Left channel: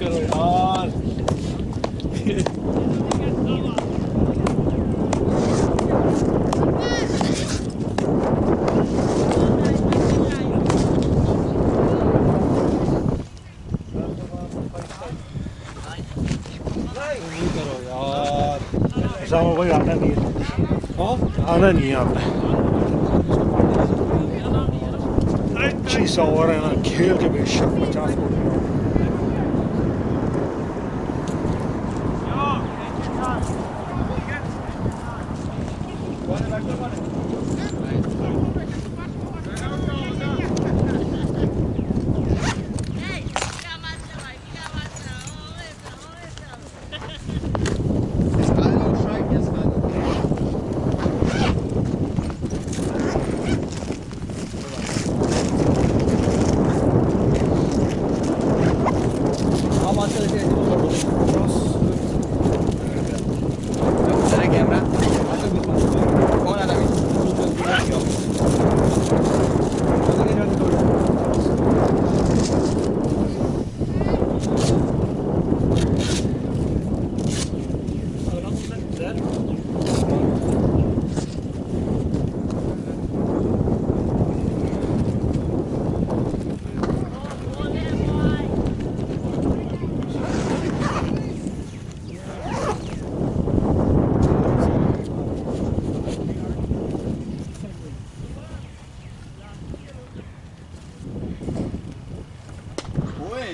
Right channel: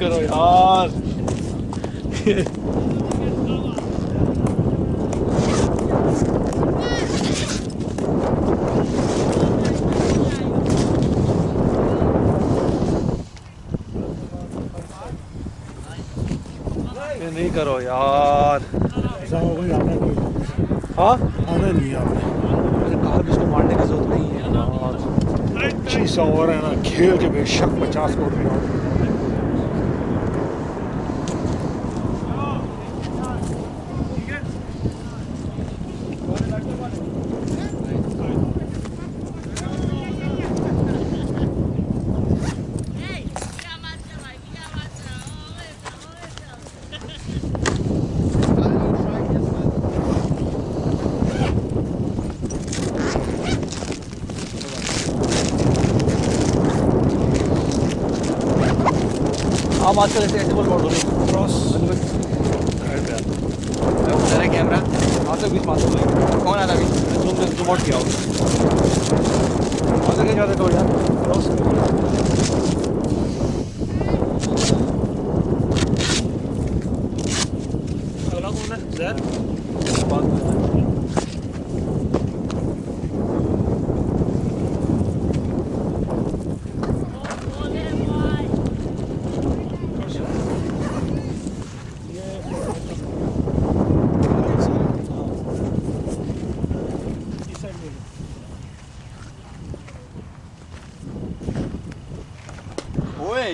करो यार। नहीं करो यार। सामा भाई आना नहीं है। हाँ आना नहीं है आपने। मैंने कहा भी इसको मारने की जरूरत नहीं है यार। 25 ओवर है ना, खेल के बेशक 50 को नहीं आउट। आप आजकल ऐसे बॉल मार दोगे क्रॉस। उधर है कैमरा। आजकल बीच मारते भाई। कौन आता बीच? जूम आउट किया आजकल क्या जाते हो यार क्रॉस। अगला कौन है? ज़ैर। ओए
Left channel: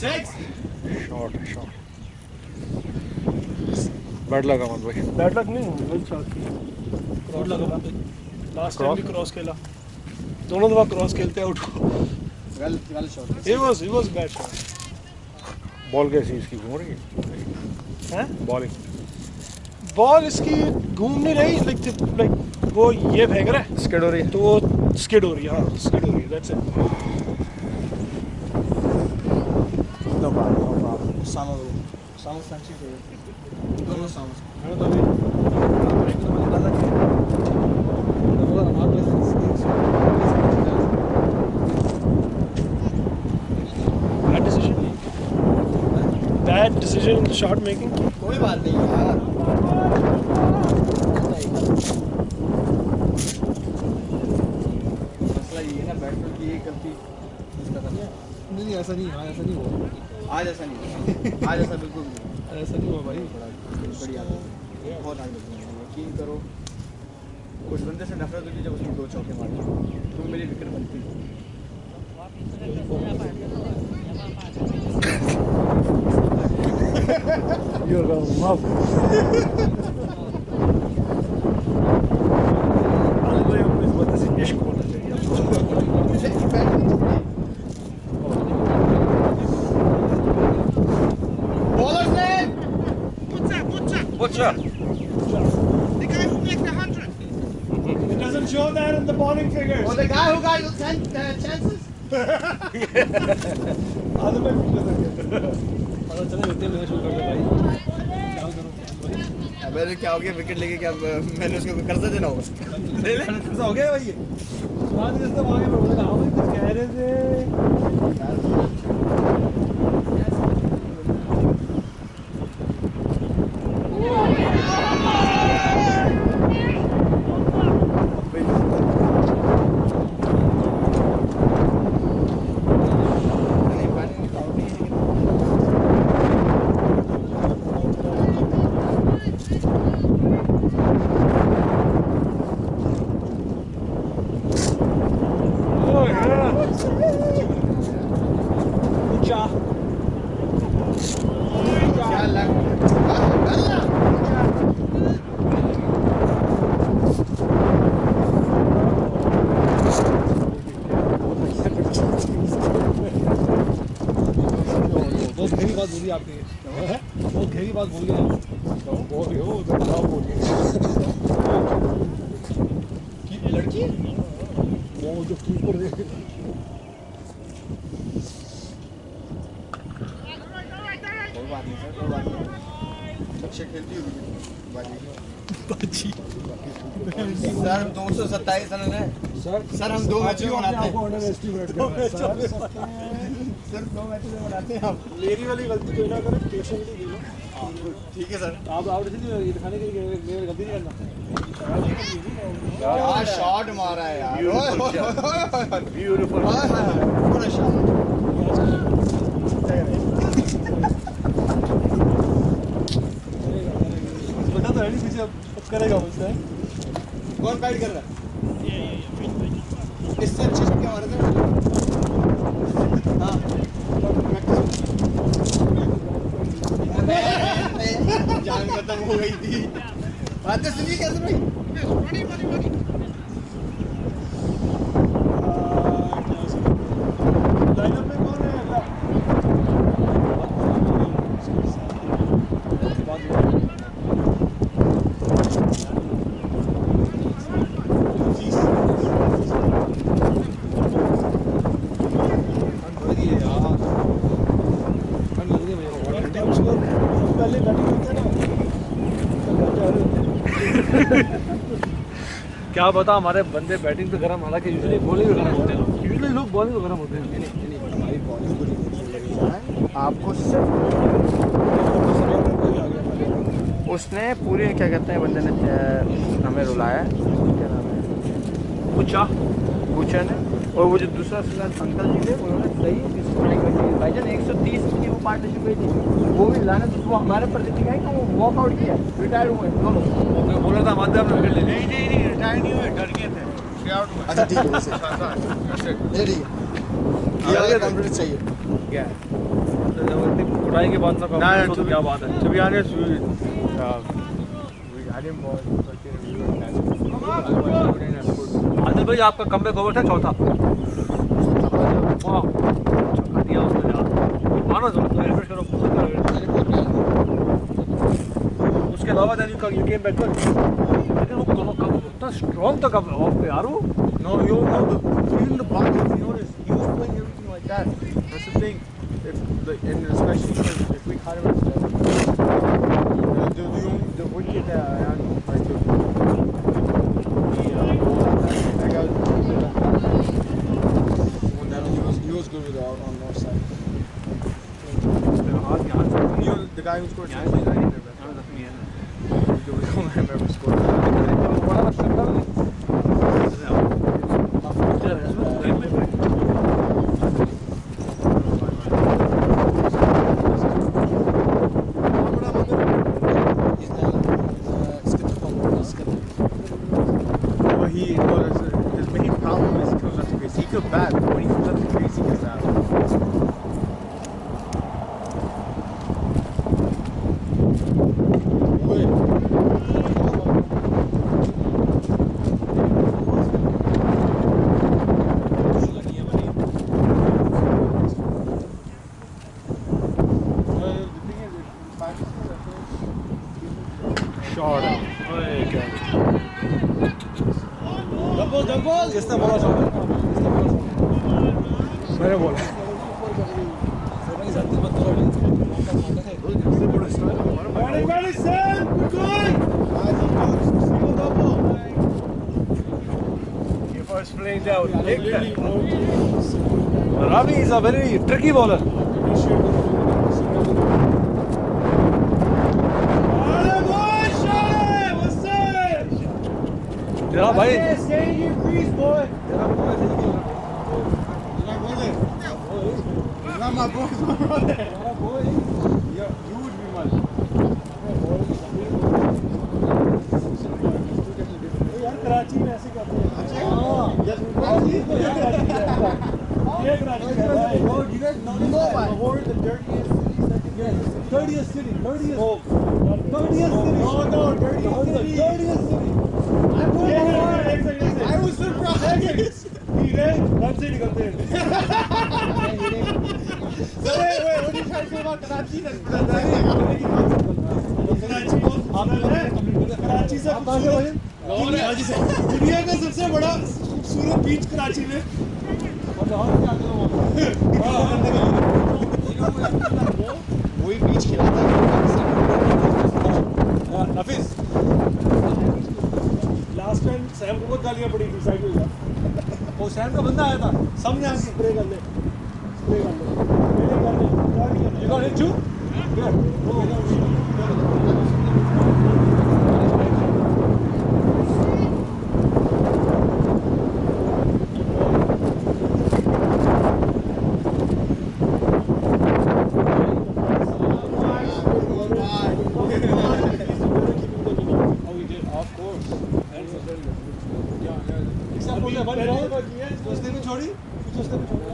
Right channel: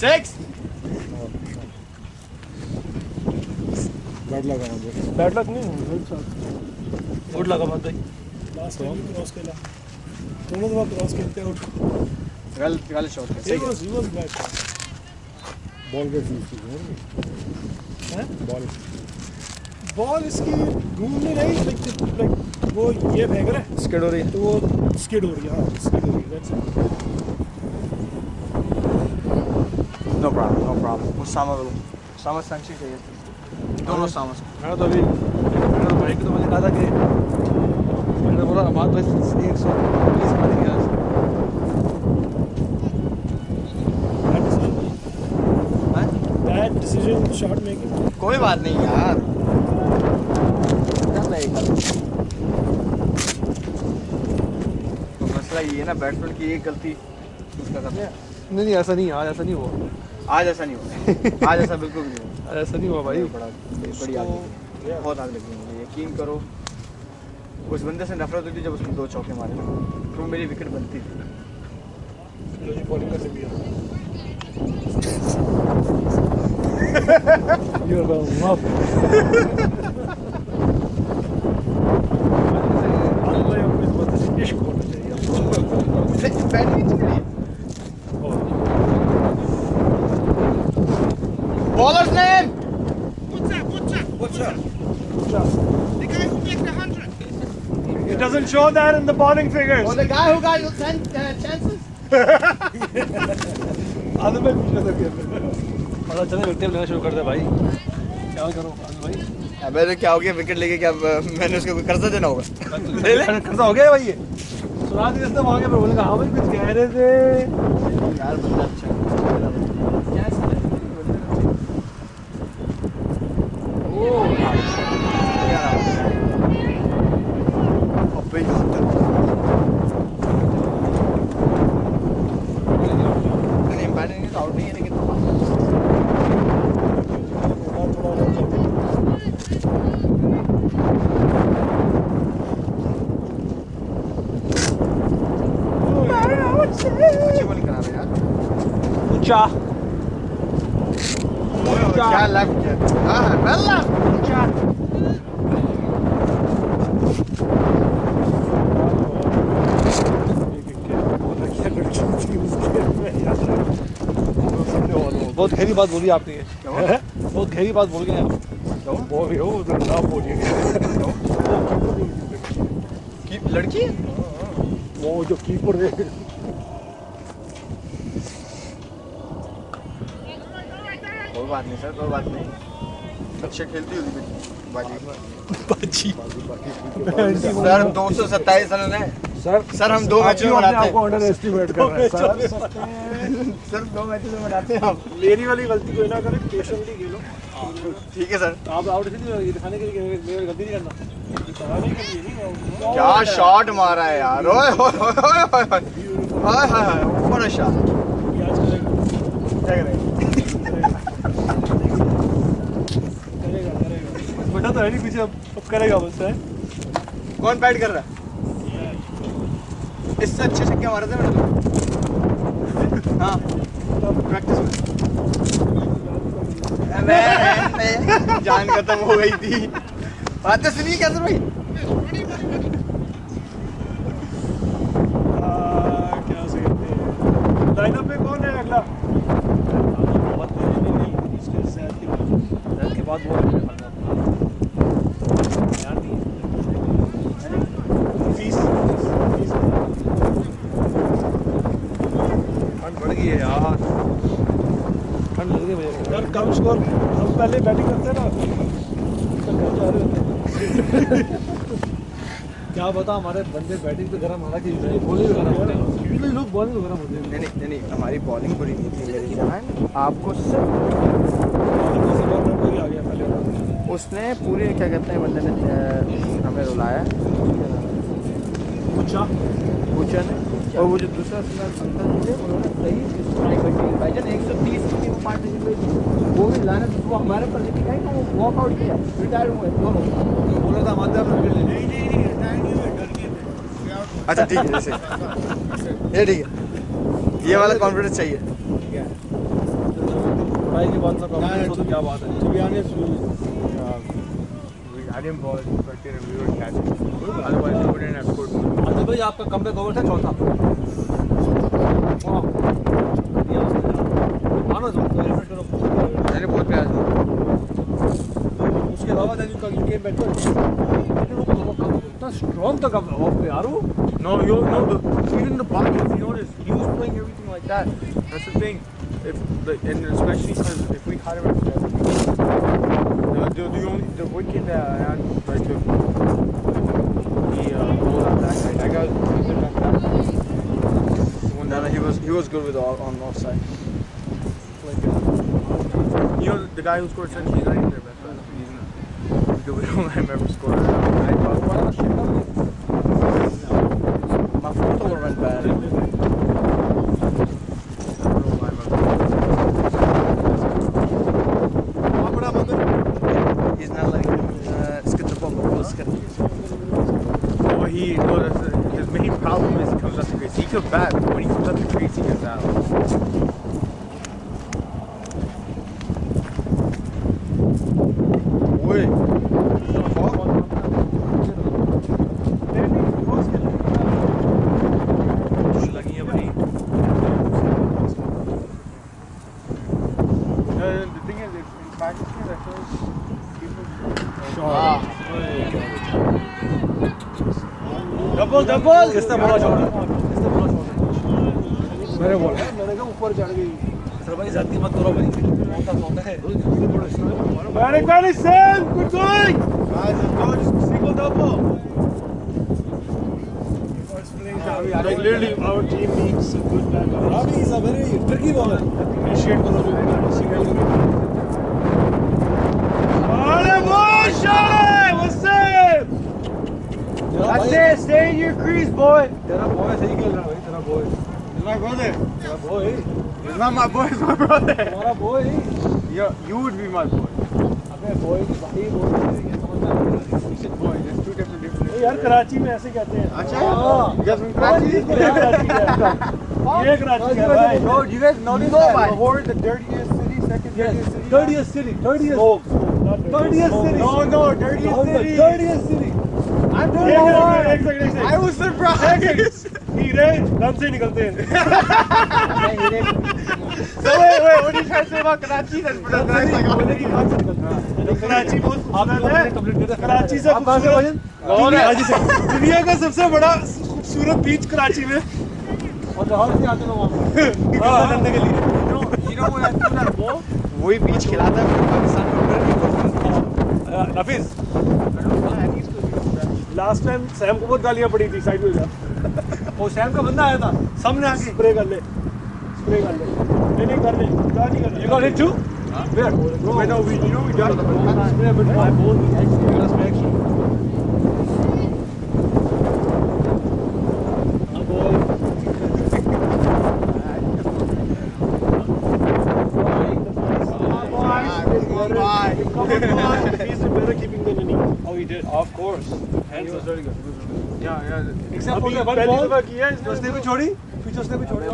6 शॉट बैट लगा मत भाई। बैट लग नहीं गुड शॉट। गुड लगा मत भाई। लास्ट टाइम भी क्रॉस खेला, दोनों दफा क्रॉस खेलते आउट को। गलत shot. He was bad shot. Ball कैसी इसकी घूम रही है? बॉल इसकी घूम नहीं रही, लाइक वो ये फेंक रहा है स्किड हो रही है तो वो स्किड हो रही है। हाँ स्किड हो रही है, दैट्स इट। No problem. सामा संची चाहिए। दोनों सामा। मैंने तो अभी भाई को तो मैंने कहा था कि मैंने बोला हमारे पास 120 का बैड डिसीजन शॉट मेकिंग। कोई बात नहीं यार। तो मसला ये है ना, बैट्समैन की एक गलती उसका करना। नहीं ऐसा नहीं आज ऐसा नहीं हुआ। आज ऐसा नहीं हुआ। आज ऐसा बिल्कुल नहीं हुआ। ऐसा नहीं हुआ भाई। बड़ी आग लगी, बहुत आग लगी मुझे, यकीन करो। उस बंदे से नफरत होती जब उसने 2 चौके मारे तो मेरी विकेट बनती थी। You're gonna love it. भाई आपको इस बात से इश्क होना चाहिए आपको। Baller's name? Butcher. The guy who makes the 100. It doesn't show that in the bowling figures. Or the guy who got chances? आदमी भाई पूछ रहा था क्या? पता चला विकेट लेना शुरू कर दे भाई। क्या करो भाई। अबे क्या हो गया विकेट लेके? क्या मैंने उसको कोई कर्जा देना होगा? ले ले खर्चा हो गया भाई ये। सुना दी इसने वहाँ के मैं बोलेगा हाँ भाई कुछ कह रहे थे यार बंदा अच्छा है। आउट नहीं है लेकिन अच्छी बॉलिंग करा रहा है यार। ऊंचा क्या लेफ्ट है? हाँ बल्ला ऊंचा। बहुत गहरी बात बोली आपने ये। बहुत गहरी बात बोल गए आप। बोल रहे हो उधर ना बोलिए। लड़की वो जो कीपर है। कोई बात नहीं सर, कोई बात नहीं। अच्छे खेलती होगी बाजी। बाजी सर 227 रन है। सर हम 2 मैचों में अपने बनाते आप को हैं अंडर एस्टिमेट कर रहे हैं सर सर 2 मैचों में बनाते हैं हम मेरी वाली गलती कोई ना करे, पेशेंटली खेलो। ठीक है सर आप आउट इसलिए ये दिखाने के लिए कि मेरी गलती नहीं करना। क्या शॉट मारा है यार ओए ओए ओए ओए ब्यूटीफुल। हाय हाय हाय ऊपर शॉट क्या चलेगा, क्या करें करेगा करेगा। बेटा तो है नहीं पीछे, अब करेगा बस है। कौन बैट कर रहा है इससे अच्छे छक्के मारे थे मैंने हाँ प्रैक्टिस जान खत्म हो गई थी बातें सुनिए क्या सर भाई क्या सकते हैं। लाइनअप में कौन है अगला? उसके बाद वो ठंड बढ़ गई है यार, ठंड लग रही है मुझे। और कम स्कोर हम पहले बैटिंग करते हैं ना, तो घर जा रहे होते हैं। क्या बता हमारे बंदे बैटिंग पे गर्म, हालांकि यूजुअली बॉलिंग पे गर्म होते हैं, यूजुअली लोग बॉलिंग पे गर्म होते हैं। नहीं हमारी बॉलिंग बुरी नहीं थी मेरी जान आपको सिर्फ कोई आ गया पहले। उसने पूरे क्या कहते हैं बंदे ने हमें रुलाया क्या नाम है पूछा ने और वो जो दूसरा अंकल जी थे उन्होंने सही स्ट्राइक रखी भाईजान 130 की वो पार्टनरशिप हुई थी वो भी लाने तो वो हमारे पर दिखाई कि वो वॉकआउट किया रिटायर हुए दोनों बोला था माध्यम में विकेट लेने। नहीं रिटायर नहीं हुए, डर गए थे। Stay out हुए। अच्छा ठीक है जैसे ये ठीक है ये वाला कॉन्फिडेंस चाहिए क्या है कुटाई के बाद ना confidence हो तो क्या बात है। To be honest, I didn't ball, so we were catching. Otherwise, we wouldn't have scored more. Adil भाई आपका कमबैक ओवर था चौथा, वाह छक्का दिया उसने यार, मानो तो एवरेज करो। मैंने बहुत प्यार उसके अलावा then you came back good, लेकिन वो इतना स्ट्रॉन्ग था कब ऑफ पे यार वो। No, even the boxes, you notice, he was playing everything like that. That's the thing. And especially if we caught him at the wicket and like the goal on that guy. That guy was the best batsman. No, he was good with on north side. You know the guy who scored 6, he's not even their best player. We don't let him ever score. My photo went bad. He's not like skip the ball, but skip. Well, his main problem is he comes up to crease. He could bat, but when he comes up to crease, he gets out. Wait. The thing is, in Pakistan, I feel like people. Double किसने बोला shot, किसने बोला shot? मैंने बोला ऊपर चढ़ गई sir भाई, जाती मत करो भाई, मौका मौका है रोज कितने बड़े स्ट्राइक मारो। very Sam, good going. single double First playing out. Literally, our team needs a good batter. Rami is a very tricky bowler. Appreciate करो single करो. अरे boy, shot it. What's up? तेरा भाई Stay in your crease, boy. तेरा boy सही खेल रहा है भाई, तेरा बॉय, He's my brother. तेरा boy, He's not my boy, he's my brother. तेरा boy. You would be my boy. अबे बॉय की सही बॉय There's two different. यार कराची में ऐसे कहते हैं. अच्छा? हाँ। Yes, from Karachi? ये कराची है. ये कराची है भाई. Bro, do you guys know this? Lahore, the dirtiest city, second dirtiest city. 30th city, 30th city, No, dirtiest city. 30th city। एक सेकंड. I was surprised. हीरे रन से निकलते हैं. So wait, what are you trying to say about Karachi? बोलने की बात से निकलता है। कराची बहुत आपने खूबसूरत है. कंप्लीट कर दिया। कराची से आप कहाँ से भाई? दुनिया का सबसे बड़ा खूबसूरत बीच कराची में. और जहाँ से आते लोग वहाँ पे। हाँ, करने के लिए. वही बीच खिलाता है पाकिस्तान में नफीस लास्ट टाइम सैम को बहुत गालियां पड़ी थी. साइड में जा. वो सैम का बंदा आया था सामने आके स्प्रे कर ले नहीं कर ले क्या नहीं करना You got hit too? Where? Wait, no, we got Oh, he did. Of course. Hands was very good. Yeah. Except for अभी the one पहली ball. दफा किया है जो उसने भी छोड़ी, फिर उसने भी छोड़ी.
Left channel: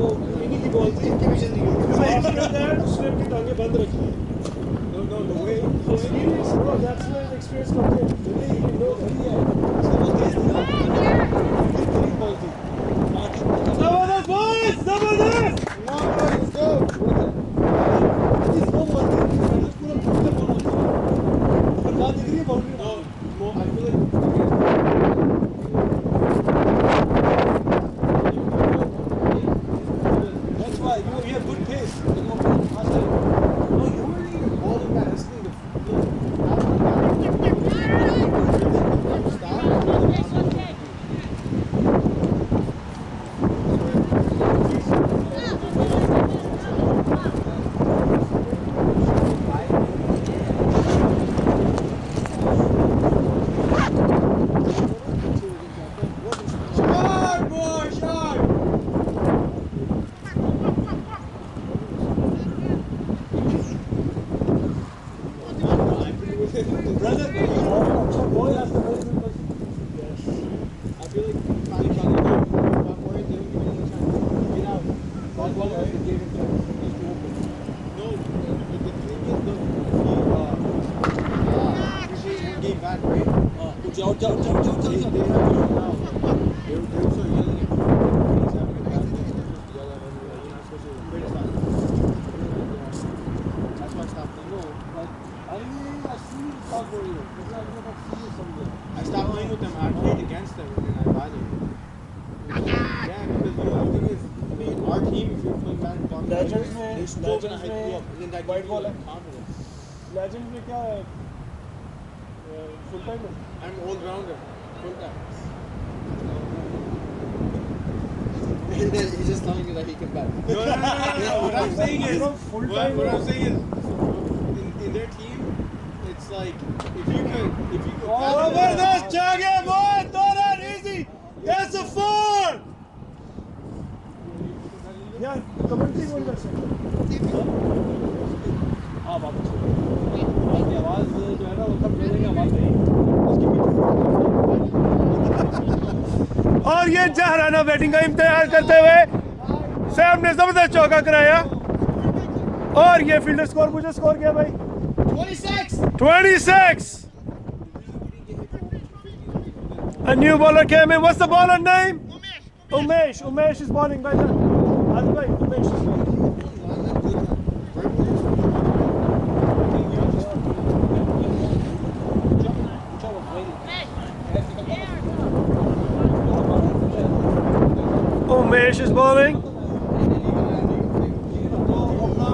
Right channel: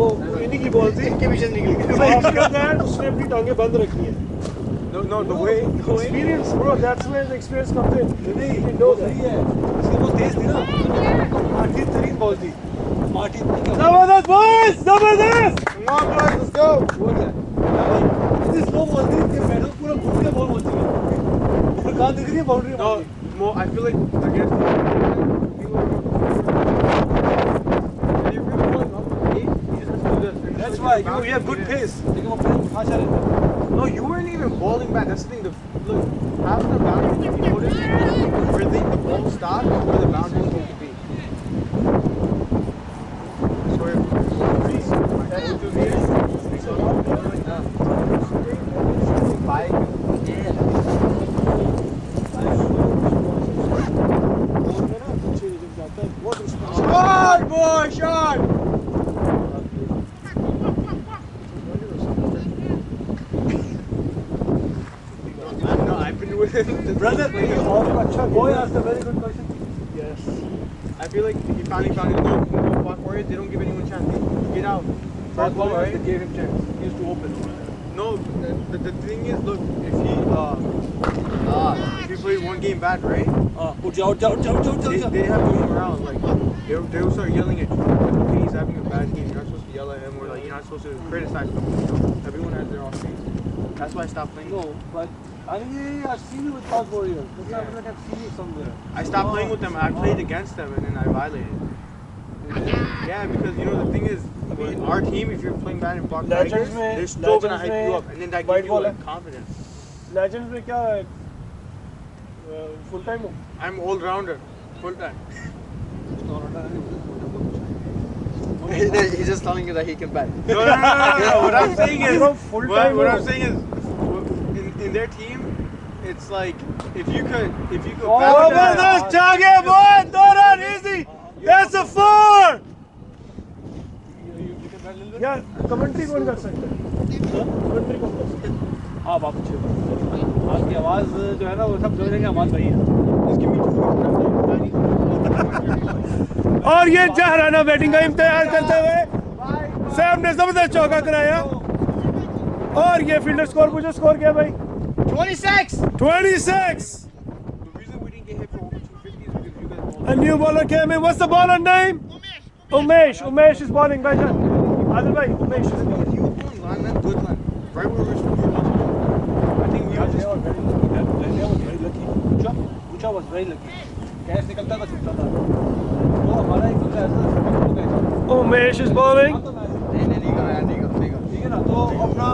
वो इन्हीं की बॉल थी इनके पीछे निकल गए After that, उसने अपनी टांगे बंद रखी है No, the way. experience bro that's where the experience comes in नहीं, You वो know that. सही है. उसकी वो तेज थी ना. आखिर 3 बॉल थी. आखिर जबरदस्त boys जबरदस्त Come on boys, let's go. वो क्या? इतनी स्लो बॉल थी कि मैंने पूरा घूम के बॉल होती है. और कहाँ दिख रही है boundary? No, more. I feel like against. That's why you have good pace. लेकिन वो फिर कहाँ चले? No, you weren't even bowling back. That's the thing. Look, after the boundary, if you notice, everything, the ball stopped where the boundary was supposed to be. So shot, boy, shot! No, I've been with him. Brother, अच्छा boy asked a very good question. yes I feel like he finally found his goal. Fuck Warriors, they don't give anyone a chance. Get out. First ball, right? they gave him chance. He used to open. No, the thing is, look, if he played one game back, right? उठ जाओ. They have to move around. Like they will start yelling at you. Hey, he's having a bad game. You're not supposed to yell at him, or like you're not supposed to criticize him. Everyone has their own. That's why I stopped playing. No, but I've seen you with South Warriors. Maybe I've seen you somewhere. I stopped playing with them. I played against them, and then I violated. Yeah, because you know the thing is, our team, if you're playing bad in Fox Legends Tigers, में- they're still gonna Legends hype you में up, and then that white gives you ball like confidence. legends में क्या है full time हो I'm all rounder, full time. He's just telling you that he can bet. No. What I'm saying is, full what time I'm saying is, in their team, it's like if you could जबरदस्त जागे boy no run easy that's a 4 यार commentary कौन कर सकता है commentary कौन कर सकता है हाँ वापस आपकी आवाज़ जो है ना वो सब जोड़ेंगे हमारे भाई और ये जहराना बैटिंग का इम्तिहान करते हुए सैम ने जबरदस्त चौका कराया और ये फील्डर स्कोर मुझे स्कोर किया भाई 26. 26 The reason we didn't get hit for over 250 is because you guys. a new bowler came in what's the bowler name Umesh is bowling bhaijan Adil bhai Umesh is bowling You were on line, man, good line. Right where we were supposed to be. I think you just. ऊंचा was very lucky. Catch निकलता था छूटता था वो हमारा एक बंदा ऐसा Umesh is bowling ठीक है ना तो अपना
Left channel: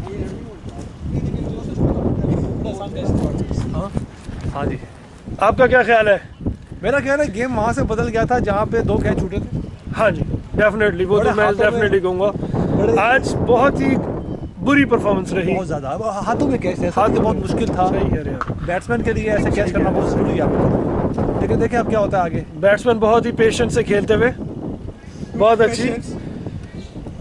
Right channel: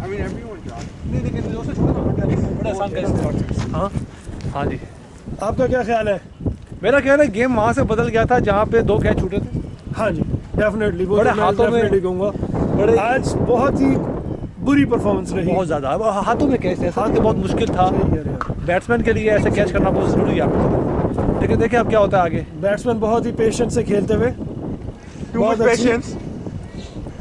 I mean, everyone dropped. नहीं लेकिन उससे छोटा बड़ा आसान कैच हाँ हाँ जी आपका क्या ख्याल है मेरा ख्याल है गेम वहाँ से बदल गया था जहाँ पे 2 कैच छूटे थे हाँ जी डेफिनेटली वो बड़े तो मैं हाथों में- डेफिनेटली कहूँगा आज बहुत ही बुरी परफॉर्मेंस रही बहुत ज़्यादा अब हाथों में कैच थे हाथ तो बहुत मुश्किल था सही है यार बैट्समैन के लिए ऐसे कैच करना बहुत ज़रूरी है आपको पता है लेकिन देखिए अब क्या होता है आगे बैट्समैन बहुत ही पेशेंस से खेलते हुए बहुत अच्छी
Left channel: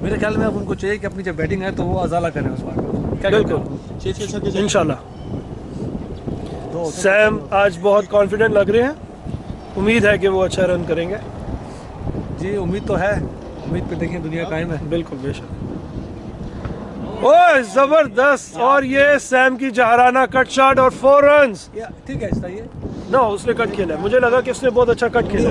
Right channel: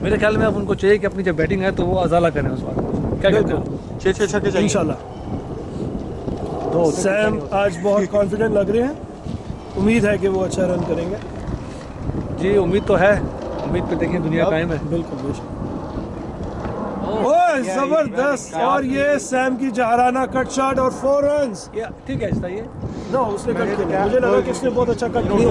मेरे ख्याल में अब उनको चाहिए कि अपनी जब बैटिंग है तो वो अजाला करें उस बात क्या कहते बिल्कुल हो 6 छक्के इंशाल्लाह सैम आज बहुत कॉन्फिडेंट लग रहे हैं उम्मीद है कि वो अच्छा रन करेंगे जी उम्मीद तो है उम्मीद पे देखिए दुनिया कायम है बिल्कुल बेशक ओए जबरदस्त और ये सैम की जहराना कट शॉट और 4 रन्स ठीक है ये ना उसने कट खेला है। मुझे लगा कि उसने बहुत अच्छा कट नहीं, खेला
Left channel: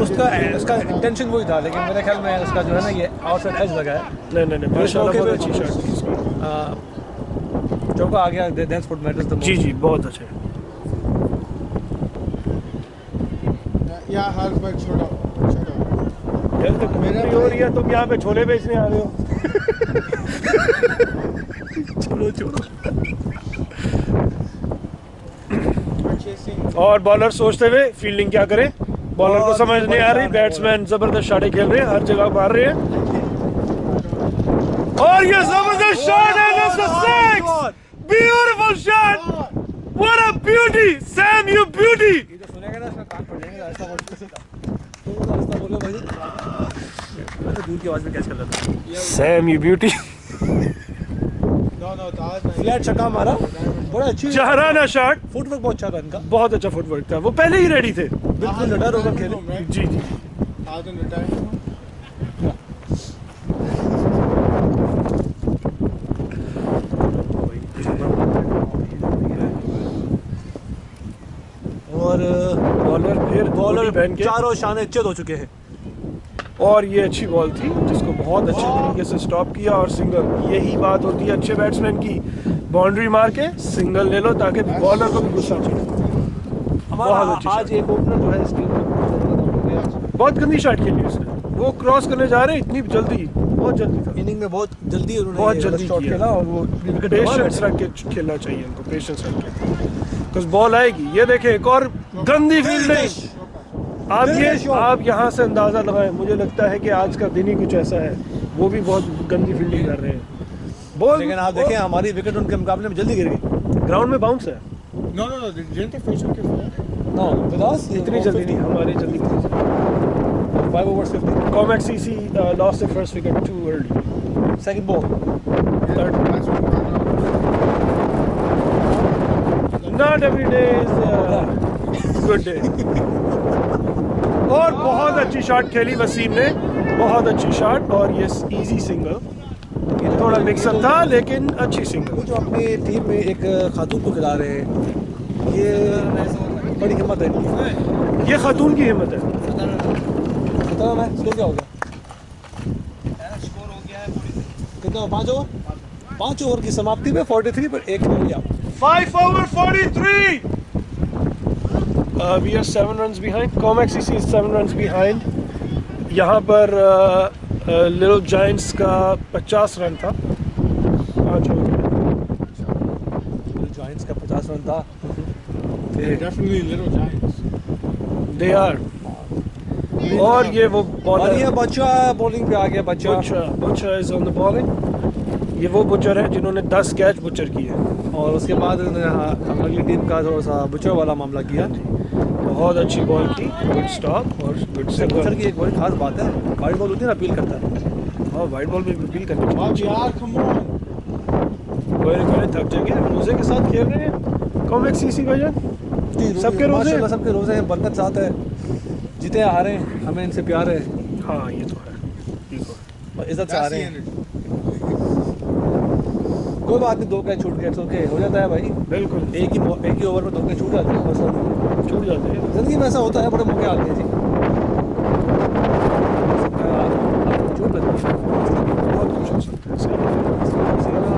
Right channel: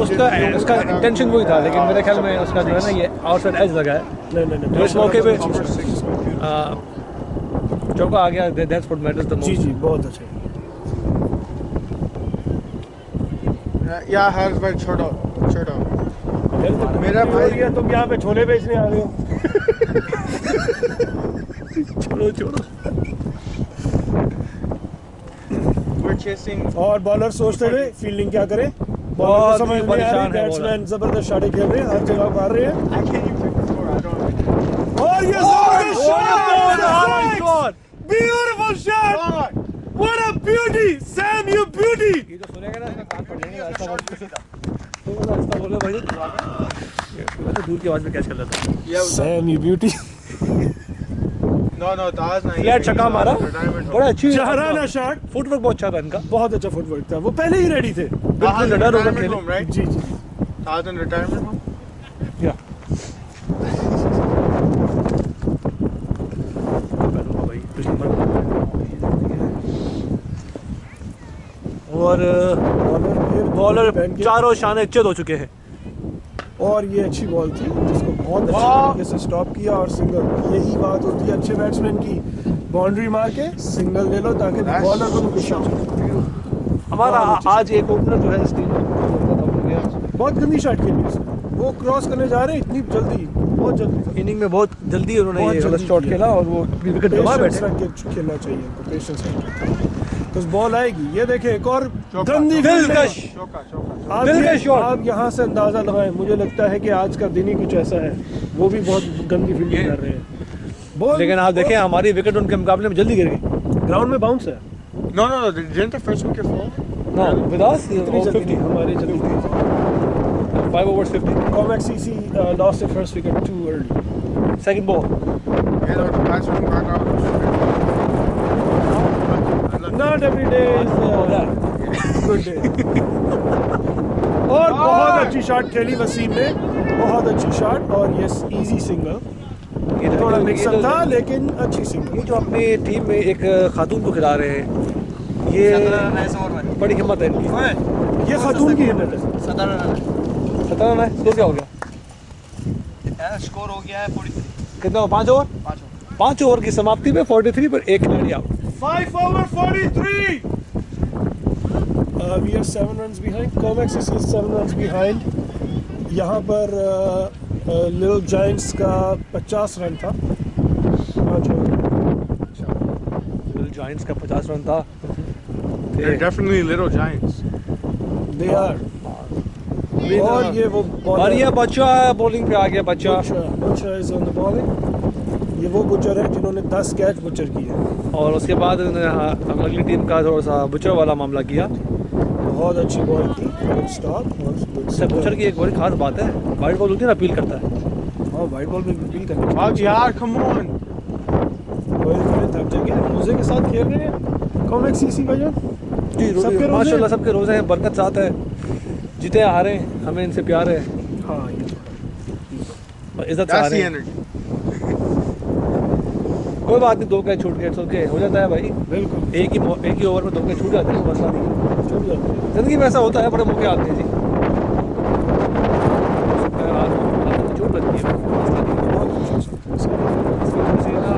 उसका इंटेंशन वही था लेकिन मेरे ख्याल में उसका जो है ना ये आउटसाइड एज लगा है नहीं तो इस मौके पे अच्छी शॉट थी इसकी। चौका आ गया दैट्स व्हाट मैटर्स द जी जी बहुत अच्छे Yeah, Harris by short out. यार तो कमेंट्री हो रही है तुम यहाँ पे छोले बेचने आ रहे हो छोड़ो We're chasing. और बॉलर सोचते हुए फील्डिंग क्या करें बॉलर को बहुत समझ नहीं आ रही, परेशान है बैट्समैन जबरदस्त शॉटें खेल रहे हैं, हर जगह मार रहे हैं। I can't even control. I don't. और ये जबरदस्त शॉट है, God, six, beautiful shot, what a beauty, Sam you beauty. ये जो सुनेगा ना इसका कान फट जाएगा, ऐसा बोल थोड़ा ऐसा बोलो भाई। मैं तो दूर की आवाज में कैच कर लेता हूं। Sam you beauty. No, that was not. Flat छक्का मारा, बड़ा अच्छी जहराना शॉट, फुटवर्क बहुत अच्छा था इनका। बहुत अच्छा फुटवर्क था, वो पहले ही रेडी थे। बिल्कुल निडर होकर खेले। right? जी जी That was in retirement home. और बॉलर फिर बॉलर पहन के, चारों शान चित हो चुके हैं। और ये अच्छी बॉल थी जिसको बहुत अच्छे तरीके से स्टॉप किया और सिंगल। यही बात होती है अच्छे बैट्समैन की, बाउंड्री मार के सिंगल ले लो ताकि बॉलर को भी गुस्सा हो। हमारा बहुत अच्छी आज एक ओपनर जो है इस टीम में जरूरत आउट हो गया। बहुत गंदी शॉट खेली उसने, वो क्रॉस करने जा रहे हैं इतनी जल्दी, बहुत जल्दी था। इनिंग में बहुत जल्दी उन्होंने बहुत ये जल्दी शॉट किया। खेला और वो विकेट गवा पेशेंस बैठे। रख के खेलना चाहिए इनको, पेशेंस रख के, तो बॉल आएगी। ये देखें एक और गंदी फील्डिंग। आप दिल ये का शॉट। आप यहाँ से अंदाजा लगाएं, मुझे लगता है कि आज का दिन ही कुछ ऐसा है, वो भी बहुत गंदी फील्डिंग कर रहे हैं। बॉल लेकिन आप देखें हमारी विकेट उनके मुकाबले में जल्दी गिर गई। ग्राउंड में बाउंस है, No. Didn't the first wicket fall? No विदास इतनी जल्दी नहीं, हमारी जल्दी नहीं। 5 overs 50 Comex CC lost the first wicket too early. Second ball. Yeah, the batsman got out. Not every day is good day. और बहुत अच्छी शॉट खेली वसीम ने, बहुत अच्छी शॉट, और ये इजी सिंगल, थोड़ा मिक्सअप था लेकिन अच्छी सिंगल। ये जो अपनी टीम में एक खातून को खिला रहे हैं, ये बड़ी हिम्मत है इनकी। ये खातून की हिम्मत है। खतरा है। स्कोर क्या हो गया? स्कोर हो गया है 43। कितना? 5 ओवर। 5 ओवर की समाप्ति पे 43 पर एक खिलाड़ी out. 5 over 43. We are 7 runs behind. Comex CC is 7 runs behind. यहाँ पर लिटिल जायंट्स का 50 रन था, 5 ओवर में। जॉइंट्स का 50 रन था। They're definitely little giants. They are. और ये वो और बॉलर, ये बच्चा बॉलिंग पे आ गया। बच्चा butcher is on the bowling. ये वो बुचर है जिन्होंने 10 कैच बुचर किए, और उसके बाद हम अगली टीम का थोड़ा सा बुचर वाला मामला किया। बहुत अच्छी बॉल की, गुड स्टॉप और गुड इससे बुचर की एक बड़ी खास बात है, वाइड बॉल होती है ना, अपील करता है। हाँ, वाइड बॉल में अपील करनी Oh, चाहिए। yeah, come on. कोई थक जाएंगे, रोजे के साथ खेल रहे हैं कॉमेक्स सीसी भाईजान। जी सबके रोजे माशाल्लाह सबके रोजे हैं, बरकत साथ है, जीते हारे हमें इनसे प्यार है हाँ ये तो है, और इज्जत से That's हारे the हैं। energy. कोई बात नहीं, 2 कैच छूट गए, ओके हो जाता है भाई। बिल्कुल एक ही ओवर में 2 कैच छूट जाते हैं, कोई मसला नहीं है। छूट जाते हैं। जिंदगी में ऐसा होता है, बड़े मौके आते हैं जी। आपको चोट लगती है, बहुत कुछ हो सकता है, सही है। किसी ना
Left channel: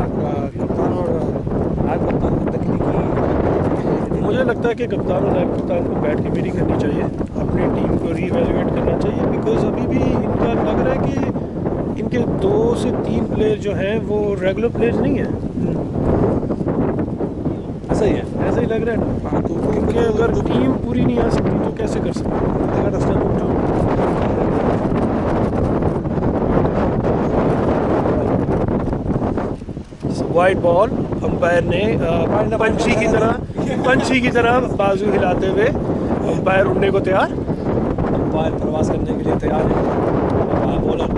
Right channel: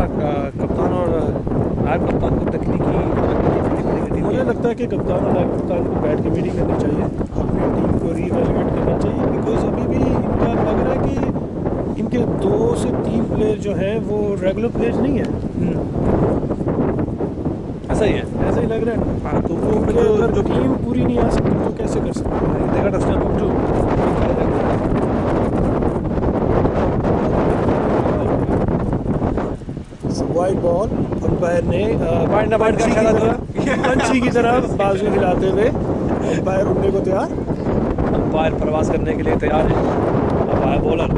कप्तान और नायब कप्तान को तकनीकी मुझे लगता है कि कप्तान और नायब कप्तान को बैठ के मीटिंग करनी चाहिए, अपनी टीम को रीवैल्यूएट करना चाहिए, बिकॉज अभी भी इनका लग रहा है कि इनके 2 से 3 प्लेयर जो हैं वो रेगुलर प्लेयर्स नहीं हैं। ऐसा ही है। ऐसा ही लग रहा है ना। हाँ, तो वो क्योंकि अगर जो टीम पूरी नहीं आ सकती तो कैसे कर सकते हैं? they got to step up too. Wide ball, umpire ने पंछी की तरह बाजू हिलाते हुए अंपायर उड़ने को तैयार। अंपायर प्रवास करने के लिए तैयार है। अंपायर बॉलर,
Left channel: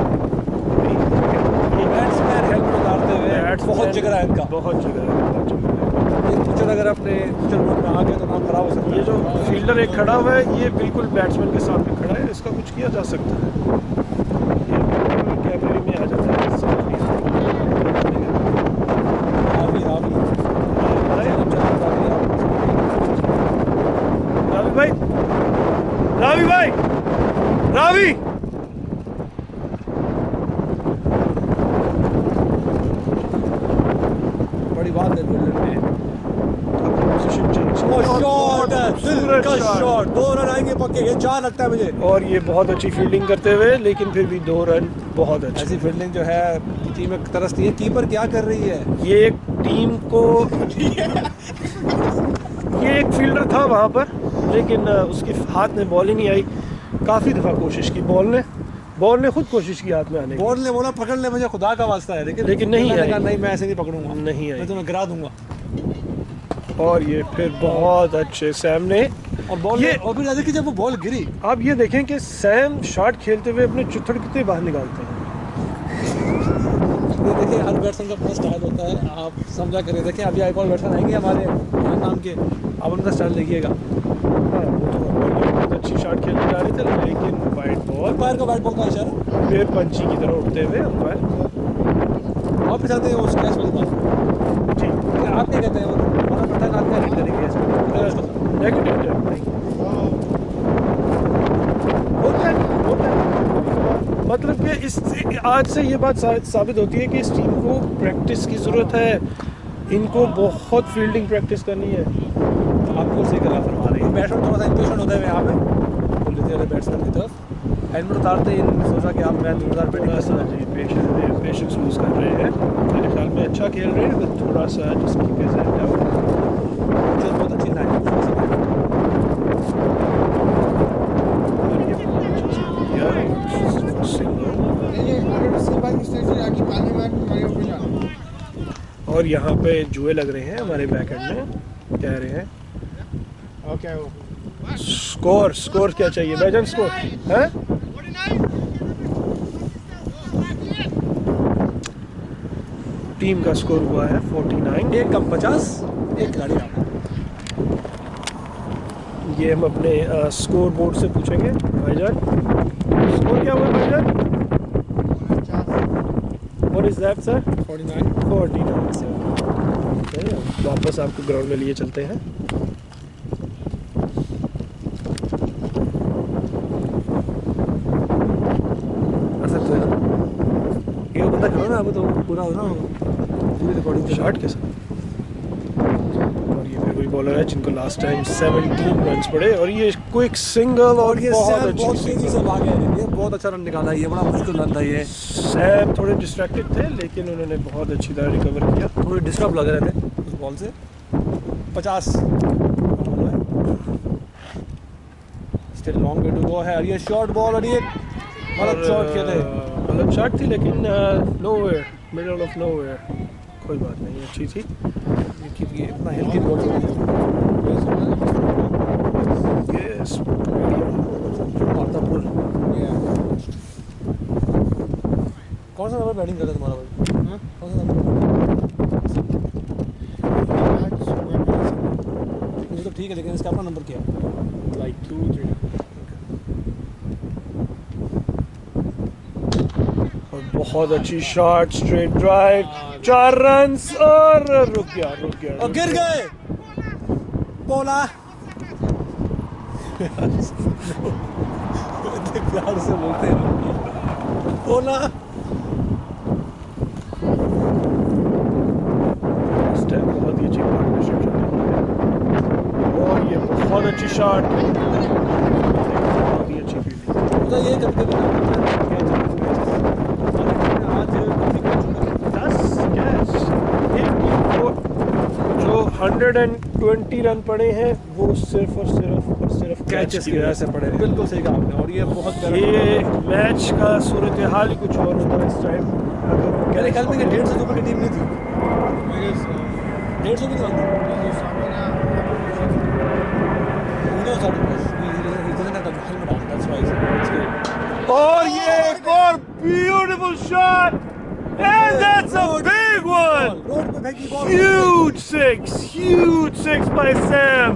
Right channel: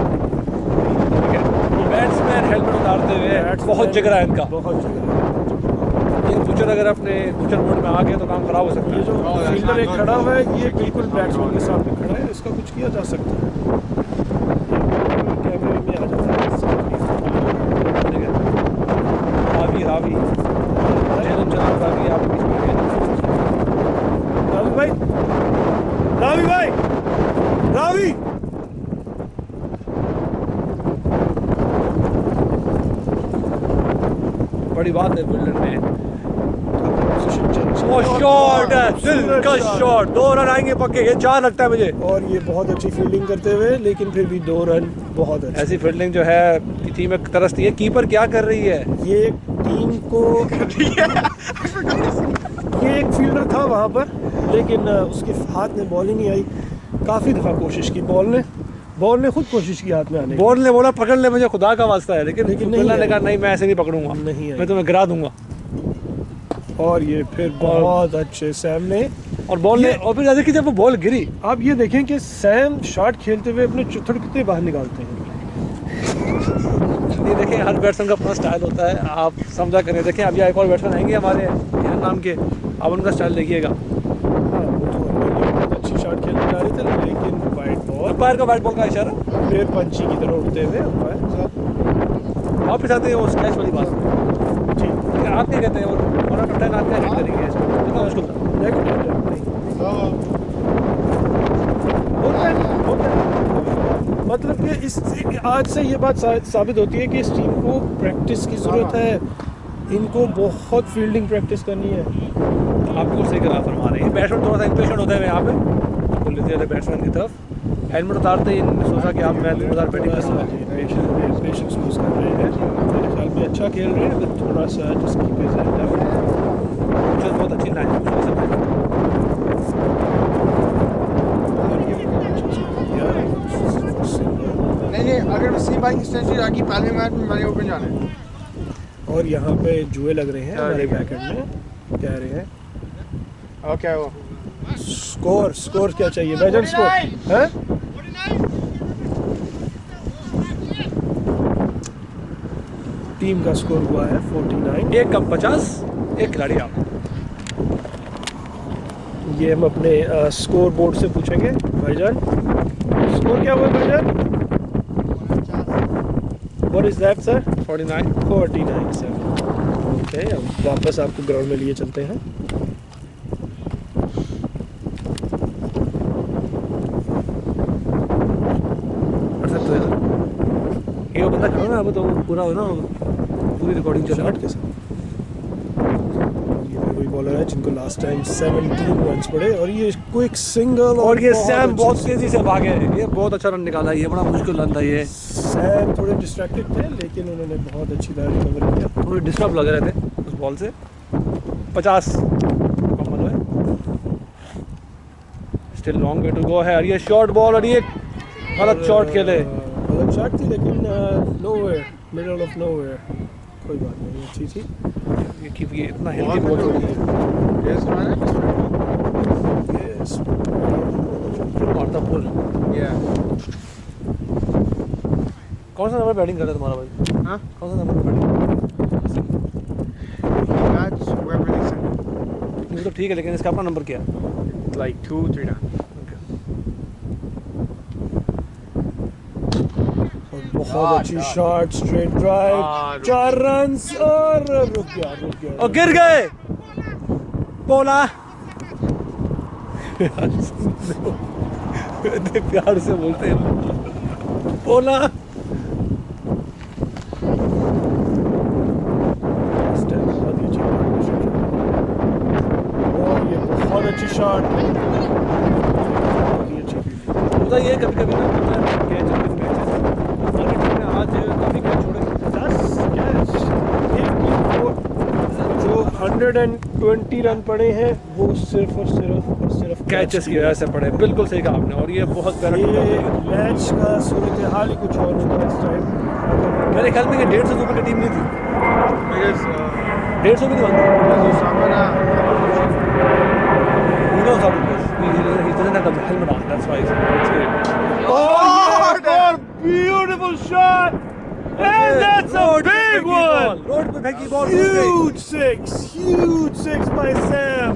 ये बैट्समैन हेलमेट उतारते हुए बहुत जिगरा है इनका। बहुत जिगरा है, बहुत जिगरा है। ये बुचर अगर अपने बुचर मोड में आ गया तो काम खराब हो सकता ये है। जो फील्डर एक खड़ा हुआ है, ये बिल्कुल बैट्समैन के सामने खड़ा है, इसका कुछ किया जा सकता है। ये बिल्कुल कैमरे में आ जाता है। रावी जनाब रावी, आप रावी भाई, रावी भाई, रावी बड़ी बात है फील्डर में। अपनी पोजीशन चेंज। वो शॉट है, दिल का शॉट, 2 रन आएंगे पक्के, ये 4 लगता है मुझे। और ये बहुत अच्छी फील्डिंग करते हुए, लेकिन फिर भी 2 रन बहुत अच्छे। ऐसी फील्डिंग जो है टीम में तरसती है। कीपर क्या कर रही है? ये एक टीम को ये एक फील्डर था वहाँ पर, लेकिन उसके हाथ में बॉल ही नहीं आई। काफ़ी दफ़ा कोशिश की बॉल ने खुद कोशिश की हाथ में आने की। बॉल ने बोला पकड़ ले मुझे, खुदा का वास्ता है, लेकिन नहीं मैंने आई। कहा नहीं मैं ऐसे नहीं पकड़ूंगा, नहीं आई। मैं तुम्हें गिरा दूंगा। और ये फिर बहुत अच्छे सैम ने, और बॉल ये- ने, और फिर जैसे कि जब वो बॉल गिरी, आप ये देखें कि सैम शॉट खेलते हुए अपने चुथड़ कितने बाहर निकालते हैं। ये देखिए हर बैट्समैन का अपना स्टाइल होता है, आप समझा करें। देखिए अभी एक और बैट्समैन आएंगे हमारे नाम के, आप उनका स्टाइल देखिएगा। हाँ वो तो है। और ये बहुत अच्छी शॉट खेलने जा रहे थे, लेकिन वाइट बॉल, अंपायर का वाइट बॉल का इशारा फिर पंची की तरह उठते हुए अंपायर। वापस आते हैं और कैच वाली बात जी कि आप क्या कहते हैं, वो 1 out of 10 आप क्या हिट करेंगे इसमें? कितना मुश्किल था? नेगेटिव टर्न नहीं होता है, कभी-कभार। मतलब कि इस आज से ये बात साबित होती है कि इस टीम को प्रैक्टिस की ज़रूरत है, इनको बहुत फील्डिंग प्रैक्टिस करनी है। आप बिल्कुल सही करा फरमा रहे हैं। बैट्समैन थोड़ा सा इम्पेशेंट होता है यहाँ पे, बोल लेते हैं बैट्समैन की तरफ। हेलमेट उतारते ही इन्होंने सोचा कि आप मैं 2000 बैटिंग थोड़ा सा करूँगा। जी पेशेंस लूज कर रहे हैं। मेरे ख्याल में अच्छा खेल रहे हैं, बट थोड़ा सा just keep his head down. मुझे बहुत अच्छी लाइन और ये बहुत अच्छा किया सिंगल। नहीं अगर वसीम भाई की सेंचुरी आगे पहले मैच में मैंने ओपन जाना है। और यहाँ पे जुए लग रहे हैं हमारे बैकएंड में, कह रहे हैं और क्या वो स्कोर क्या चाहिए भाईजान, स्कोर है? टीम का स्कोर हुआ है 49। 1 कम 50, 1 खिलाड़ी आप। ये हम अपने स्कोर बोर्ड से पूछेंगे। भाईजान स्कोर क्या हुआ है भाईजान? What is that sir? 49 sir. Okay, अब वापस आपको ग्राउंड में लिए चलते हैं। कर सकते हो यार, ये बंदा खड़ा ना, अब तो पूरा हो ना, पूरी रिकॉर्डिंग चल शॉट के साथ। और ये फिर वही बॉलर है जिनको लास्ट टाइम 17 रन्स पड़े, और ये क्विक सिंगल। और ये सैम अच्छी बहुत single। तेजी से भागे, ये बहुत अच्छा रन निकाला, ये बड़ा मुश्किल रन था ये। सैम थोड़े डिस्ट्रैक्टेड थे, लेकिन उन्होंने बहुत अच्छी तरह रिकवर किया। थोड़े डिस्टर्ब लग रहे थे उस बॉल से। 50 कम है, still long way to go है। और ये शॉर्ट बॉल, और ये गलत शॉट खेले। गलत शॉट थी, लेकिन नोवेयर, मिडल ऑफ नोवेयर, कोई बात नहीं, अच्छी थी। ये इतना हेल्दी बॉल छोड़ दी, यस फुल मारता फुल। कौन सा नंबर बैटिंग करता है तुम्हारा भाई? हाँ? कौन सा नंबर बैटिंग? ये तो ठीक है, लेकिन इसका अपना नंबर क्या है? like 2-3 now. और बहुत अच्छी शॉट, स्ट्रेट ड्राइव, 4 रन्स, और रुक गया और गिर गए बोला। इतने प्यार से बोलते हैं बोला। इस टाइम बहुत ही अच्छी पार्टनरशिप चल रही है, और ये बहुत अच्छी शॉट, बहुत ही अच्छी फील्डिंग। होता ये कभी कभी ना कैच मैचेस हमारी टीम ने आज काफ़ी कैच छोड़े। 10 कैच, एक टीम को जो 120 रन पड़े हैं वो सिर्फ और सिर्फ कैचेस की वजह से पड़े, बिल्कुल सही कहा आपने। और ये बहुत प्यारा ये मैच का सूरत हाल ही कुछ और होता है इस टाइम। मेरे ख्याल में 150 से ऊपर की टीम नहीं थी, Because 150 भी नहीं बनती। Samana, He knows how to play. He doesn't have the helmet on, that's why it's good. और ये एक और beautiful shot, and that's a big one. Road पे फेंकी ball, Huge six by Sam.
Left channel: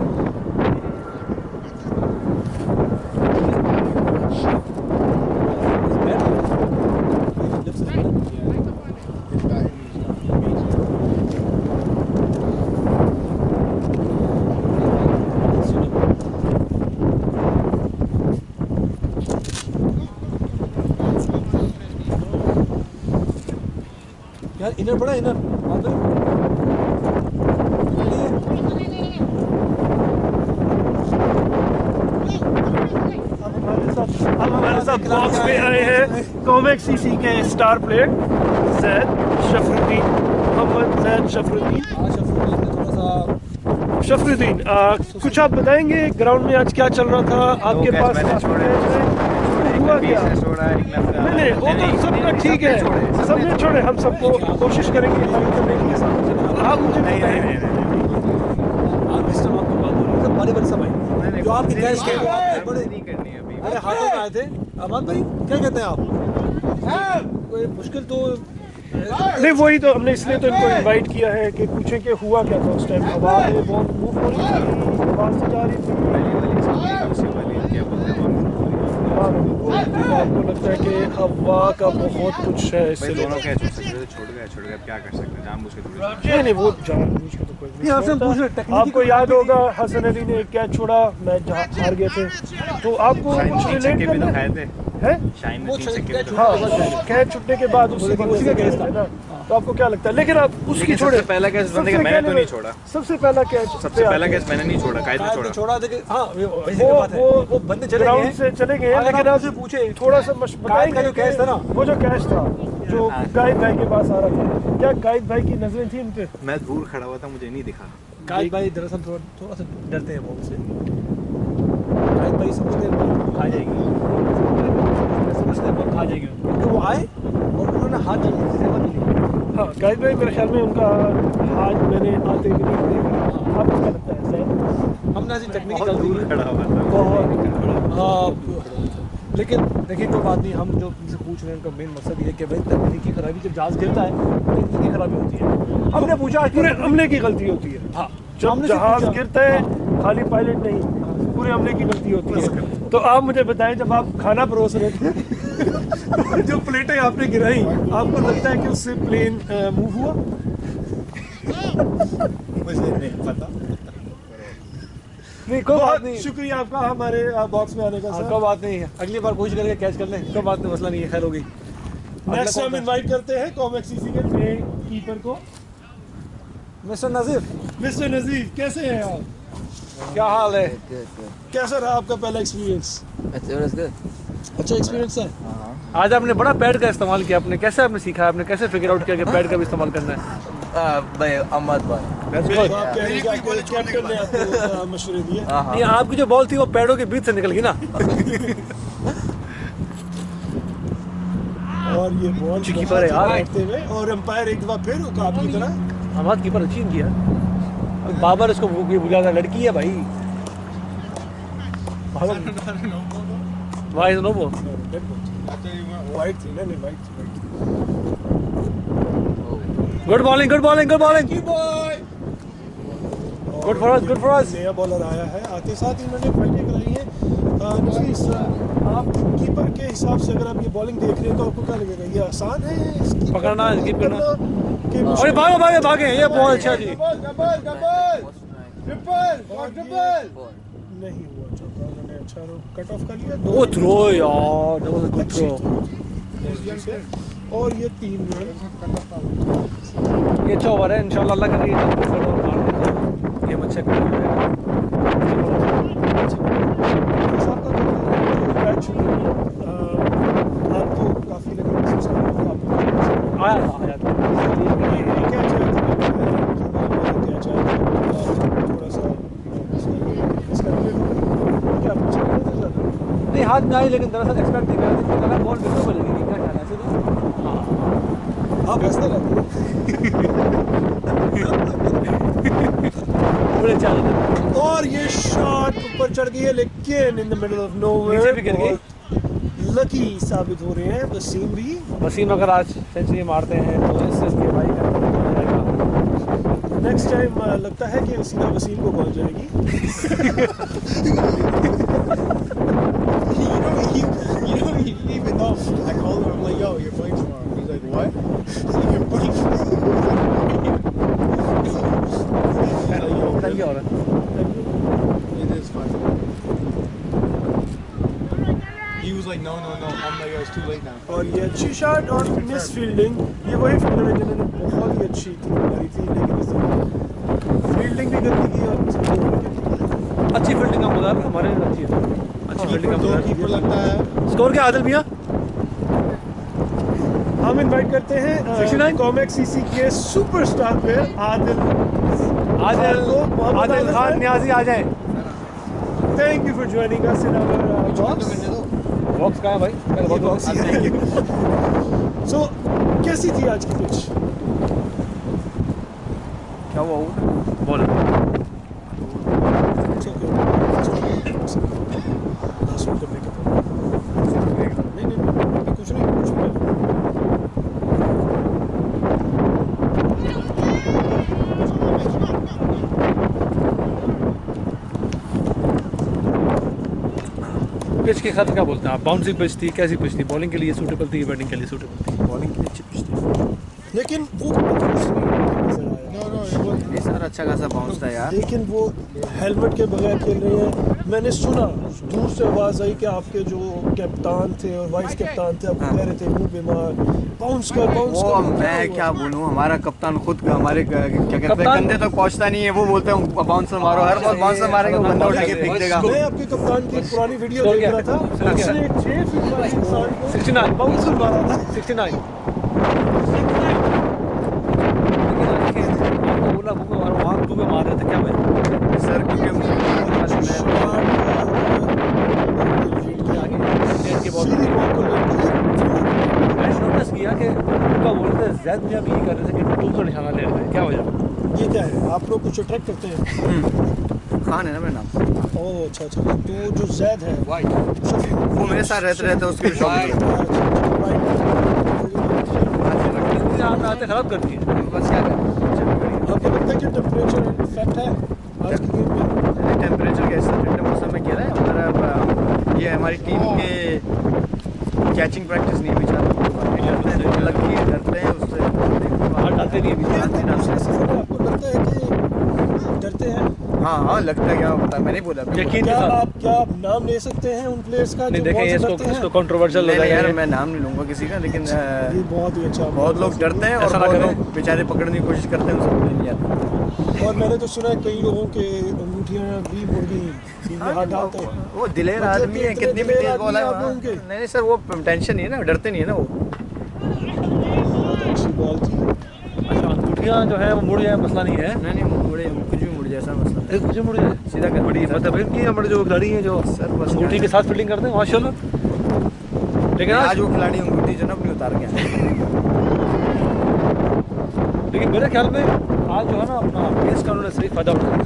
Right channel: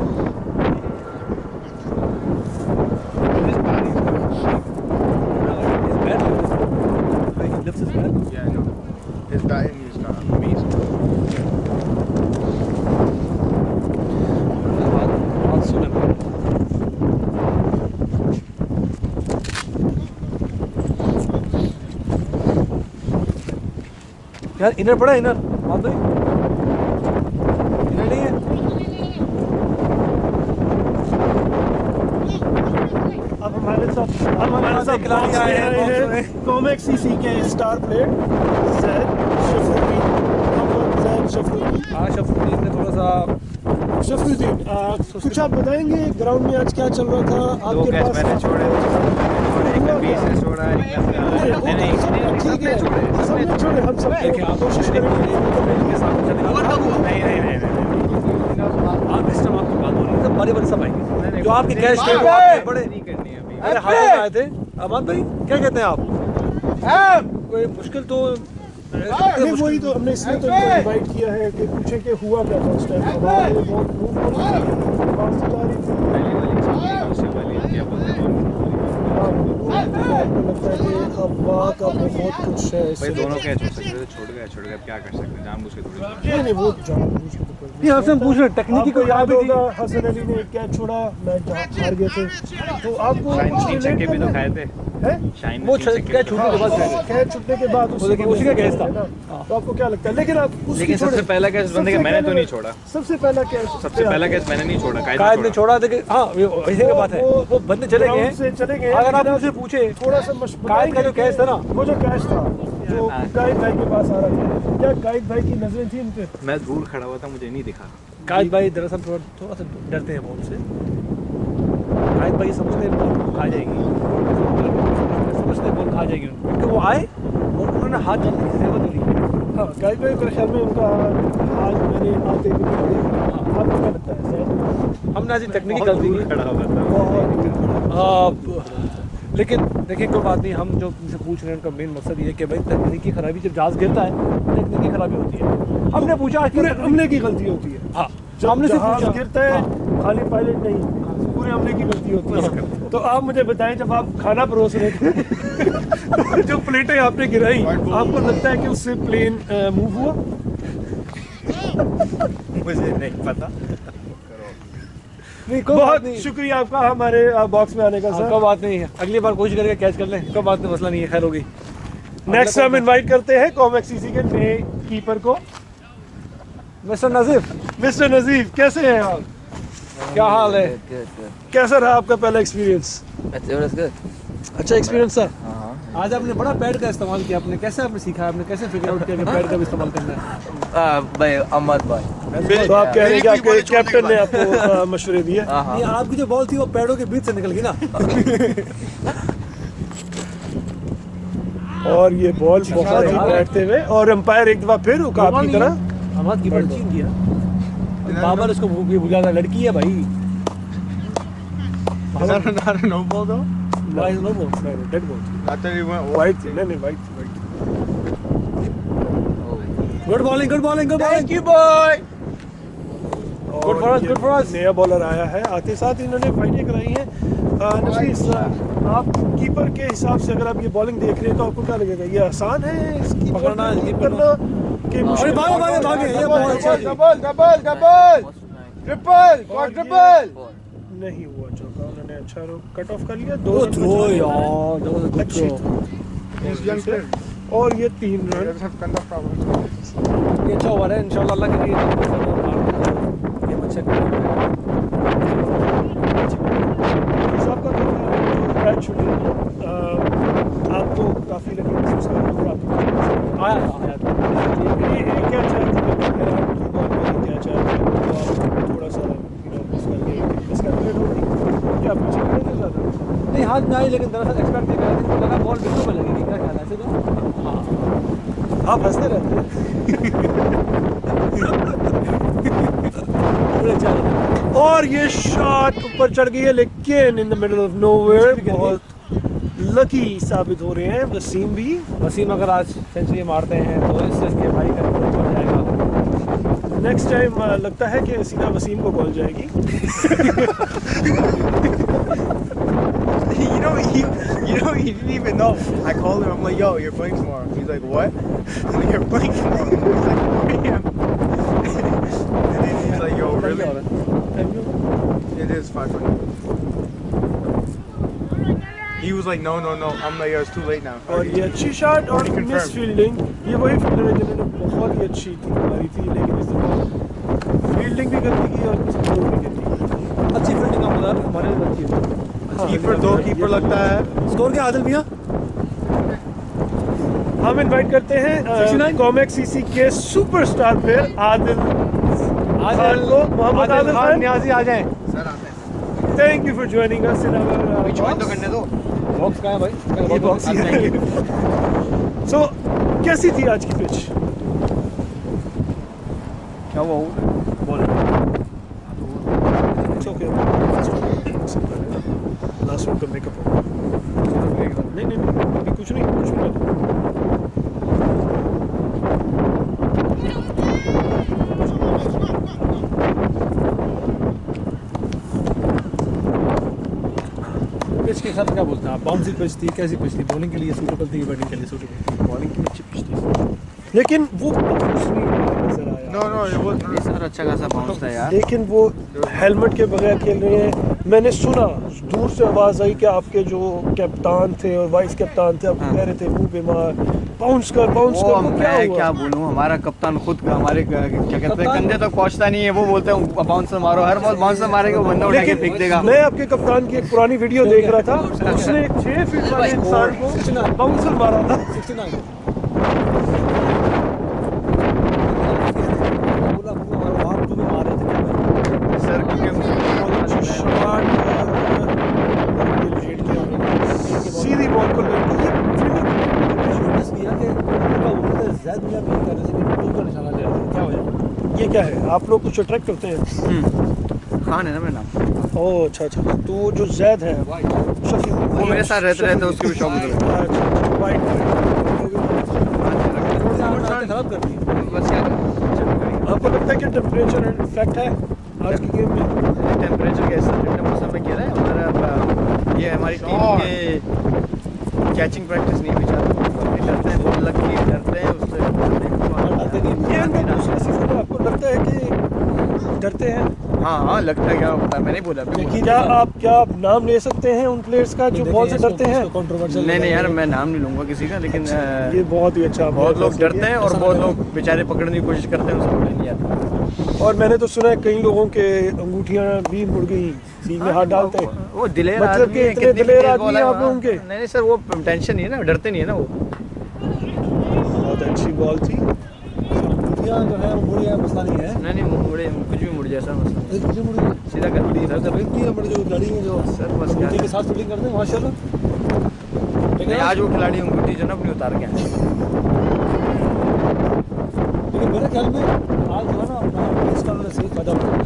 Lifts his bat. his batting is amazing. यार inner पड़ा, inner बात भाई, इनर नहीं है। अब हमारे साथ बॉक्स में आए हैं कॉमेक्स सीसी के स्टार प्लेयर जैद शफरुद्दीन मोहम्मद जुनैद शफरुद्दीन। आज शफरुद्दीन ने थोड़ा सा शफरुद्दीन कुछ आप बताएंगे ग्राउंड में आज क्या चल रहा था आपके पास? मैंने छोड़े, हुआ क्या? छोड़ा, नहीं वो तो सबका ठीक है, सबने छोड़े, हम सबको कोशिश करेंगे के सामने चले आप मुझे नहीं आप इस टाइम आपकी बात हो रही है सब बड़े बड़े सब आएंगे जो आपके कैश थे वो आपके बड़े नहीं करनी अभी। अरे हाथों में आए थे। अहमद भाई क्या कहते हैं आप? कोई मुश्किल तो नहीं, वही तो हमने इसलिए तो इनको इनवाइट किया है कि पूछें कि हुआ क्या था उस टाइम। हवा में बहुत मूव हो रही थी, आवाज से जा रही थी, पहली वाली दूसरी वाली क्या बोलते हैं हवा में move हो रही थी। तो आपको लगता है कि हवा का बहुत कुछ है भाई इससे? दोनों कैच हो सकते थे, छोड़ गए अब क्या कर सकते हैं, जानबूझ के थोड़ी। नहीं वो जानबूझ के तो कोई ये आपसे हम पूछ रहे हैं, टेक्निकी आपको याद होगा हसन अली ने एक कैच छोड़ा, मैच हार गए थे, तो आपको शाइन कुछ तीन relate छक्के भी तो करना खाए थे, है? शाइन वो ने 3 छक्के भी तो हाँ, खाए। कैच छुटने के बाद लेकिन उसी का कैच था। तो आपको क्या लगता है? लेकिन आप उसकी लेकिन छोड़े, सबसे पहला कैच बंदे का मैंने तो नहीं छोड़ा, सबसे पहला कैच सबसे पहला कैच मैंने नहीं छोड़ा, कायद कायद ने ने छोड़ा। छोड़ा लेकिन हाँ वैसे की बात है वो बंदे चले ग्राउंड गए से चले गए, अगर लेकिन आप आप मुझसे पूछे थोड़ा सा कायद का जो कैच था ना वो जो कैच था जो हाँ। कायद भाई के पास आ रहा था, क्या कायद भाई की नजरें थी उन पे? मैं दूर खड़ा हुआ था, मुझे नहीं दिखा। कायद भाई दरअसल थोड़ा सा डरते हैं बॉल से। कायद भाई समझते हैं बॉल खा जाएगी, समझते हैं बॉल खा जाएगी क्योंकि वो आए और उन्होंने हाथ डालने की जरूरत नहीं ली। हाँ, कायद भाई मेरे ख्याल में उनका हाथ मैंने आते हुए नहीं देखा। आपको क्या लगता है सर? हमने आज टेक्निकल बहुत दूर खड़ा हुआ था, बहुत लेकिन देखिए कोई बात नहीं, हम जो उनसे पूछ रहे हैं उनका मेन मकसद ये है कि भाई तकनीकी खराबी जब जहाज गिरता है तकनीकी खराबी होती है। हमने पूछा पूरे अमले की गलती होती है। हाँ जब हमने से जहाज पूछा गिरता है खाली पायलट नहीं, पूरे अमले की गलती होती है। तो आप मुझे बताएं, जब आप खाना परोस रहे थे जो प्लेटें आपने गिराई, आपको लगता है कि उससे प्लेन मूव हुआ? मुझे नहीं पता। नहीं कोई बात बहुत नहीं, शुक्रिया आपका हमारे बॉक्स में आने का सर। कोई बात नहीं है, अगली बार कोशिश करके कैच कर लें, कोई बात नहीं, मसला नहीं है, खैर हो गई। नेक्स्ट हम इनवाइट करते हैं कॉमेक्सीसी के नए कीपर को, मिस्टर नजीफ, मिस्टर नजीफ। कैसे हैं आप? क्या हाल है? कैसा रहा आपका पहला एक्सपीरियंस? अच्छा एक्सपीरियंस था। आज आपने बड़ा पैड का इस्तेमाल किया, आपने कैसे आपने सीखा, आपने कैसे फिगर आउट किया कि पैड का भी इस्तेमाल करना है? भाई अहमद भाई तो आप कह रहे हैं कि आपके कैप्टन ने आपको मशवरे दिए? नहीं, आपकी जो बॉल थी वो पैडों के बीच से निकल गई ना। और ये बॉल बहुत ही बैठते हुए, और अंपायर एक दफा फिर आपकी तरह हमारा कीपर अच्छी किया, बाबर इसको बुझा था, लड़की है भाई। No ball though. Why is no ball? Dead ball I thought he went. White थी। नहीं वाइट थी। Good bowling, good bowling, good bowling. You boy. Good for us, good for us. नया बॉलर आया है, आते साथ इन्होंने फाइटें कराई हैं। नफीस, आप कीपर के हिसाब से अगर आप ये बॉलिंग देख रहे हैं तो आपको क्या लगेगा, ये आसान है इसकी पकड़ना है, कीप करना। कि अरे मुश्किल? भागे भागे भागे, ये बहुत अच्छा जी। Double. Triple. Quadruple. नहीं हुआ चौका, उन्होंने अच्छा कट ऑफ कर लिया। वो थ्रो यार, that was a good throw. और ये 3 रन। ये अच्छा ओवर है, इंशाल्लाह अल्लाह करे ये जल्द से जल्द और मार दे तो गेम अच्छा कर जाएगा। साहब का कैच शूटिंग आपको काफ़ी लगे महसूस कर रहे हो आपको आया था ये क्या चाहे क्या चाहे तो आप थोड़ा सा मिसकैलकुलेट हो गई क्या आप पीछे खड़े थे ज़्यादा? नहीं, हाथ में आई लेकिन दरअसल एक्सपेक्ट नहीं कर रहे थे, इनको लगा बॉल विकेट पे लगेगी, क्या ख्याल है ऐसे तो? हाँ आप हंसते रहते हैं। बड़े चाल थे। और ये शॉट ऊपर चढ़ गई है, लेकिन in the middle of nowhere नीचे भी गिर गई। बहुत लकी साबित हो रहे हैं वसीम भी। वसीम अगर आज सेंचुरी मारते हैं तो इससे इसके भाई का रिकॉर्ड बढ़ जाएगा। नेक्स्ट टाइम लगता है कि सीधा वसीम को कॉल जाएगी। You didn't even know. I called him. I'm like, yo, you're playing tomorrow. He's like, what? I'm like, you're playing tomorrow. He's like, 4 a.m. And then he's like, yo, क्या really? हो रहा है? It is 5:20. He was like, no. I'm like, yo, it's too late now. और ये अच्छी shot और Confirmed. Miss fielding, ये वही फील्डर है जिन्होंने बहुत ही अच्छी मारी थी, लेकिन इस दफा फील्डिंग भी गंदी की और स्कोर भी गंदी की। अच्छी फील्डिंग का मुद्दा है, हमारे लिए अच्छी है। अच्छी फील्डिंग Keeper, का दो मुद्दा है। कीपर लगता है. स्कोर क्या आदिल भैया? हम इनवाइट करते हैं 69 कॉमेक सीसी के सुपरस्टार प्लेयर आदिल को, मोहम्मद आदिल खान खान। न्याजी आ जाएं। Thank you for joining us in our तो करने दो बॉक्स कहाँ है भाई? पहले बॉक्स बॉक्स सो कैसी थी आज की पिच? क्या हुआ बोलो। लास्ट वीक का मेकअप नहीं नहीं नहीं अभी कुछ नहीं पिच के साथ क्या बोलते हैं आप? बाउंसी पिच थी, कैसी पिच थी? बॉलिंग के लिए सूटेबल थी, बैटिंग के लिए सूटेबल थी? बॉलिंग की अच्छी पिच थी, लेकिन वो बाउंस नहीं नजर आया। No, no, it was. ये सारा अच्छा खासा बाउंस था यार। लेकिन वो हेलमेट के बगैर खेल रहे हैं। मैंने सुना दूर से आवाज आई कि आपके जो कप्तान थे और वाइस कप्तान थे आपको कह रहे थे मुंह बीमार, बाउंस कर वो वो मैं क्या बोलूं, हमारा कप्तान खुद हमारे क्या कहते हैं कंधे तक पहुंचता नहीं है। वो बोलते हैं बाउंसर मारो, हर बॉल बाउंसर मारेगा, वो बंदा उठा के फेंक देगा। मैं आपके कप्तान की एक पुरानी वीडियो देख रहा था, उसने 6 फीट वाले इंसान को 69 बाउंसर मारा था। 69 बोला मुंह में मारो, आप मुंह में मार रहे थे क्या भाई? सर सीधी बॉल को लेके मैंने नोटिस किया कि उनका बोलते जैद मियां भी कर रहे थे कि टूल का निशाना ले रहे थे, क्या वजह? ये क्या है? आप लोग कुछ अट्रैक्ट करते हैं? खान है ना मेरा नाम। ओह अच्छा अच्छा, तो वो जो जैद है शफी वो मेरे साथ रहते रहते उसकी भी शौक है। आते खराब कर दिए। बस क्या करें, चल करिए। आपको लगता है कि टेम्परेचर इफेक्ट है आज की गेम में? टेम्परेचर कैसा ठंडे मौसम में कह रहा है हमारा ये हमारी टीम के कैचिंग प्रैक्टिस नहीं बेचारा, डरते हैं बॉल लग गई, डरते हैं उससे डालते नहीं ये है। अंदर दूसरे सीजन में आपको लगता है कि डरते हैं? हाँ लगता है, क्या पता, मैंने बोला यकीन क्या आप नाम ले सकते हैं उन प्लेयर्स का जो बॉल से डरते हैं? कंट्रोवर्शियल नहीं यार, मैं नाम नहीं लूंगा किसी का, लेकिन ये बहुत ही अच्छा, बहुत लोग डरते हैं और ऐसा ना बहुत करें। लोग बेचारे पकड़ने की कोशिश करते हैं, उनसे पकड़ नहीं आता। और मैंने तो सुना है कई लोगों के अंगूठियां भी मुड़ गई, टीम में हाथ डालते हैं। वो दिलेर मतलब आदमी कि है, इतने कितनी भी दिलेर तेज आदमी बॉल है आप लोगों वहाँ। के? नहीं सर, वो टेंशन नहीं है ना, डरते नहीं है ना वो। बहुत अच्छी बॉल थी। अच्छा, अंगूठियां जो है वो मुड़ जाए मसला नहीं है। नहीं मुड़े, कुछ भी मुड़ जाए सर, मसला नहीं। मुझे मुड़ जाए सीधा कर बड़ी मतलब इनकी हमारे जो खिलाड़ी हैं जो सर, बस अंगूठी क्या के साथ फील्डिंग करते हैं माशाल्लाह। लेकिन आज वो खिलाड़ी अंगूठी जो ना अपनी उतार के आए। लेकिन मेरे ख्याल में आज जो है ना अपना पेस का उन्होंने सही फायदा उठाया।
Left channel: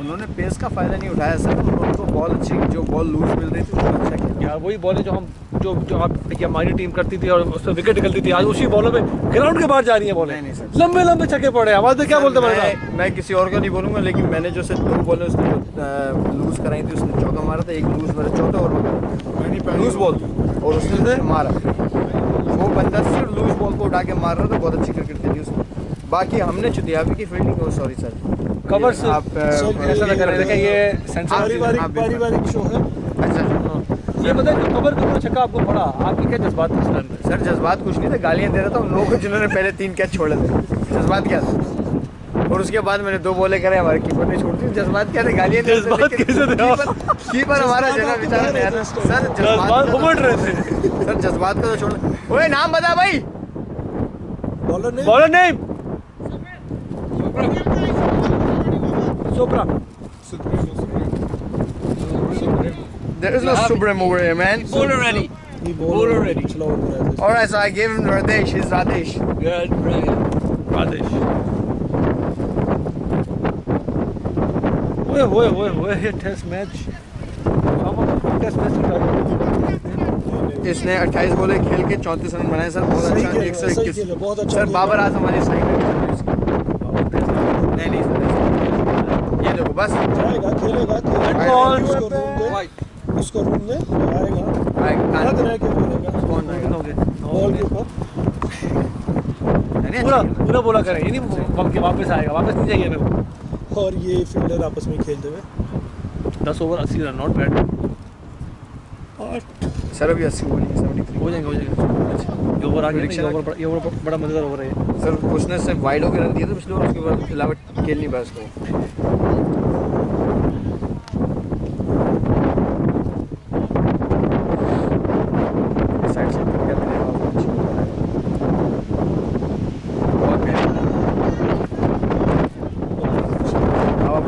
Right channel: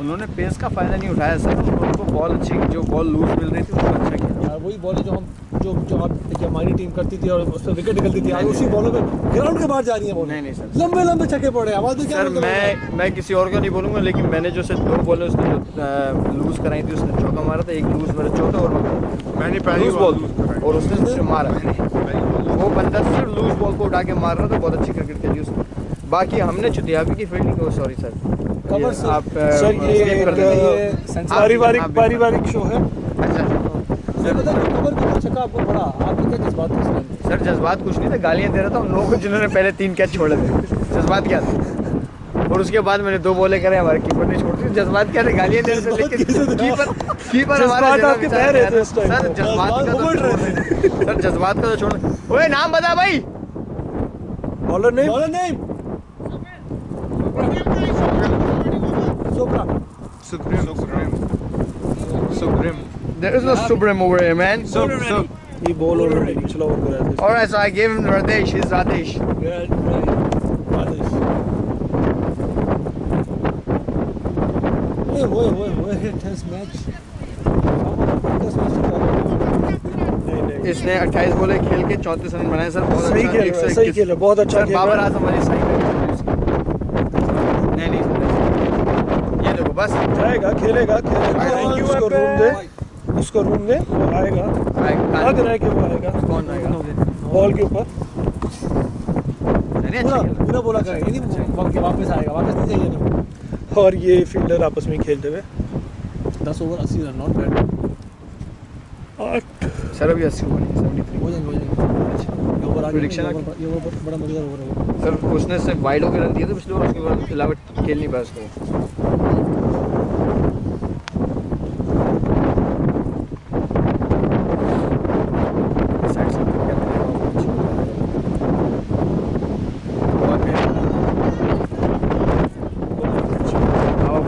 उन्होंने पेस का फायदा नहीं उठाया सर, उनको बॉल अच्छी, जो बॉल लूज मिल रही थी उसको अच्छा खेला। यार वही बॉलें जो हम जो आप देखिए हमारी टीम करती थी और उस पर विकेट निकलती थी, आज उसी बॉलों में ग्राउंड के बाहर जा रही है बॉलें। नहीं सर, लंबे लंबे छक्के पड़े। आवाज में क्या सर, बोलते हैं? मैं किसी और का नहीं बोलूंगा, लेकिन मैंने जो सिर्फ 2 बॉलें उसने जो लूज कराई थी, उसने चौका मारा था, एक लूज मेरा चौथा और मैंने पहली लूज बॉल बॉल और उसने मारा। वो बंदा सिर्फ लूज बॉल को उठा के मार रहा था, बहुत अच्छी क्रिकेट खेली उसने। बाकी हमने चुतियाबी की फील्डिंग, सॉरी सर, कवर से आप सर, ऐसा लग रहा है कि ये आप सेंचुरी भी- पारिवारिक शो है। अच्छा ये पता है कवर के ऊपर छक्का आपको पड़ा, आपके क्या जज्बात थे उस टाइम पे? सर, जज्बात कुछ नहीं था, गालियां दे रहा था उन लोगों को जिन्होंने पहले 3 कैच छोड़े थे। जज्बात क्या थे? और उसके बाद मैंने 2 बॉलें करे, हमारे कीपर ने छोड़ दी। जज्बात क्या थे? गालियां दे रहे थे, जज्बात लेकिन कैसे थे? कीपर हमारा जज्बात जगह आपके बेचारा बह रहे गया थे था। उस टाइम। सर जज्बात जज्बात का उमड़ तो रहे थे। सर जज्बात का तो छोड़ना। ओए नाम बता भाई। बॉलर ने बॉलर नेम सोप्रा। Supreme. There is no Supreme over here, man. ये बॉलर पिछला ओवर कराया था। Alright, so I gave him Radesh. He's Radesh. आदेश। ओए ये टेस्ट मैच। हम टेस्ट मैच नहीं इसने 28 बॉलें खेल के 34 रन बनाए सर, बहुत सही अच्छा। खेला, 121 सही खेला, बहुत अच्छा सर, खेला। बाबर आजम वाली साइड नहीं सर, ये देखो बस जाएगा, खेलेगा कौन? उसको रूम दे, उसको रूम दे, वो आएगा। लग रहा है कि वो आएगा कौन आएगा? बॉल के ऊपर। नहीं पूरा अच्छा खेला। बोला करें, ये नहीं वापस आएगा, वापस नहीं चाहिए हमें वो। और ये फील्डर आपस में खेलते हुए 10 over 80 run, not bad. 8 sir अभी 80 हुआ नहीं, 73 हो जाएंगे। अच्छा, ये ओवर आ गया, Prediction ये ओवर बड़ा मजेदार ओवर है। सर, उसने सिर्फ वाइड होकर रन दिए थे पिछले ओवर, उसके बाद अलावा खेल नहीं पाया उसको। साइड से क्या मिलेगा आपको?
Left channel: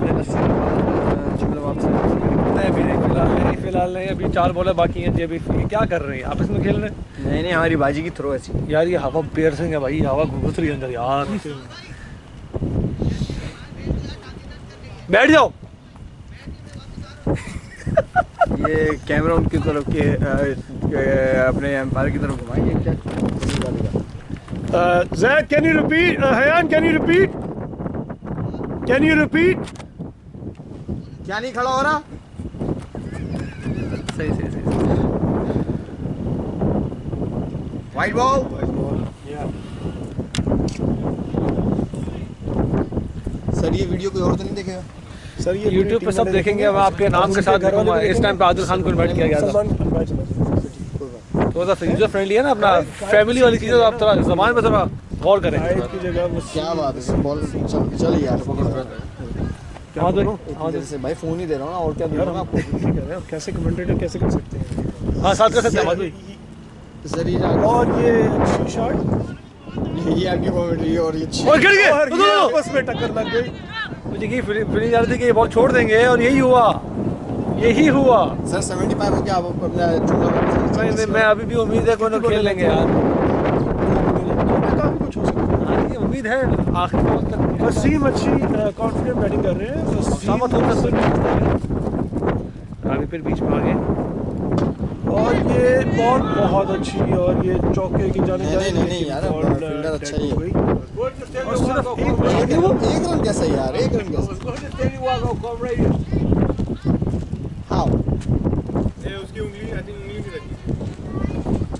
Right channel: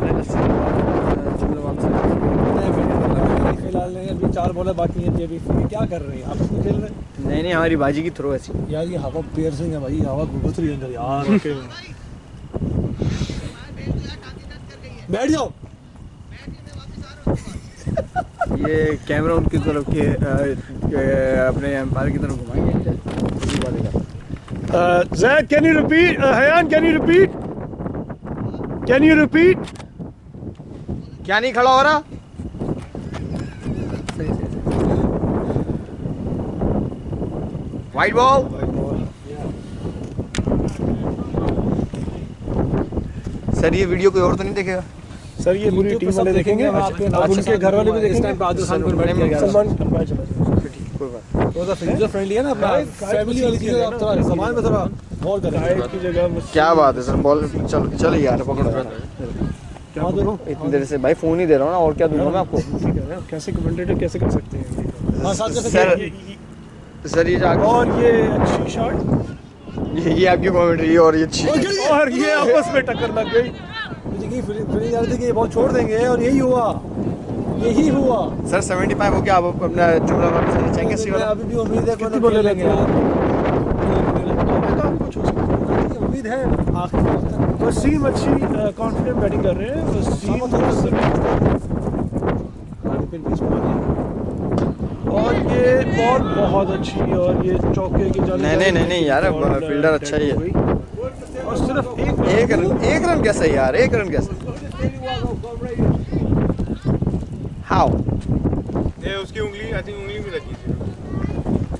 जुमला वापस नहीं फिलहाल नहीं, अभी 4 बॉलें बाकी हैं जी। अभी ये क्या कर रहे हैं, आपस में खेल रहे हैं? नहीं हमारी बाजी की थ्रो ऐसी। यार ये हवा पियर्सिंग है भाई, हवा घुस रही है अंदर यार। बैठ जाओ। ये कैमरा उनकी तरफ के अपने एम्पायर की तरफ घुमाएंगे क्या? Zach, can you repeat? Hayan, can you repeat? Can you repeat? क्या नहीं खड़ा हो रहा? सही। Wide ball. सर ये वीडियो कोई और तो नहीं देखेगा? सर ये YouTube पे सब देखेंगे, अब आपके नाम के साथ घर वाले भी इस टाइम पे आदिल खान को इनवाइट किया गया था। सलमान अंपायर चला जाएगा। थोड़ा सा यूजर फ्रेंडली है ना अपना, फैमिली वाली चीज़ें आप थोड़ा ज़बान पे थोड़ा गौर करें। गाइड की जगह मुझसे क्या बात है सर, बॉल चल यार पकड़ो। क्या बोलो? इतनी देर से भाई फोन ही दे रहा हूँ ना, और क्या दूंगा मैं आपको? ठीक है, कैसे कमेंटेटर कैसे कर सकते हैं? हाँ साथ कर सकते हैं। सर ये जाके और ये अच्छी शॉट, ये आपकी कमेंट्री और ये अच्छी। और गिर गए और ये आपस में टक्कर लग गई। मुझे की फीलिंग जा रही थी कि ये बॉल छोड़ देंगे और यही हुआ। सर 75 हो गया, आप अपना जुमला वापस लीजिए। मैं अभी भी उम्मीद है कोई ना खेल लेंगे यार। काफी कुछ हो सकता है। हाँ, ये उम्मीद है आखिर वक्त तक। वसीम अच्छी कॉन्फिडेंट बैटिंग कर रहे हैं। वसीम अभी फिर बीच में आ गए और ये बॉल बहुत अच्छी, और ये चौके की जाने नहीं यार, फील्डर अच्छा ही है। और सिर्फ एक रन कैसे यार, एक रन कैसे? हाउ? ये उसकी उंगली, आई थिंक उंगली में लगी थी।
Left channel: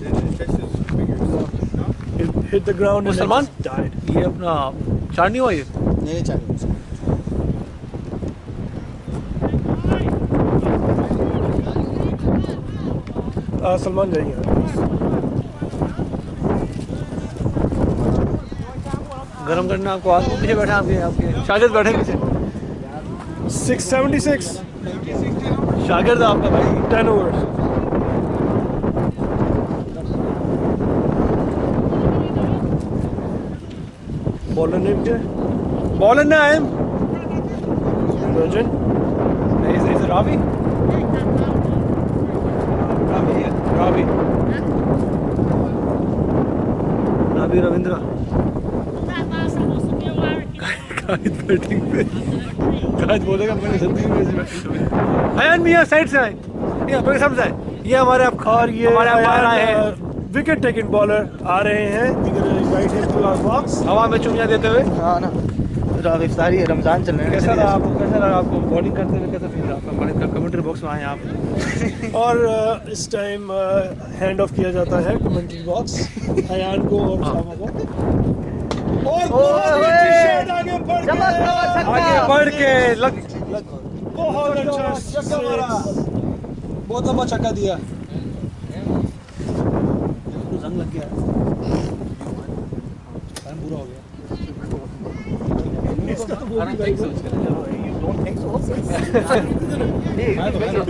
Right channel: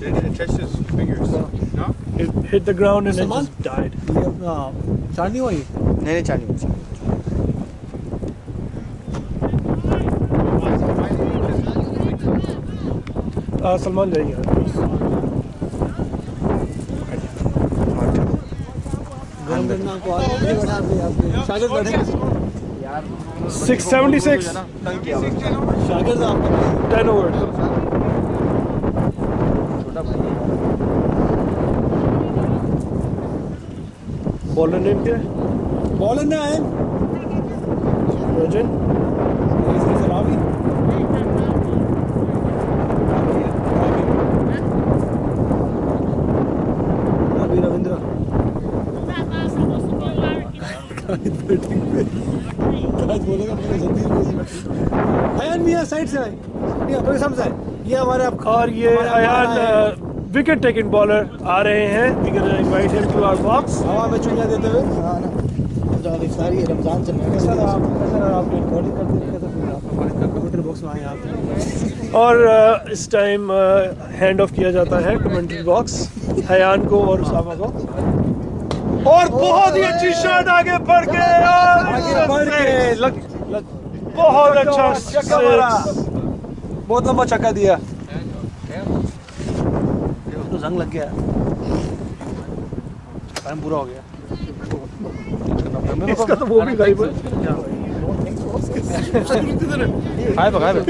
It touched his fingers. No? hit the ground and Salman? just died. ये अपना चार नहीं हुआ ये? नहीं चाहिए। सलमान जाइए गरम करना आपको आज पीछे बैठे आपके शागिर्द बैठे पीछे। 676 शागिर्द आपका भाई 10 overs। बॉलर नेम क्या है? बॉलर ना आई एम रजन। नहीं रावी रावी रविंद्रा कायद बैटिंग पे कायद बोलेगा मैंने जल्दी में अयान मियां साइड से आए, नहीं अपने सामने से आए। ये हमारे आप और ये हमारे विकेट टेकिंग बॉलर आ रहे हैं। We can invite him to our box. हवा में चुंगियां देते हुए। हाँ ना, इफ्तारी रमजान चल रहे हैं। कैसा रहा आपको बॉलिंग करते हुए कैसा फील रहा आपका? हमारे कमेंट्री बॉक्स में आए आप। और इस टाइम हैंड ऑफ किया जाता है कमेंट्री बॉक्स हयान को और उसामा को। और बहुत ही अच्छी शॉट आगे बढ़ के लग बहुत अच्छा चक्का मारा, बहुत लंबा चक्का दिया। तो जंग लग गया, टाइम पूरा हो गया। इसका तो वो भी गायब है। हाय बगा लो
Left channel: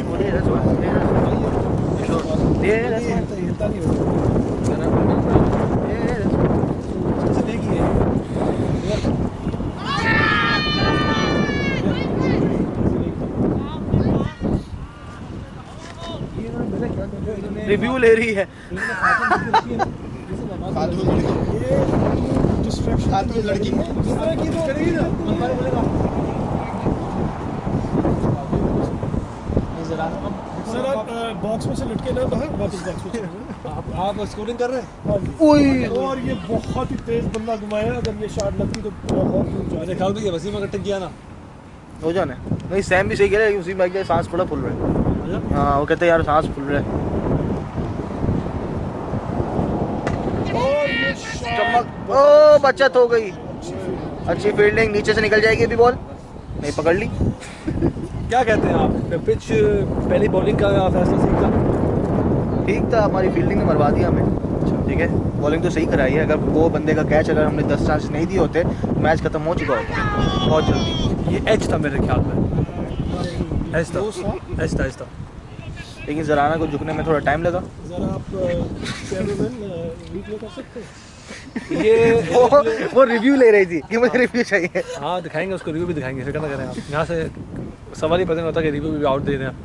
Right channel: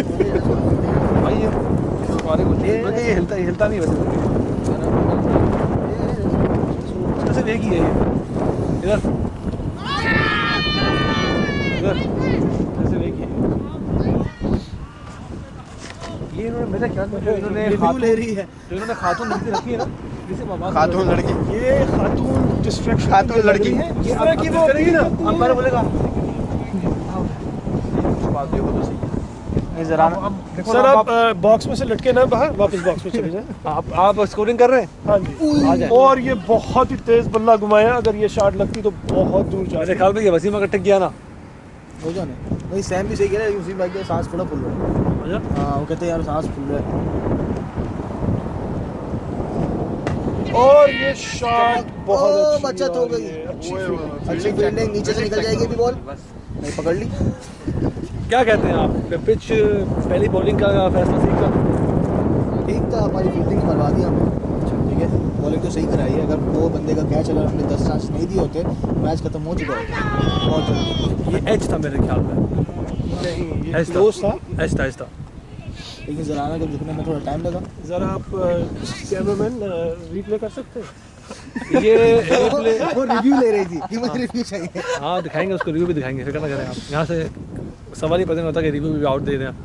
भाई, ये हिलता नहीं वैसे। सिर्फ एक ही है इधर सिर्फ एक ही। ये इन्होंने मेरा क्या रिव्यू ले रही है। इन्होंने खातून रखी है ना, खातून लड़की, ये खातून डिस्ट्रैक्शन, खातून लड़की इस तरह की वो अंपायर बोलेगा सर आप बॉक्स में से लटके ना बाहर, वापस बॉक्स में चले जाएं। आप स्कोरिंग कर रहे हैं। हाँ जी। और ये बहुत ही तेज बल्ला घुमाया, अगर ये शॉट लगती तो बहुत दूर जा मेरे ख्याल में ये वसीम अगर टिक गया ना हो जाना। नहीं सैम भी सही कह रहा है, उसी भाई के सांस थोड़ा फूल रहा है। हाँ वो कहते हैं यार सांस फूल रहा है। और ये शॉट ओ बचत हो गई, अच्छी फील्डिंग, नीचे से निकल जाएगी अभी बॉल, नहीं पकड़ ली। क्या कहते हैं आप? पिच पहली बॉलिंग का फैसला ठीक था? ठीक था, हमारी फील्डिंग ने मरवा दिया हमें। ठीक है, बॉलिंग तो सही कराई है। अगर वो बंदे का कैच अगर हमने 10 चांस नहीं दिए होते मैच खत्म हो चुका होता बहुत जल्दी। ये एच था मेरे ख्याल में, एच था। लेकिन जराना को झुकने में थोड़ा टाइम लगा। जरा आप कैमरामैन रीप्ले कर सकते हैं? ये वो रिव्यू ले रही थी कि मुझे रिव्यू चाहिए। हाँ दिखाएंगे उसको, रिव्यू भी दिखाएंगे, फिक्र ना करें आप। यहाँ से सवाल ही पता नहीं होता कि रिव्यू भी आउट दे दें आप।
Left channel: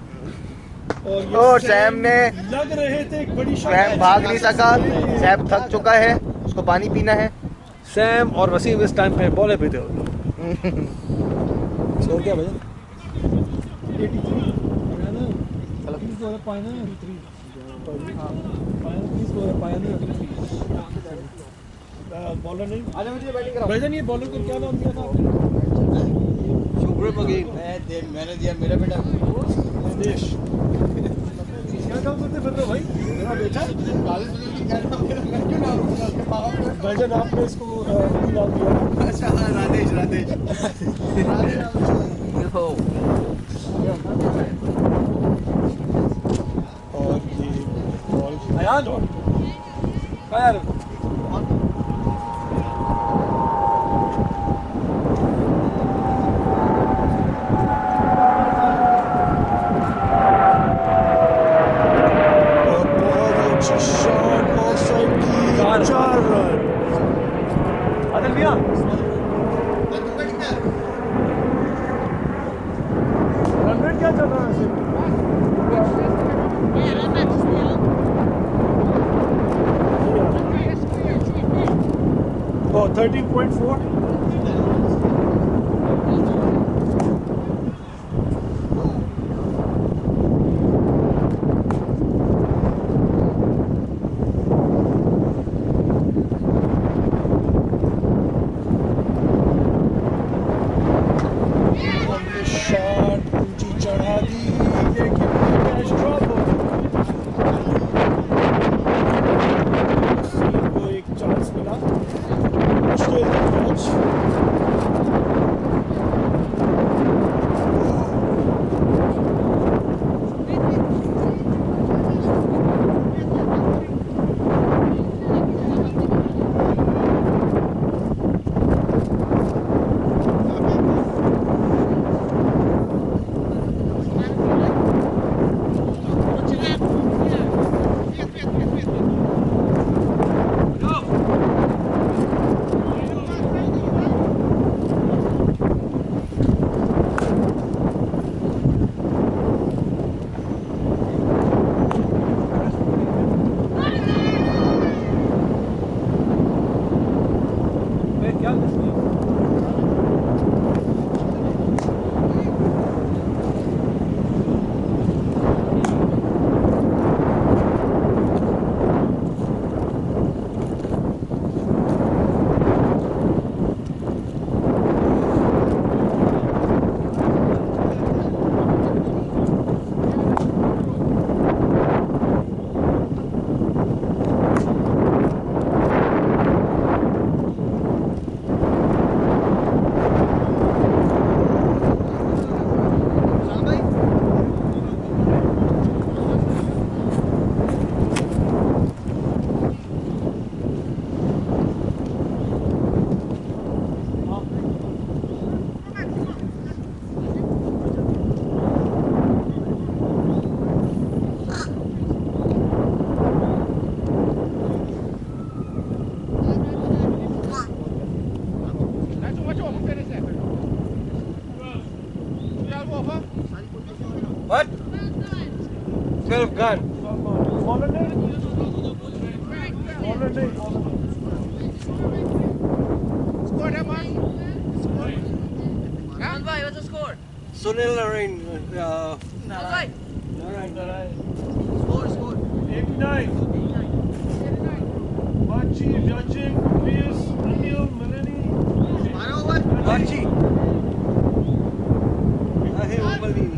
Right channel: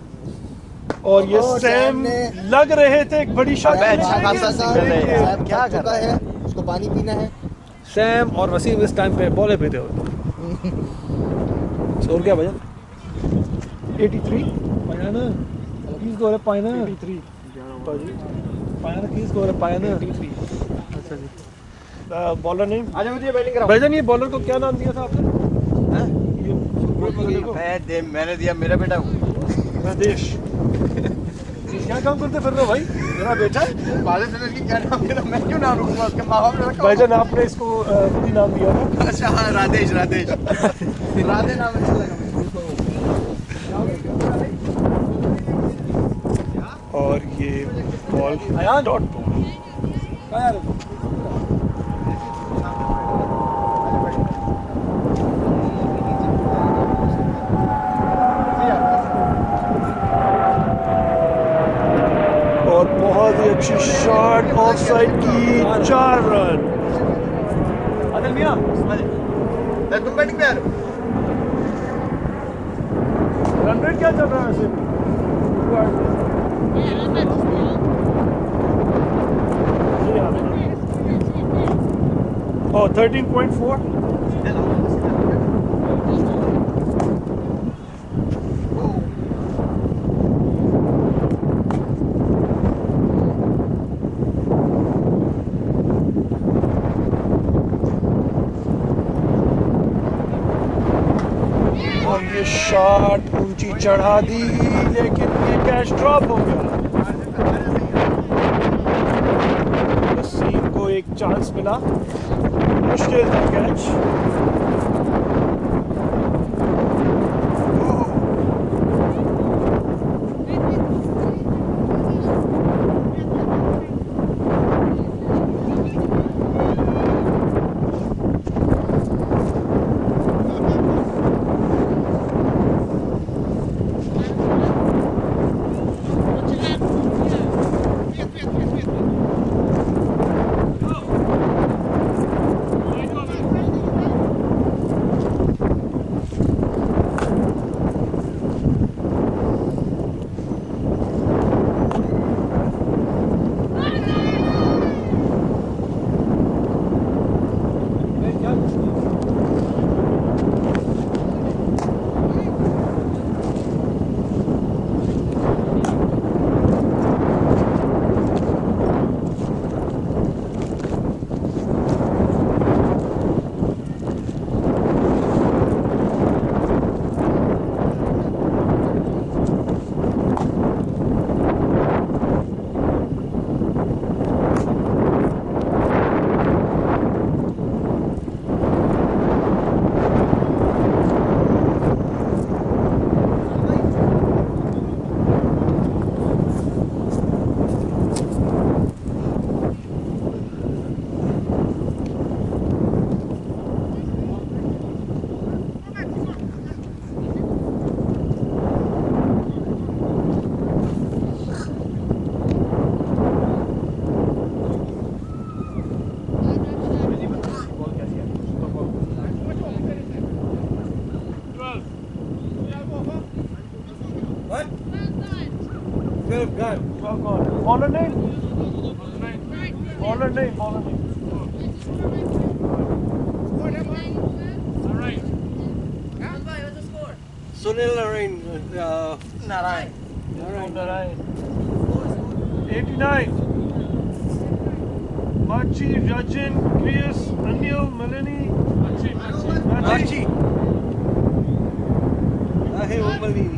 और ये और सैम सैम ने लग रहे थे एक बड़ी शॉट। सैम भाग नहीं सका, सैम थक चुका है, उसको पानी पीना है। सैम और वसीम इस टाइम पे बॉले पीते हुए। स्कोर क्या भजन? 83 पाया ना की स्कोर है, पाया ना 83 पाया ना की स्कोर है, पाया ना। बॉलर नहीं। आजा मुझे बैटिंग कराओ। भाईजान ये बॉलर को क्या नाम दिया था आपने? मैंने दिया मेरा बेटा राजेश। क्या काम करते फिर रहे हो भाई? मेरा बेटा क्या नाम मेरा, मैं क्यों नाम रखूंगा उसके माँ बाप ने रखा। भाईजान आपने इसको खुद ही नाम दिया था। अच्छा हाँ राधेश राधे नाम अच्छा लगा मुझे। और ये बॉल अयान डॉट यार और बहुत ही अच्छी शॉट ऑफसाइड की, 4 रन। आदिल मियां तुम बैटिंग पे रन रेट क्या चल रहा है वैसे? नहीं आ रहा। Oh, 13.4. और ये शॉट ऊंची चढ़ा दी, लेकिन ये कैच ड्रॉप हो गया। वसीम को एक चांस मिला, मुश्किल था कैच। What? 12 gun. बॉलर नहीं, बॉलर नहीं, बॉलर नहीं। What's the score? Sunil Narayan, Narayan. Score. 89. Machi, Rajin, Chris, Anil, Melanie. माची आहे उमली।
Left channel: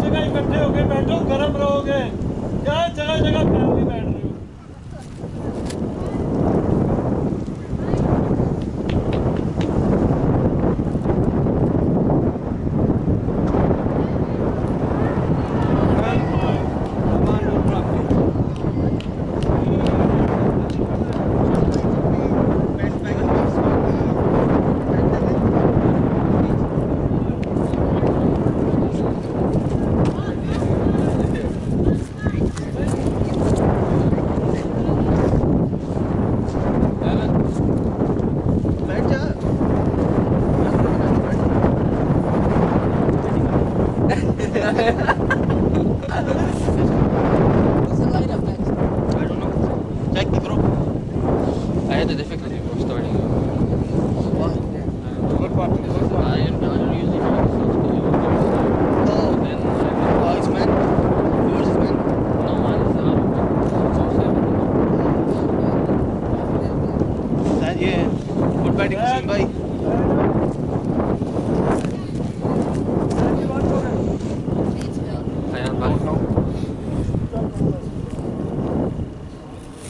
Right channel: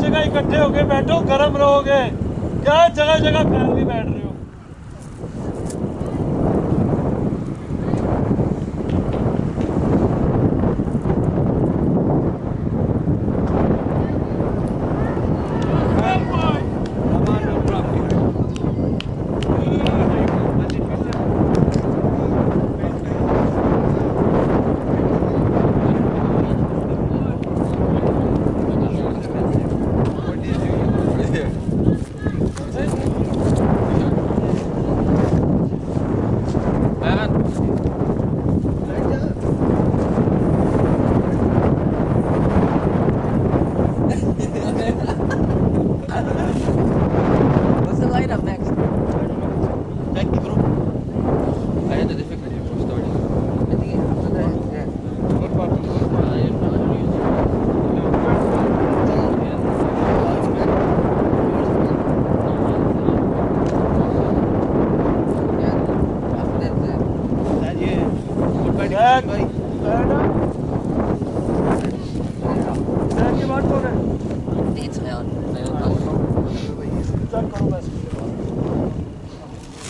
जगह इकट्ठे होके बैठो, गर्म रहोगे। क्या जगह जगह फैल के बैठ रहे हो? What's the lineup next? I don't know. Check the group. I had a difficulty before starting. Yeah. What part? I don't use it. Oh, it's man. Yours is man. No, mine is out. That yeah. Good batting, That- bhai. की बात कौन है? It's out.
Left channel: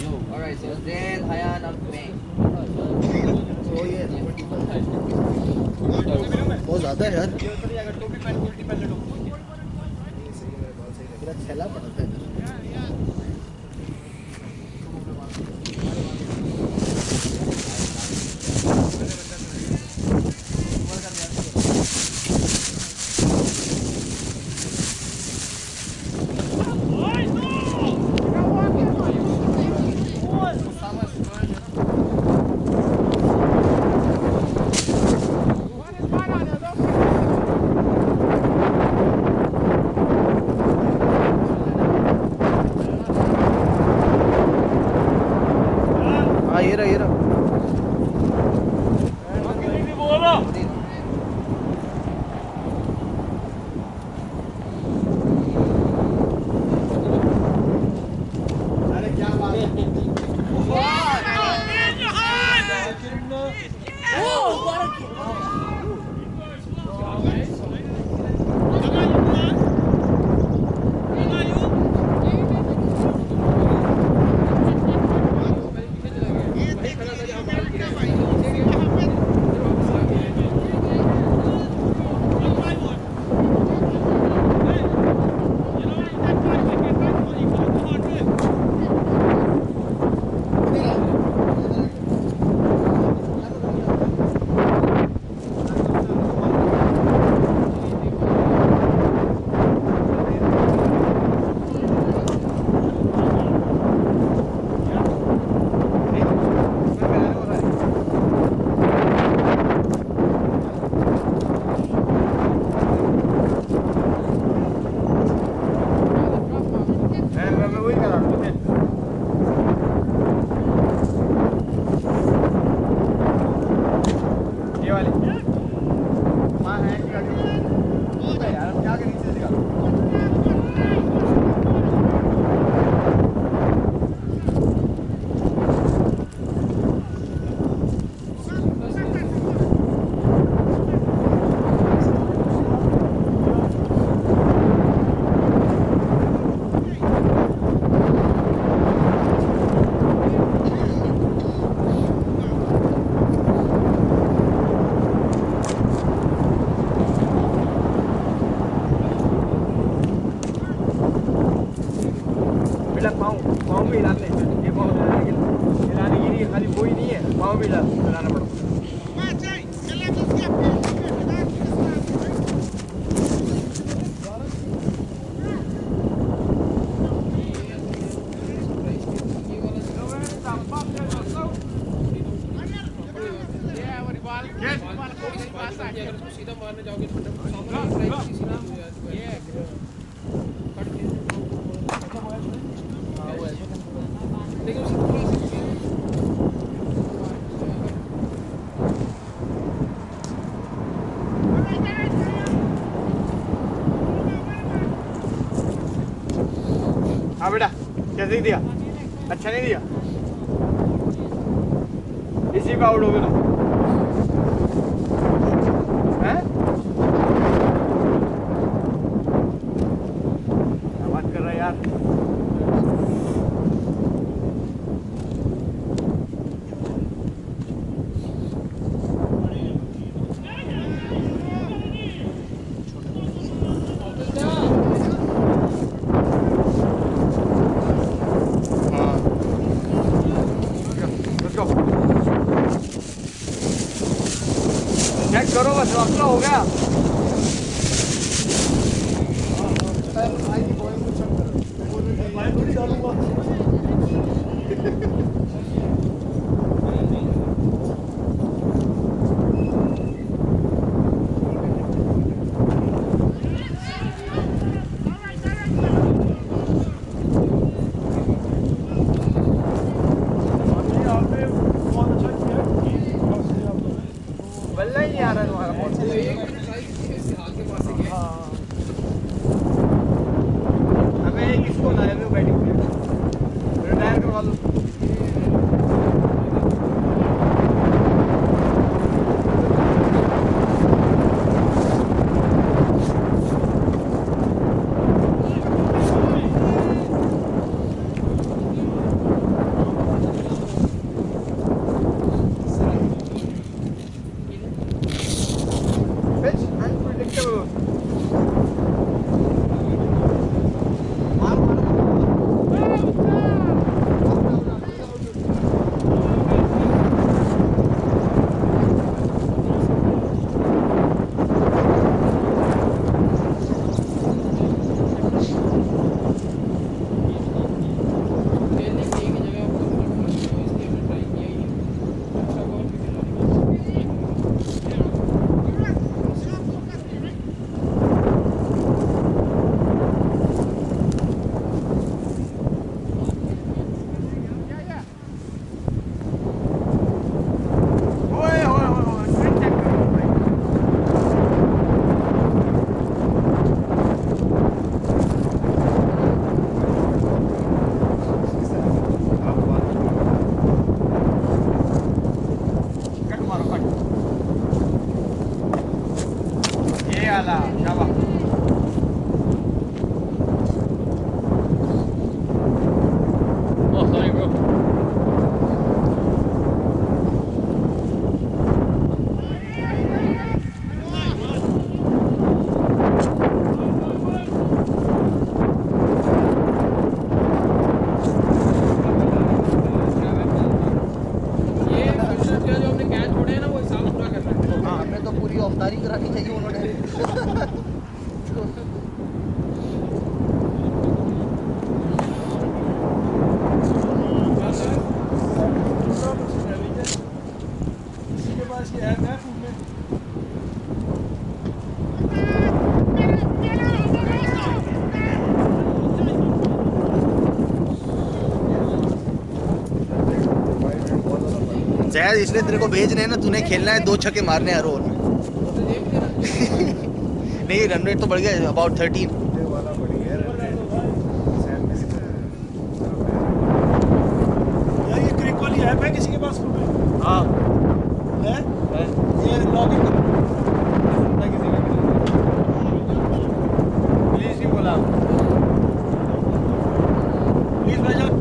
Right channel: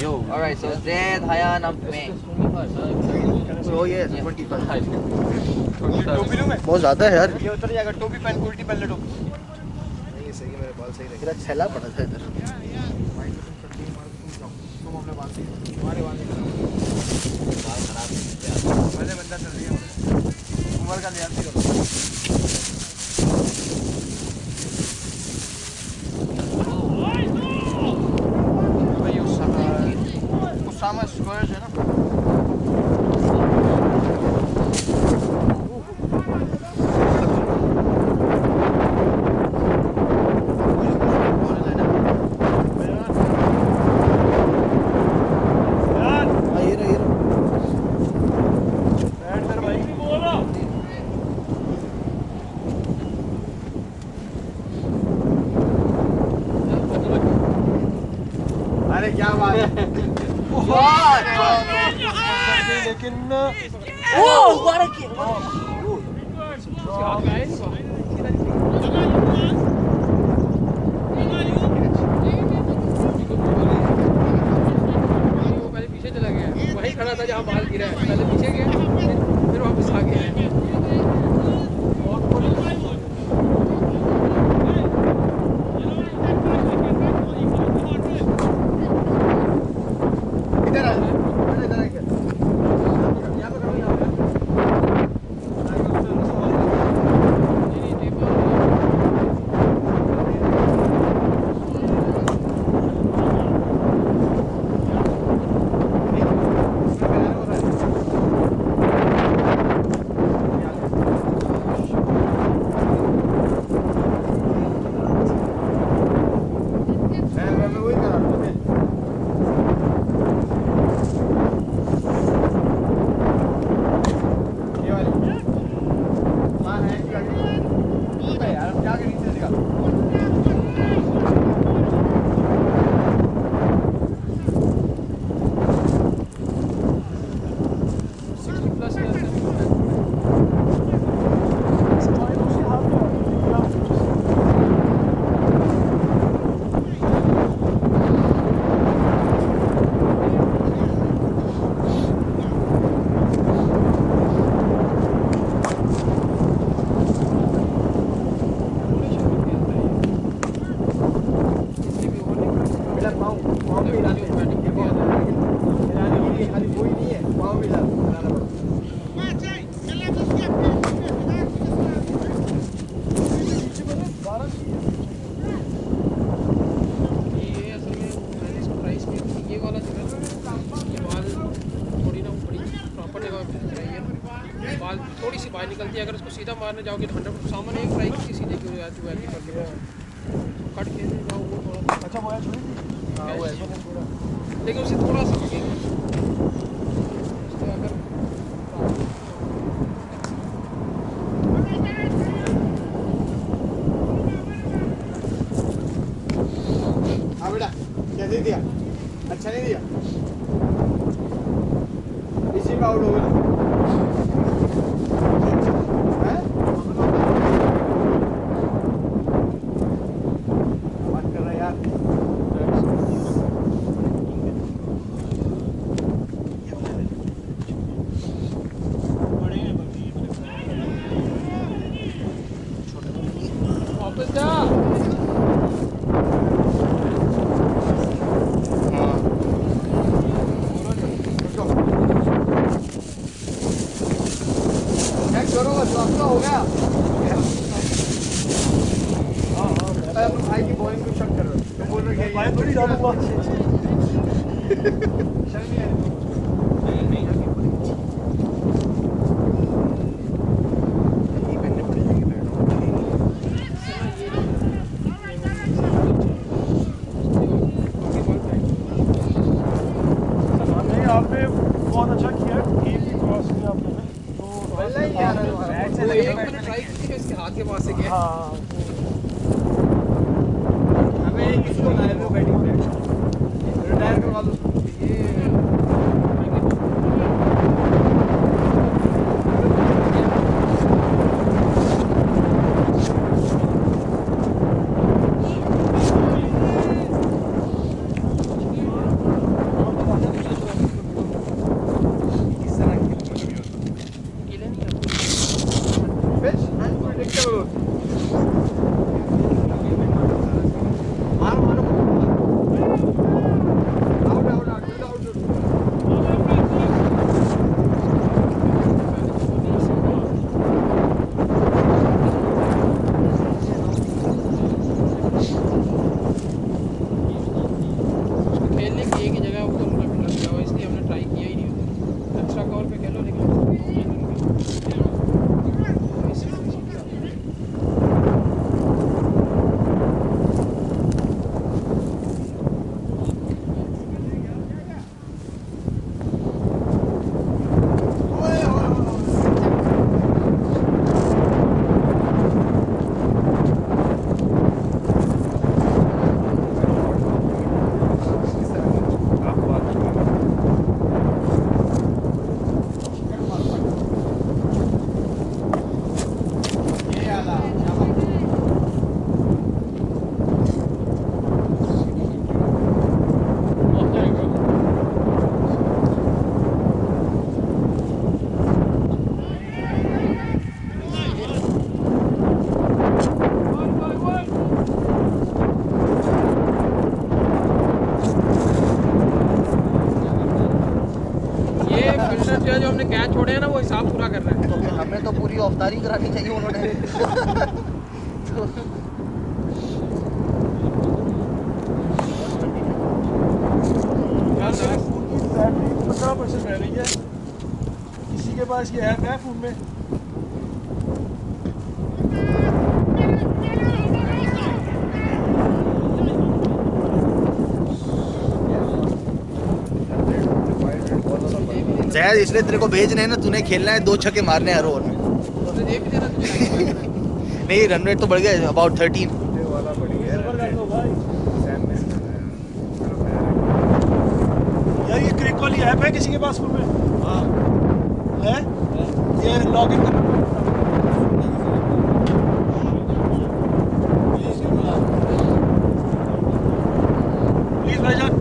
Yo. Alright, so Zaid, Hayan, up me. Oh yeah, 25. टोपी लूं मैं? बहुत ज्यादा है यार। ये उतर जाएगा, टोपी पहन, उल्टी पहन ले टोपी। नहीं सही है, मेरे बाल सही रखे। मेरा छेला पड़ा था इधर। पहले बंदा चल रही है। उमर का लिहाज करो। Usama Spurs है ना? हाँ ये रहा ये रहा। भी बोल रहा। अरे क्या बात है? लेकिन Oh, what a kick! वही खड़ा था जहाँ बाल गिरा है, पहले पीछे गया फिर वापस आ गया। इधर आ इधर आ यहाँ पे करो यहाँ पे मैं वही करा रहा हूँ ये वाली माँ है कि गाड़ी यार अब क्या के नीचे दिखा बेटा पाँव भी हिलाते हैं ये पाँव हिलाने के लिए खाली वो ही नहीं है पाँव भी हिलाना पड़ता ये वाला थोड़ी ना ऊपरी प्रॉपर बाल थोड़ी सी बाहर निकलती है। अगर उसको सीधा मारने जाओगे तो 100 सामने एक ट्राई की सीधे क्यों जाती है कट के जाओ वो थोड़ा अच्छा वो है छोड़ी। हाँ वो ऐसा थोड़ा लेकिन उसे थोड़ा सा अगर हाँ बेटा कैसे दिया अच्छा नहीं दिया इसी का आउट हो गया हैं हाँ चेक करो बस अपना हो गया भाई की बॉलिंग को चेक करो तो बोल रहे भाई थोड़ी डालूंगा आपने बहुत अच्छा किया, एक ही क्रॉस किया आप लोगों ने, तो बल्ला ही नहीं आ रहा तुम्हारा बॉल वो एक मैंने ट्राई की थी इसके हाथ के पास से गया हाँ हमें किसको लाए हुए बैटिंग पे रिटायर करवा दो pitch unpredictable मारो मारो आउट आउट आउट खेलने की एक ही जगह ऊपर लग गया हुआ इसलिए हमने ट्राई किया ही नहीं अच्छा कॉल पे खेलो लेकिन ओए ओए ओए स्विच चेक करो भाई कट मारो कट ये आला शाबाश ये फिल्डर जो है जो हमने कैच छोड़े हैं ना वो हिसाब पूरा कर रहे हैं तो फिर हमें तो पूरी औफतारी करानी चाहिए उन्होंने तो बैटरी 15% रह रही है, किसी के पास ये ऐप है फोन में? जैद इसलिए तेरे को भेज रहे हैं ना, तूने खेलना है 2 छक्के मारने हर ओवर में। तो ये भी देना तुझे नहीं रन रेट तो बढ़ गया अबाउट 13। वाला बढ़ गया यार ये क्रिक वाली ऐप है किसी के पास फोन में? हाँ है? ये लॉगिन करना पड़ेगा। प्लीज ही बोला प्लीज भाईजान।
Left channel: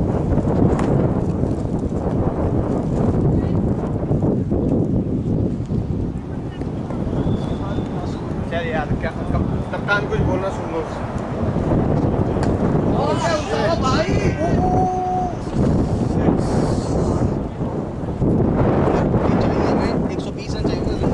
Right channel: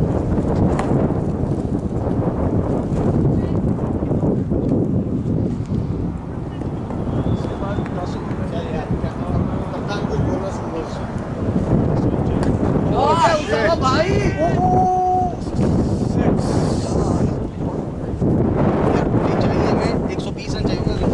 चल यार क्या कप्तान कुछ बोलना सुन लो भाई चाहिए हमें 120 रन चाहिए होंगे।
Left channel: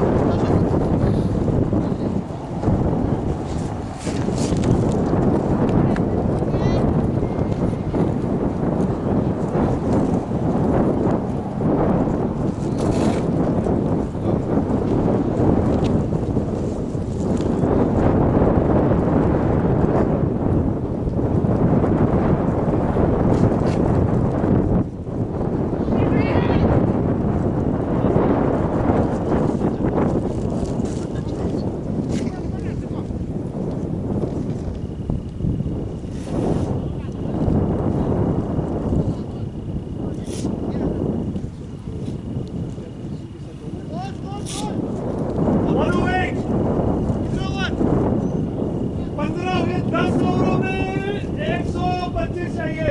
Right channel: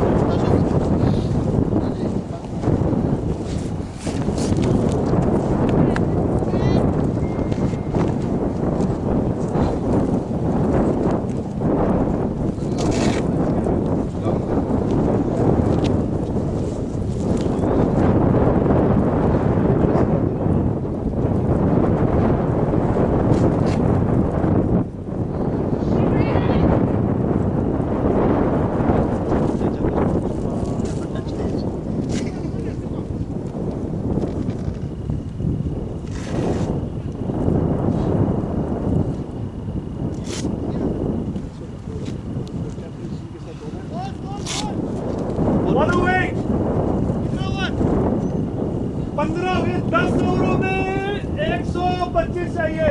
चाहिए।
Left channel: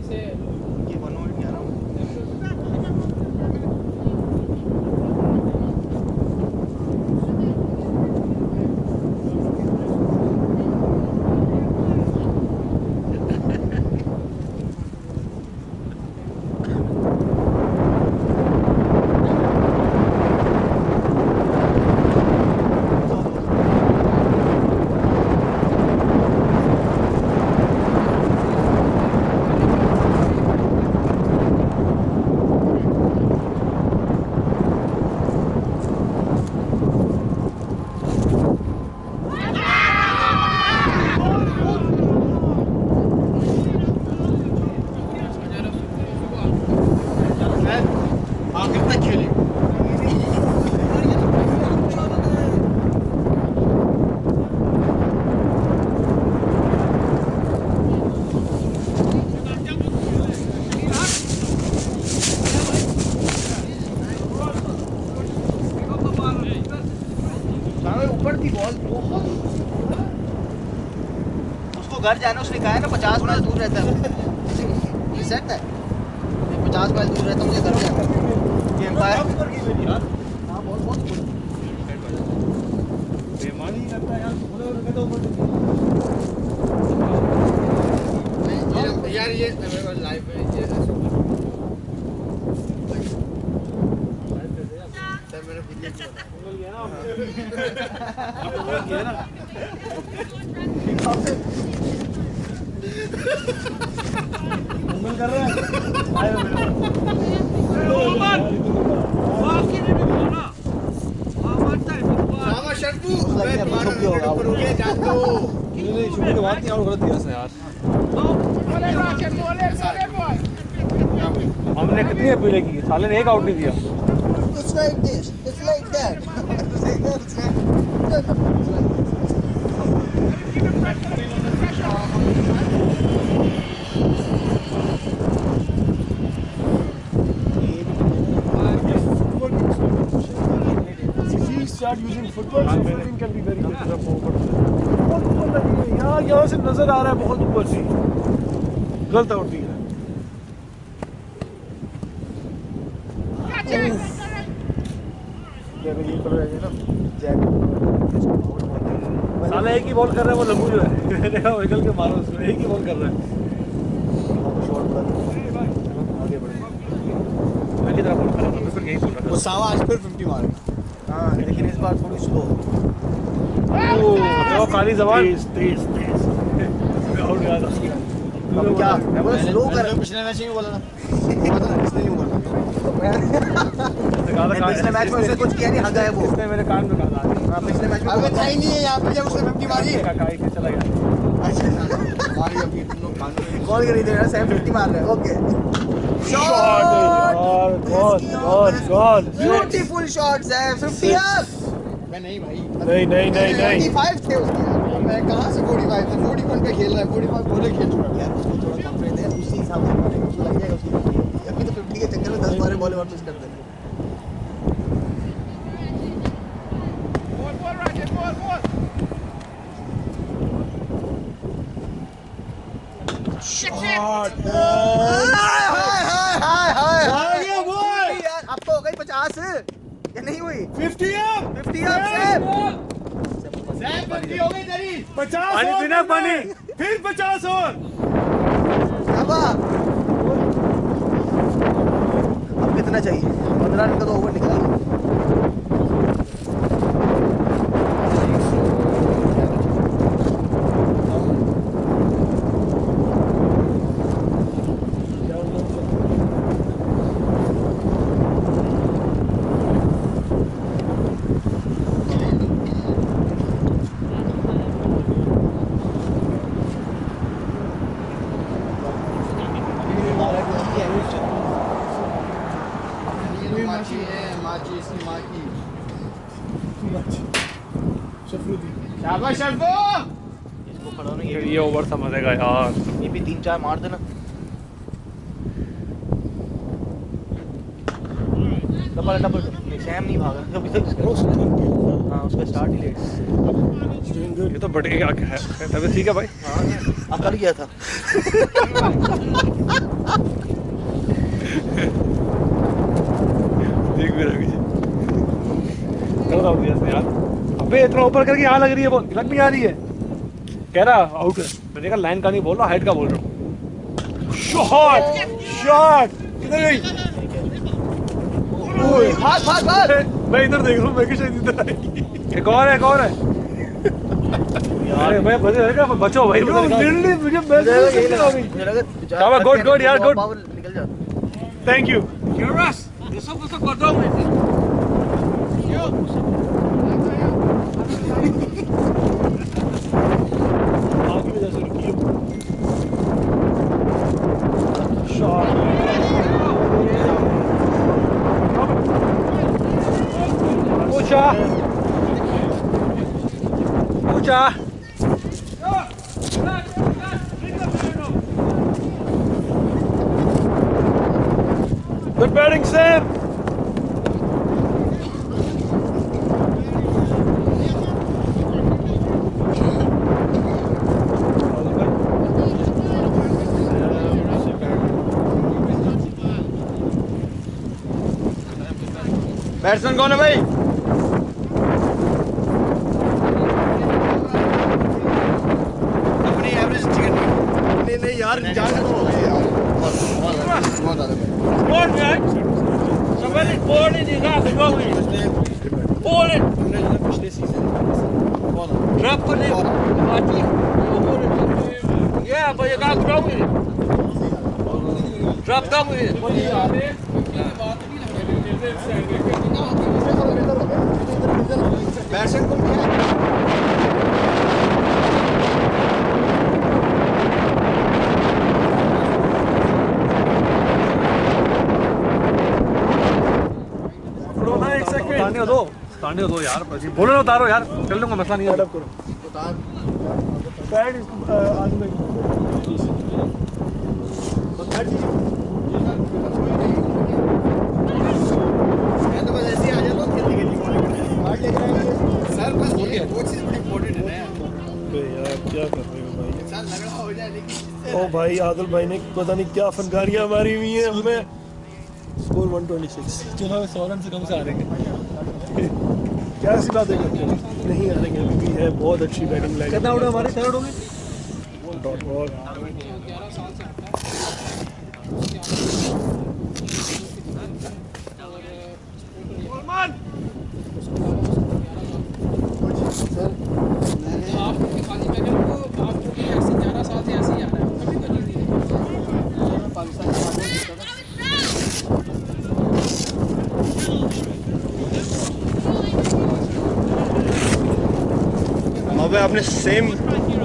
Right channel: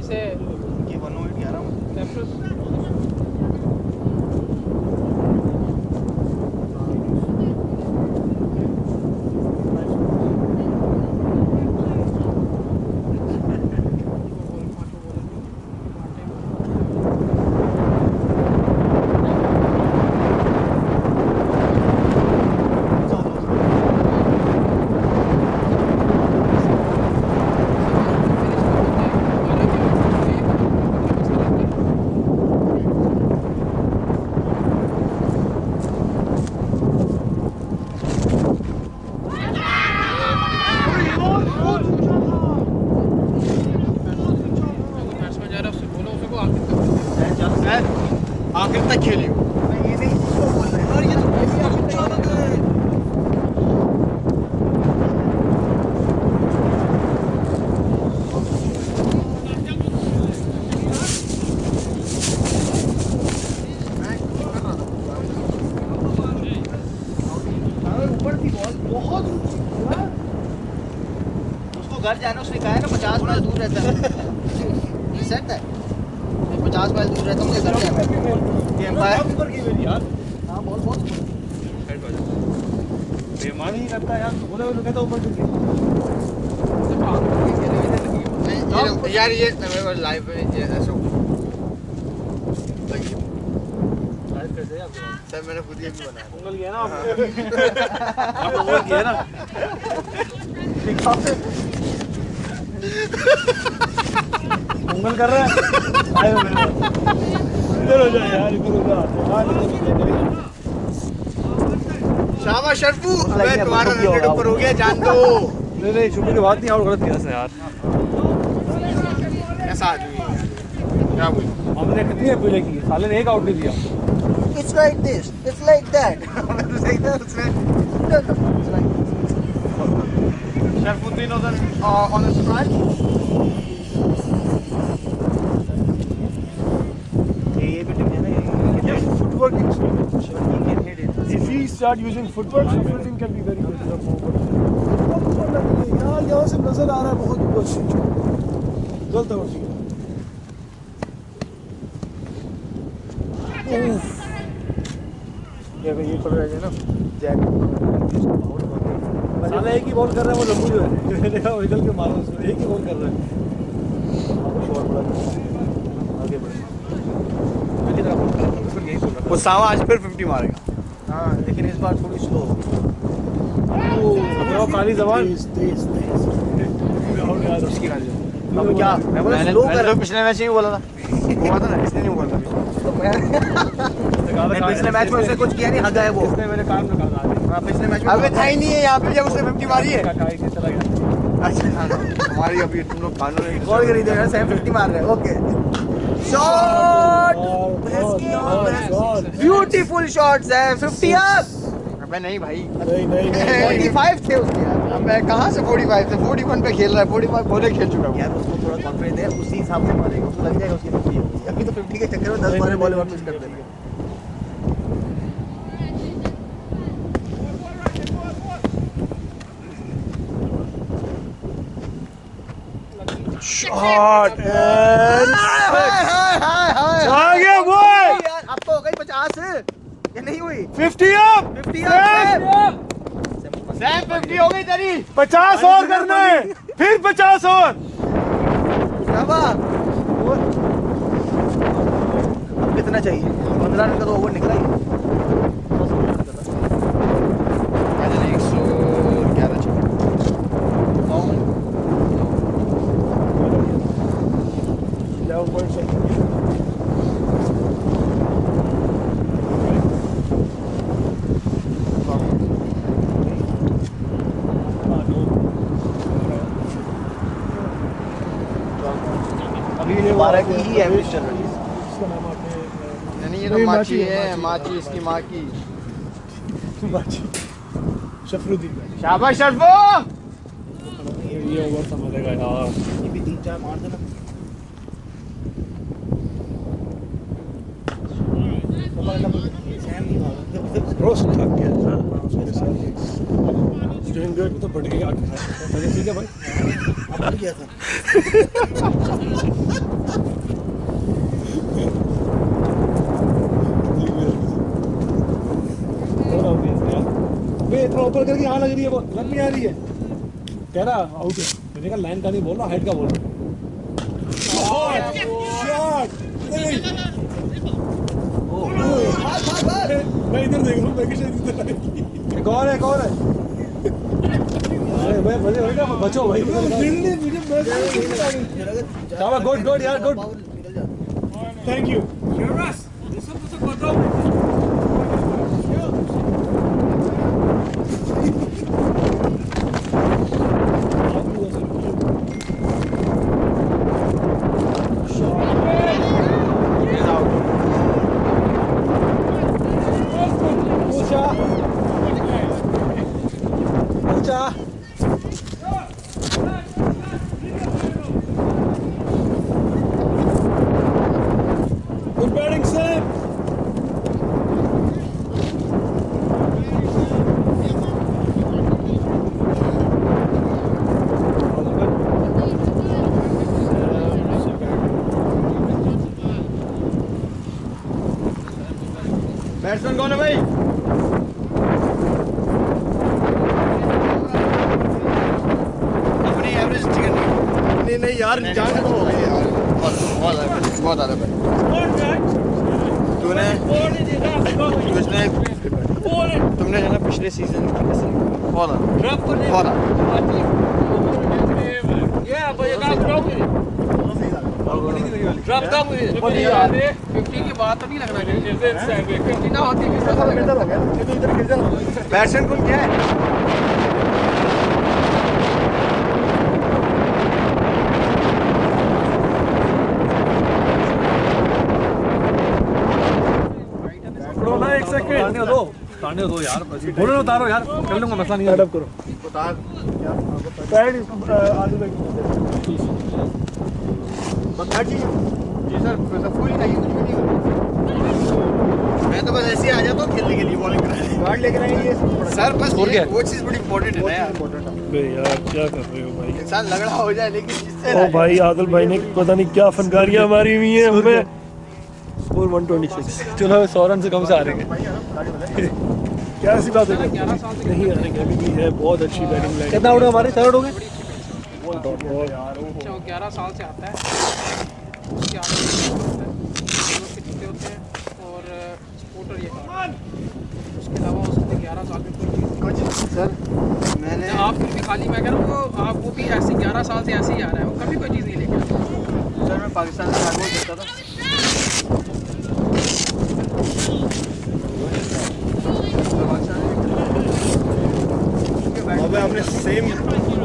इसे ये 108 11 कैप्टन आखिर तक खेली हो। ऊपर थी बॉल बहुत उसको घर जाना, उसने कहा है ना 50 माइल दूर रहता है। ये सेट है, मैं 50 माइल दूर रहता हूँ, मुझे घर जाना है। ये एम्पायर ऊपर की मेरी यार हाँ बॉल बहुत ऊपर। बेईमानी ही करता है यार, तो बोले वो कहता ऊपर की नहीं यार ये मेरे को लाइव में ये ऐसा हुआ। लाइव कैसे है सर मैंने खुद ये भी बनाया। उंगल किया ना आपने उंगल किया ना उंगल कर रहे हैं आए हो मेरे पास इधर हो जा यार इधर हो जा शाबाश शर्फू, मैं तुम्हारा रन ऊपर हो गया, जान दो। नहीं शुक्र की बात नहीं और गलत किया इसने यार ऐसा आदमी है। क्या बोलूं? हमने कितनी अपीलें की साले ने एक आउट नहीं दिया It's like this, it's like that. It's like that, it's like this. Sharfuddin उधर On the side. Footwork. If he start using footwork, Shafruddin can be very good. बहुत ऊपर लगी है यार, यहाँ से नजर आ रहा है बहुत ऊपर से। गलत आउट दिया। देखो ये पकड़ रहे ना जैक पावर बहुत है। साला एक ही बॉल कर रहा है वो लंबू जो है मैंने देखा निकल के मारो उसको एक ही बॉल कर रहा है आपको शॉट बड़ा आगे बढ़े मैं की तरह बॉल कर रहा था बिल्कुल यही बोल रहा वो सावा आज फिर 50 मारेगा। हाँ लेकिन इस बार थोड़ी स्लो। था वो काली जबान तेज आउट गया था उसकी गाली अब क्या मैं बोला स्लो कर रहा हूँ। पिछले मैच में बोला था हुआ था ना, इसलिए नहीं बोल रहा तो मैं पिछले मैच में उसने कुछ किया नहीं, हगा है वो। इसने मेरे कान में कहा था हाँ पिछले मैच में अबे था ही नहीं है यहाँ पे जब उसने 50 मारी है। काई के चला गया अच्छा हमारी अभी तुम लोग कानून कॉल कर दे रहे हैं 50 मार रहे हैं। ओके शॉट ब्यूटीफुल शॉट्स है 50 अप। अबे नहीं भाई नहीं 45 थे उसके यार। मैं कहाँ से 45 से 41 पे खेल रहा है, 45 पहले खेल चुका हूँ। यार उसको थोड़ा कॉन्फिडेंस है, उसी हिसाब से मारेगा, उसको लग जाएगा उसकी 50 होगी। अभी तो 50 के चक्कर में 10-12 बॉल और मिस कर देंगे। शॉट आगे बॉय यार अब तो हो गई 50 या नहीं हुई 50 अप 50 सैम 50 हो गई तेरी। 50 और करना है, फिर 50 और। अब कितना चाहिए 15 रन का तो ओवर निकला ही। 111 चाहिए। अभी 12 की ही है यानी ये तो माची है, माची इसकी माँ की। शफरुद्दीन शाबाश शर्फू। ये ओवर समझेगा यार ये भी 3-4 मार देना। डबल सैम नहीं भागा कभी तक। रोस्ट थक गया। हाँ उसका स्टार्ट ही लेट। Doing good. ये तो बढ़ेगा क्या है तबीयत ठीक है भाई अब बढ़ गया था। ठीक भी रखी कब आउट दिया इसने यार अबे इतना ऊपर करके यहाँ लग रही है बॉल लग नहीं आ रही है कह रहा आउट है मैंने कहा लाइन का नहीं बोल रहा हाइट का बोल रहा हूँ शॉट किधर गई? भाग मैं इधर देख रहा हूँ, मैं शायद इधर आएगी। एक और है अरे मैं बचो भाई मुझे शाबाश गुड यार गुड निकल जाता। Thank you. Shot. ऊंचा। Good batting, Sam. बैट्समैन कौन है भाई? अपनी एवरेज अच्छी करनी है। नहीं यार, जान खत्म हो गई यार। बहुत ज़्यादा भाई। तुमने जो ना पिछले सीजन ड्रॉप पर ड्रॉप कम हुई 50 के बाद तो नहीं लग रहा है। बैट्समैन कौन क्या है? पकड़ो ना, एक सेकंड। ताने दो यार, बोलो ना, उतारो यार, कर लूंगा, मसला नहीं है। Stand up करो। पैड आलू भाई को जी सर, कोई नहीं। मैं तो बस ऐसे ही आ जाता हूँ खेलने के लिए, बॉलिंग कराने। कार्ड लेकर आएंगे सर, बस वो चीज़ बड़ी इंपॉर्टेंट है ना यार। बे यार क्या कर रहे हो भाई? इंसान लगड़ा हो जाए लेकिन जिससे ओ भाई, आदिल भाई ने पता नहीं क्या फनकारियां मारी हुई हैं हमें। स्कोर 126। चलो 100 रन से कम से हारेंगे। क्या ऐसी बात है करते हैं? नहीं हारेंगे, अभी भी है बहुत अच्छी बैटिंग लाइन। कितना आउट है हमारे? 4 आउट हो गए। 11 साल से आता है उसके आगे जीते होते हैं और सपोर्टर ये उसके अलावा उसको 11 साल में कुछ सर मैंने आप भी खाली मैं कह रहा हूँ आप वो भी ऐसे 11 साल से ऐसे ही आ रहा है, वो कभी कोई चीज़ नहीं लेके आता। सर मैं पाकिस्तान से आगे जीता था। वहाँ पे आपने सेम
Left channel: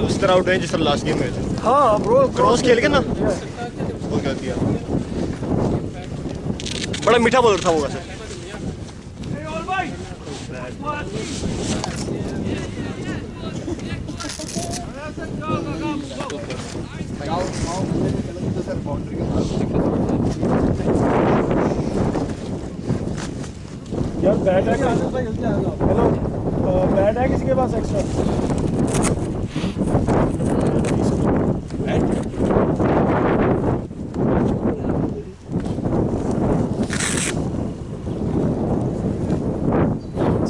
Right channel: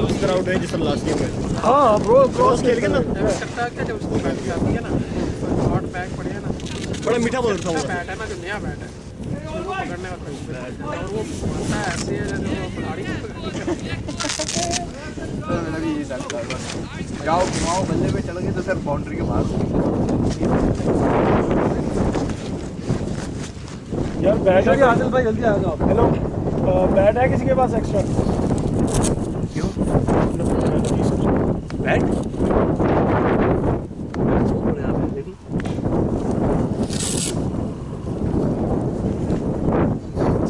उस तरह आउट है जिस तरह लास्ट गेम में थे। हाँ ब्रो, क्रॉस खेल के ना सकता है क्या जब उसको कर दिया। है ना शॉट बैक पड़े है ना, बड़ा मीठा बॉलर था वो। बैट है ना जो नया बैट है और वो ऐसे गाँव बल्ले पे चल गए तो सर बाउंड्री के बाहर। यार बैट है क्या? आदिल भाई जल्दी आ जाओ। हेलो, बैट है किसी के पास एक्स्ट्रा? बैट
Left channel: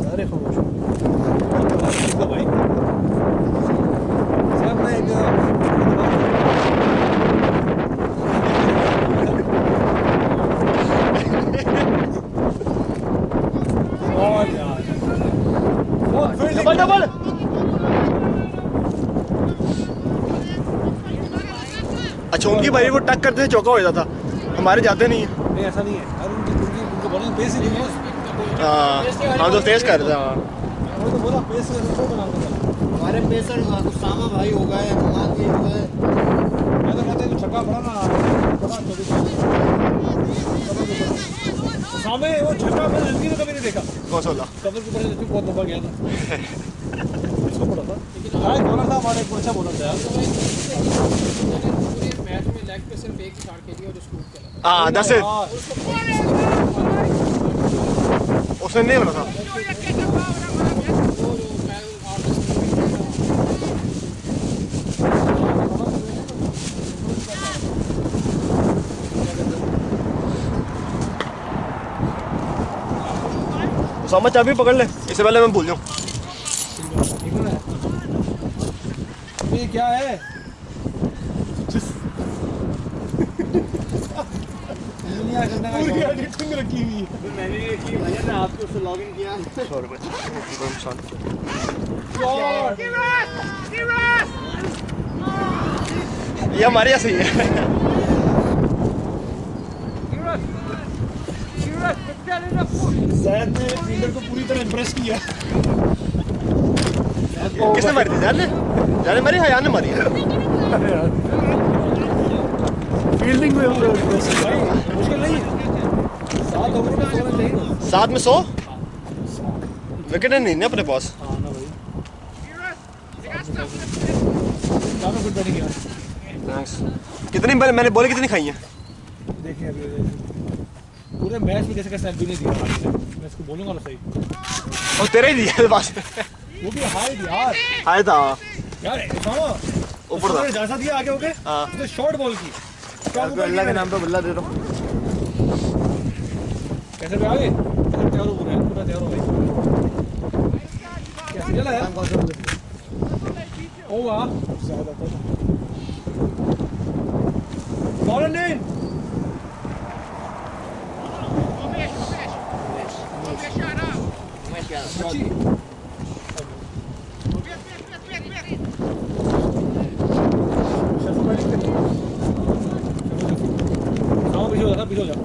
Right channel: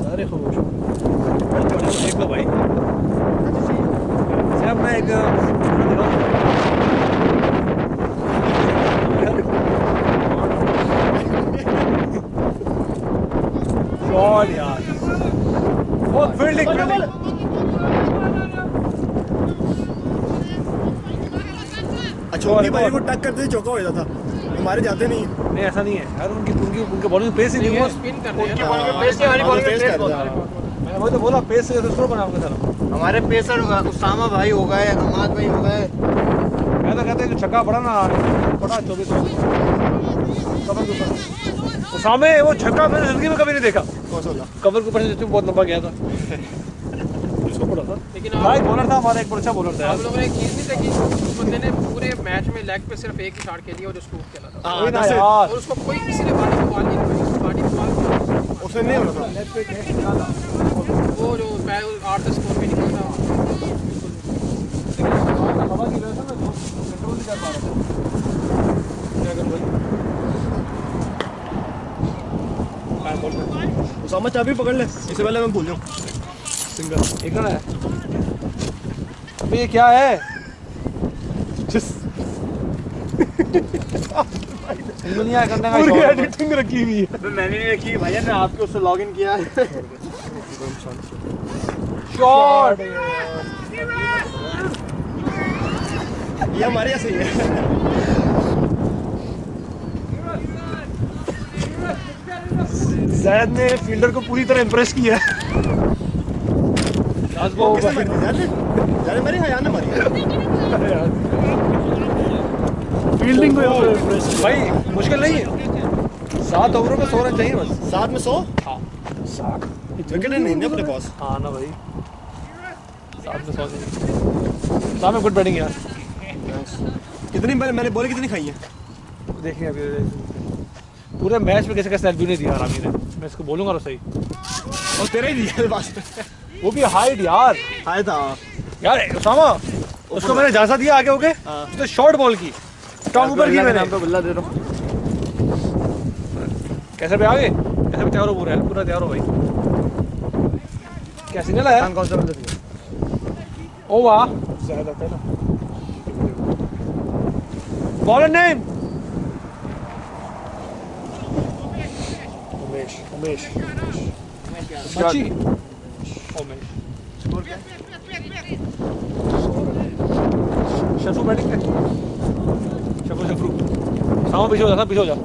सारे खामोश हो गए। एक दो भाई से अपना एक शॉट यार, बहुत फील्डिंग। अचोंगी भाई को टक करते चौका हो जाता था, हमारे जाते नहीं है। नहीं ऐसा नहीं है यार, उनके बॉलिंग पेस ही नहीं है। स्पिन कर रहे हैं हाँ तो तेज कर दिया। मैं वही तो बोला, पेस से थ्रो बनाऊंगा जरा। हमारे पेसर उसामा भाई हो गए, हमाद भाई हो गए। मैं तो कहते हैं जो छक्का पड़ा ना, पड़ा 24 कवर के ऊपर। सामने वो छक्का मैंने जिंदगी में कभी नहीं देखा। कौन सा वाला? कवर के ऊपर से बहुत लंबा गया था। इसको पड़ा था। लेकिन हाँ, एक बॉलर था हमारा, एक अच्छा बॉलर था आप यार। लोगों ने एक चीज़ नहीं देखी, उस बंदे ने पूरे मैच में लेग पे सिर्फ एक ही शॉट खेली और जो स्ट्रोक खेला था हाँ, ना 10 यार, और उसको कोई किसी ने बॉल नहीं उसने नहीं बना था। वो जो 8-10 स्कोर में खेला था। हवा की वजह से ना कंट्रोल नहीं कर पा रहा था। क्या कर रहे उसामा चाबी पकड़ ले, इससे पहले मैं भूल जाऊँ। सिंगल एक रन है। अबे ये क्या है? दुनिया करने का पूरी शौक है। एडिटिंग रखी हुई है। मैंने नहीं रखी भैया ने आपको उससे लॉग इन किया। शॉट ये हमारे यहाँ सही है। जैद ने फील्डर को पूरी तरह इम्प्रेस किया। किसने मारी थी? जान ने मारी? हाँ, यार ने मारी है। फील्डिंग को इम्प्रेस किया भाई मुश्किल नहीं है, 7 ओवरों में 100 रन चाहिए बस। 7 में 100 विकेट नहीं ना अपने पास। हाँ ना भाई, साहब में गुड बैटिंग यार। कितनी मैंने बॉल कितनी खाई है? देखिए अभी पूरे मैच में कैसे कैसे एलबी ने दिया रामी ने, मैं इसको बोलूंगा तो सही। और तेरा ही दिया बस। वो भी हाइट यार, आया था यार उसामा उसको मैंने इजाजत दिया आगे होके तो शॉर्ट बॉल की स्ट्रॉन्ग ऊपर की के मैंने। नाम पे बल्ला दे रहा हूँ। कैसे पे आगे, कैसे पे तैयार हो, पूरा है पूरा तैयार हो भाई। क्या सिग्नल है? कौन सा बल्ला? ओ वाह ज्यादा था ना। बॉल नेम मच्छी। शफू बैटिंग पे, शफू सामा पीछे हो जा, पीछे हो जा।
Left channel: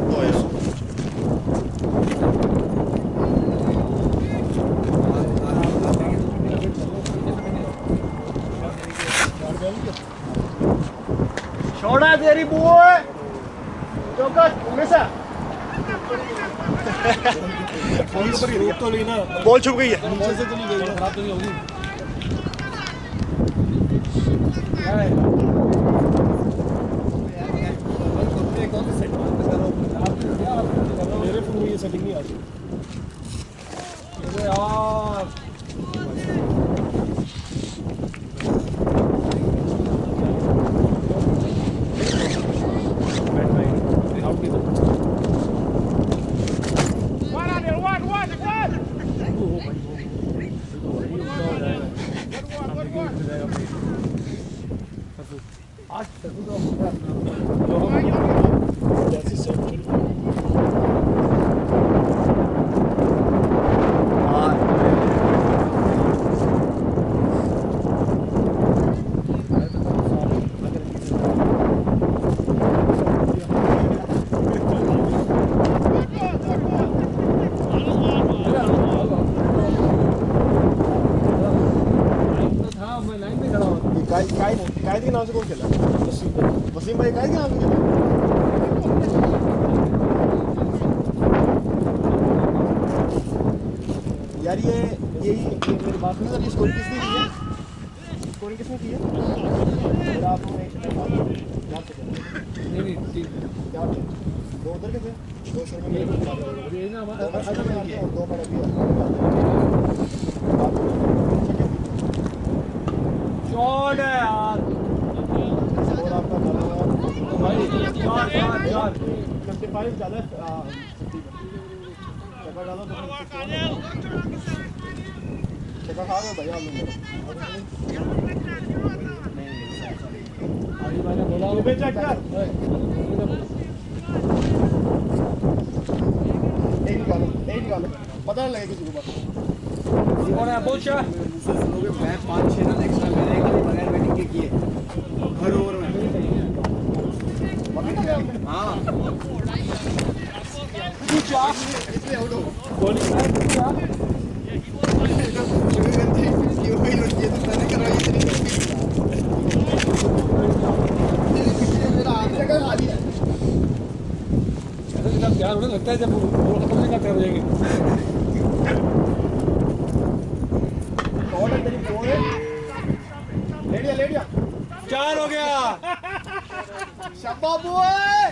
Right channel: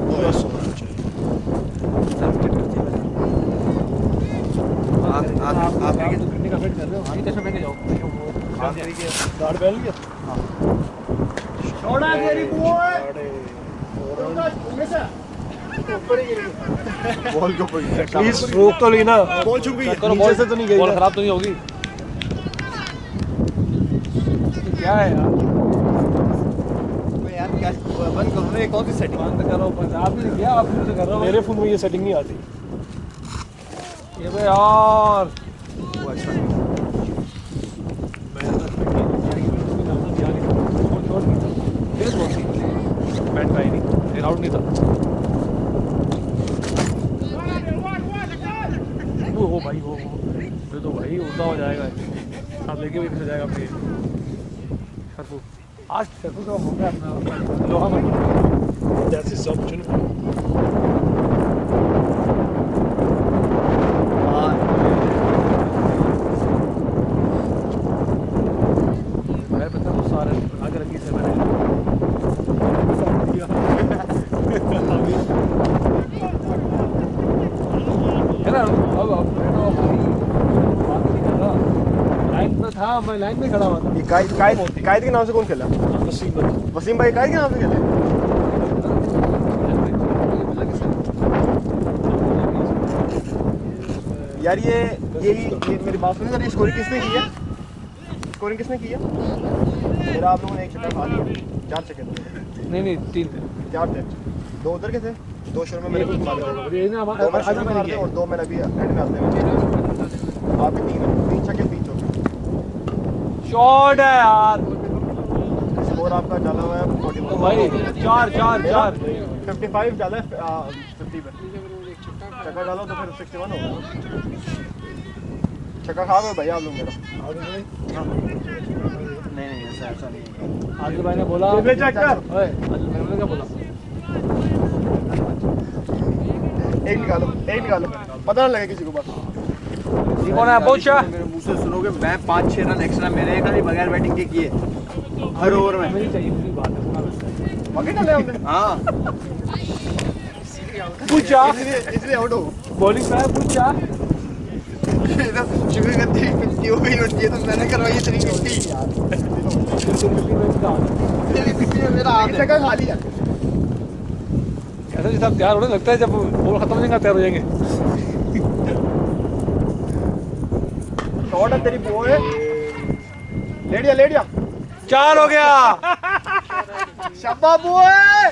आप आगे तो पिटने का वेट कर रहे हो, भाई कैसे पहने जाओ गार्ड पहन लिया। छोड़ा तेरी बॉय चौका हमेशा बॉल के ऊपर प्लीज रोक तो ली ना। बॉल छुप गई है नीचे से तो नहीं गई बॉल है। खराब तो नहीं होगी? क्या है यार यार बंद करो ना, कौन सी सेटिंग बंद करो, आप ही नहीं किया, आप ही कर रहे हो। मेरे फोन में ये सेटिंग नहीं आती। ये तो यार बैट का ही नहीं, आउट नहीं था। हो भाई हो ये तो भाई उल्टा हो जाएगा। आप देखिए भी जाएगा अपने सरफू। आज सरफू का हो गया अपना लोहा में। That's his opportunity. मेरे पता वो सारे आगे रखी से मैंने लाइन तो था, मैं लाइन में खड़ा हुआ था। कायद के नाम से कौन खेला? वसीम भाई कायद के नाम से खेले। यार ये मेरी बात सुनो सर, ये स्कोरिंग किसने की है? स्कोरिंग किसने की है? मेरा आप लोगों ने एक शटर खा लिया, 4 सेकंड। नहीं 3 4 थे, 2 उधर के थे, 2 शोर में मेरे को मार दिया। ये ना दो मैंने शुरू में मारते और 2 मैंने अभी एंड में आते हैं। आप 3 छक्के 3 चौके। शॉट है यार। स्कोर आपका डाला हुआ है 41। तो भाई 4 55 डाला है 50 पे। चक्का डालो तो फिर 61 होगा। चक्का खा गए भाई आप लोग मेरा। नहीं ऐसा नहीं। आदिल भाई ने बोला ओए आदिल भाई ने क्या बोला? एक निकालो पता ना लगे किसी को बस। ये कौन है बोचा? मेरे मुंह से सुनोगे, मैं 5-6 रन एक्स्ट्रा मेरे खाली बगैर बैटिंग के किए हर ओवर में। नहीं चाहिए मुझे बात है। बाकी डाले हमने। हाँ पूछा इसलिए आउट हो। बॉलिंग में पूछा शिवगंधी पिच की हो गई, ये तो मैंने करवाई इतनी थी यार। तेरी पिच में मेरा हाथ है। चक्का खा लिया। ऐसा जैसा तैयार होने लगता है जब बॉल खत्म हो जाएगा तैयार हो जाएंगे। शॉट है तेरी बॉल। लेडिया 4 हो गया। शाबाश बॉय,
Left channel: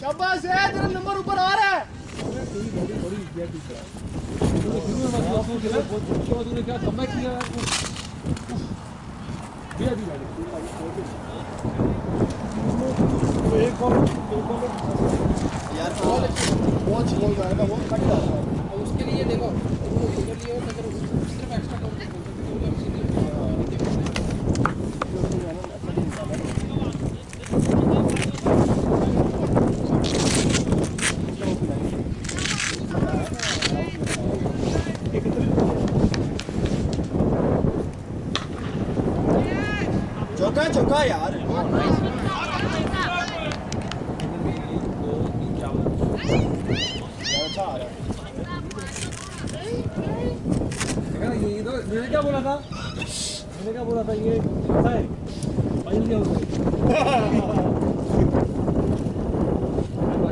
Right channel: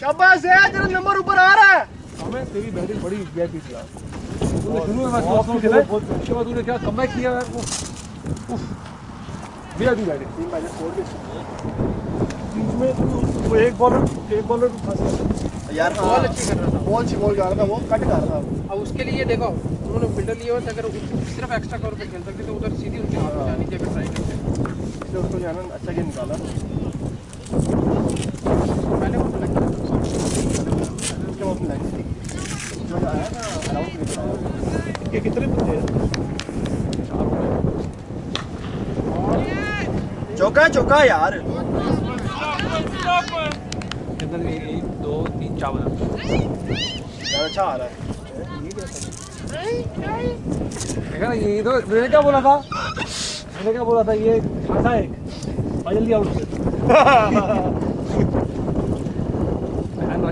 शाबाश है, तेरा नंबर ऊपर आ रहा है। हमें तेरी बैटिंग बड़ी बैटिंग थी। तूने शुरू में मैच बहुत खेला, उसके बाद तूने क्या कमबैक किया यार। दिया दी बैटिंग वो एक बॉलर यार बॉल अच्छी कर रहा था, बॉल जा रहा था, वो कट जा रहा था। अब उसके लिए देखो उन्होंने फील्डर लिया होता, अगर सिर्फ एक्स्ट्रा कवर पे खेल सकते तो उधर सीधी उनके हाथ में जाने की साइड में उसको जाना अच्छा गेम निकाला। ये कितने बचे हैं? चौका यार। 1 2 3 4 यार अच्छा आ रहा है। देखा ना, ये तो मैंने क्या बोला था ये खाता है और जल्दी आउट।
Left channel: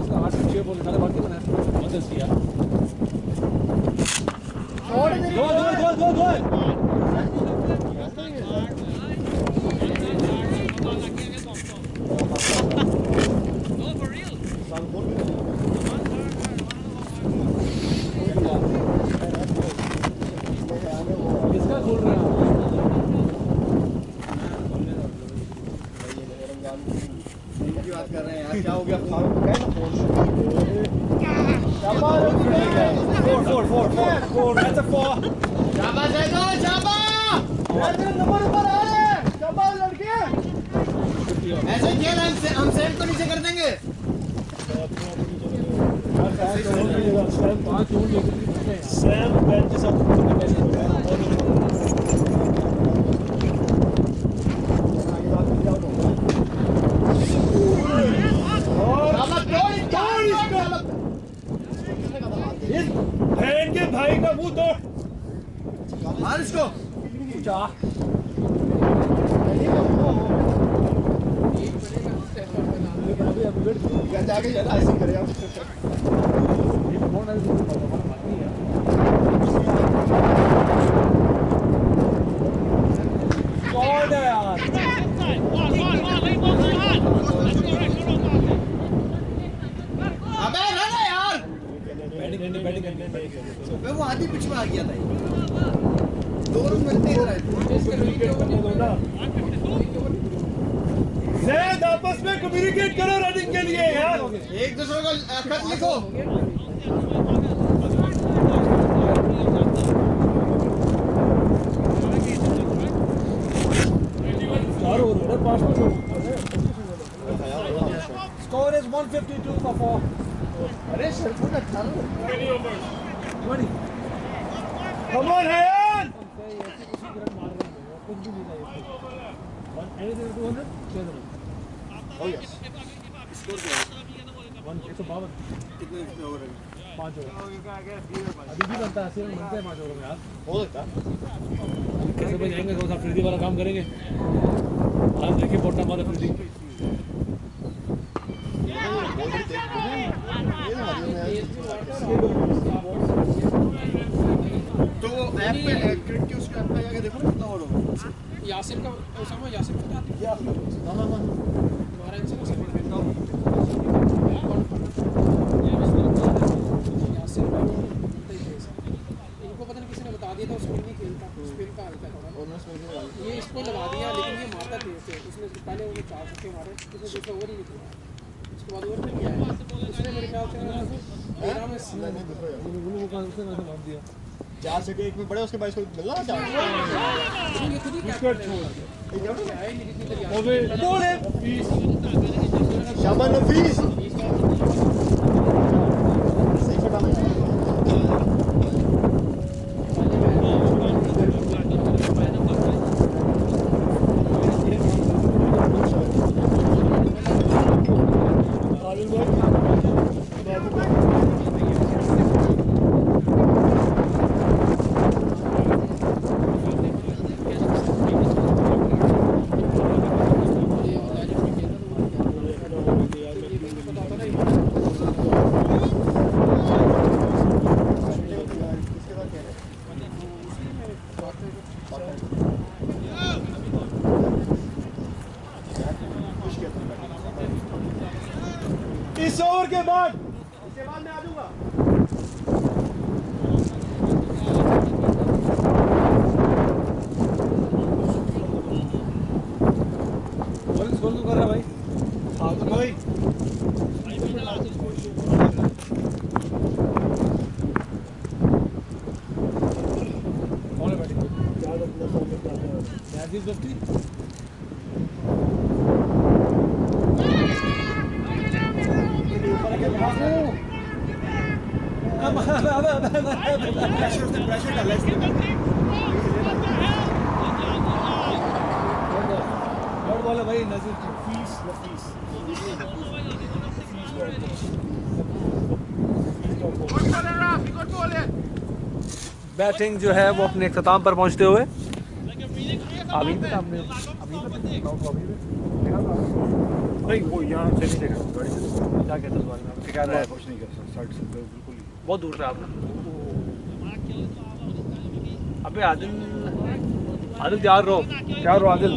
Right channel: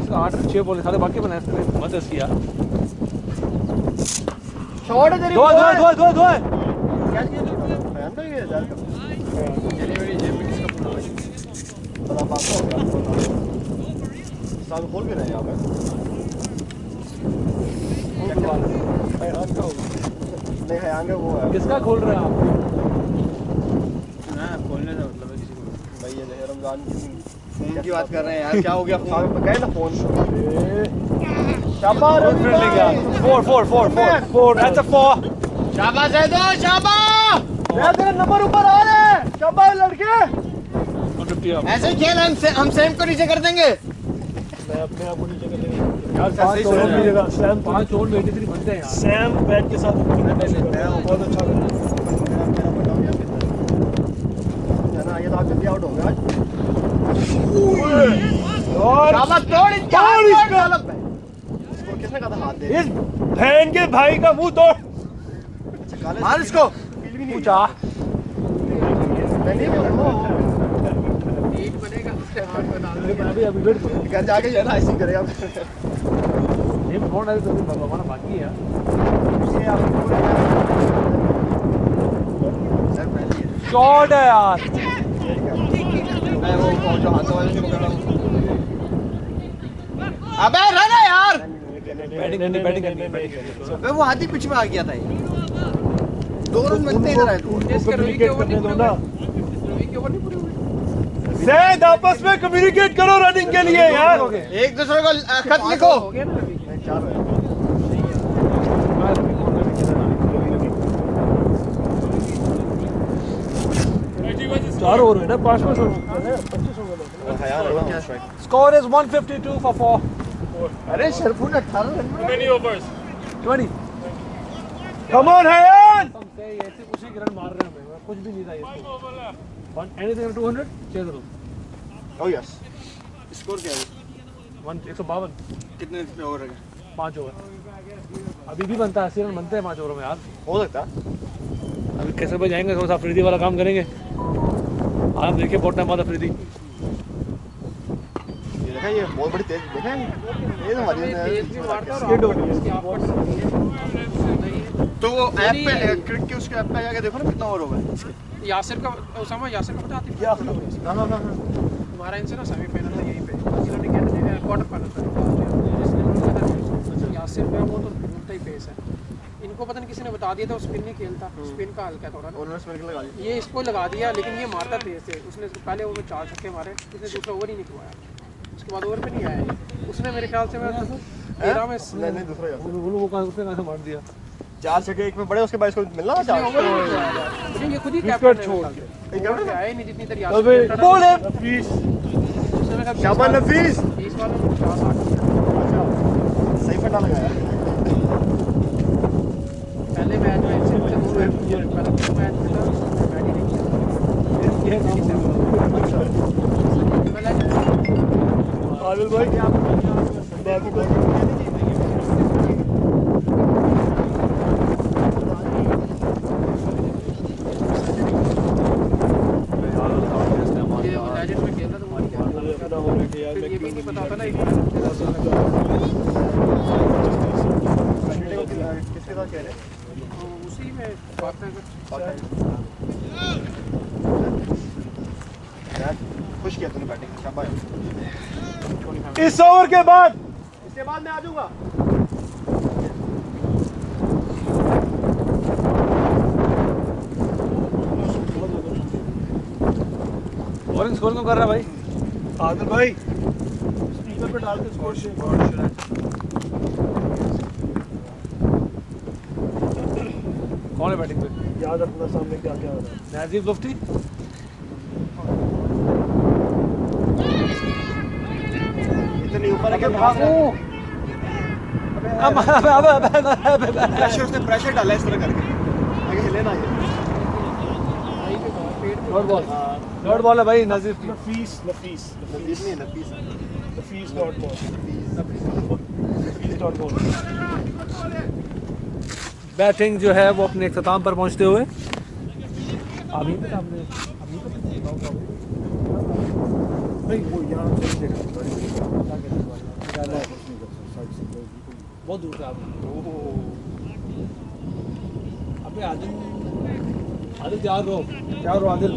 तो 8 6 बोले सारे बाकी बनाए मत किया। शॉट है तेरी दो बॉल। दो दो दो दो क्या किया? हयान का ये यार बड़ा बात है साल खोल के रहे यहाँ पे नहीं हयान का वो है किसका खोल रहे हैं आप? खोलने का मतलब है किसी को भाई ये रमजान फोन की बात कर रहे हैं यार, क्या हो गया फोन पे गए ना फोन शाबाश रवि भाई 4 that's a 4 शाबाश है दो शाबाश मैं तेरा नंबर ऊपर आ रहा है शाबाश लड़के ऐसे ही खेल हम सेम को नीचे कर देंगे यार पांच ओवर की जगह सैम 5 ओवर में 83 बनते हैं यार। सैम बैट के साथ खेलना चाहिए बहुत अच्छा लगा मेरा बताओ क्या ना ये तो आज जल्दी आउट हो गया और शाबाश तोड़ इसका इसको किसने कहा था हाथ दे इस बहन के भाई का मुंह तोड़ मार इसको पूछा मैं नहीं बोल रहा एक बनेगा अभी वेट करो। क्या जाके ये ना ऐसे ही करेगा ये फोन है तो भगवान बाकी है। शॉट है यार। अबे रन है यार बैटिंग करनी अबे वो आधी पिच में आ गया था ये 2 रन मिलते इधर आए तो कम्युनिकेट करने दो ना एक ओवर नहीं पूरे हुए। जैद आपस में कम्युनिकेट करो रनिंग के लिए यार एक दूसरे को खत लिखो हो गया ना अभी। चार ओवर है ना 5 में स्कोर इज 152 for 4 अरे Shariful 18 run 20 come on Hayyan ऐसे उसी के रन मार रहे हैं भाई, कुछ भी नहीं था ये anything 200 chase run oh yes score क्या है 152 कितने ओवर है 5 ओवर अभी भी बनता है 80 रन बनते हैं 5 ओवर में यार। हो सकता अभी कैसे भाई जाएंगे थोड़ा सा अफरीदी वाला काम करेंगे। आज देखिए बहुत टाइम बाद अफरीदी ये बहुत बड़ी तेज है ये तो हमारी तेज भी मारता है और आप तो वो ऐप पे क्रिकेट के उसके ऐप पे जाके देखो ना कितना ओवर होगा यासिर का उसामा यासिर का पता आती है हां हमारा इनसे ना सेमीफाइनल था यहीं पे इन्होंने क्या किया क्वार्टर फाइनल था यासिर का वो तो घूमता ही पेस है इनको पता नहीं किसी ने बता दिया था वो स्पिन नहीं खेलता स्पिन का हल्का थोड़ा ना उन्होंने स्पिन लगा दिया ये इसको लगा दिया लेकिन ये मारता तेज है उसने पहले वो 4 छक्के मारे उसने दूसरा ओवर ही नहीं खुआया उसके बाद ओवर पे नहीं आया उसने मेरे ख्याल से 13 में नहीं दूसरा यार वो उसने कैसे मार दिया 4 छक्के एक में पड़े उसके बाद इसको मिलना था 4 लेकिन ये खुद ही विकेट छोड़ दिया आए नहीं जितनी देर अबे यासिर बोल है प्लीज शाबाश नफीस 20 बार में 50 आ सही फटा लगाया पहले मैच में आदिल भाई पता था ना किसके साथ कह रहे उसी में बात है खुश किया तूने बैटिंग शाबाश इस ओवर के बाद इसके बाद मैं आ जाऊंगा बॉलिंग स्कोर क्यों कर रहा है भाई? आदिल भाई स्पीकर पे डाल के स्कोर कौन है बैटिंग पे? याद रखना सामने क्या क्या हो रहा है नाजीब मुफ्ती इतने ऊपर के भाग प्रेशर उसने प्रेशर डाला इस तरह करके आगे हिले ना थर्ड बॉल है भाई नाजीब की। नफीस डॉट बॉल बैटिंग जो है वो अपने इख्तिताम पर पहुंचते हुए अभी पे सामने नहीं वो यहाँ से नहीं देखा गाड़ी से क्या कहते हैं बारे में? क्या रहा है कुछ नहीं कर सकता साइड से बिल्कुल बहुत दूर से आपने अबे आदिल आदिल तैयार रहो आदिल,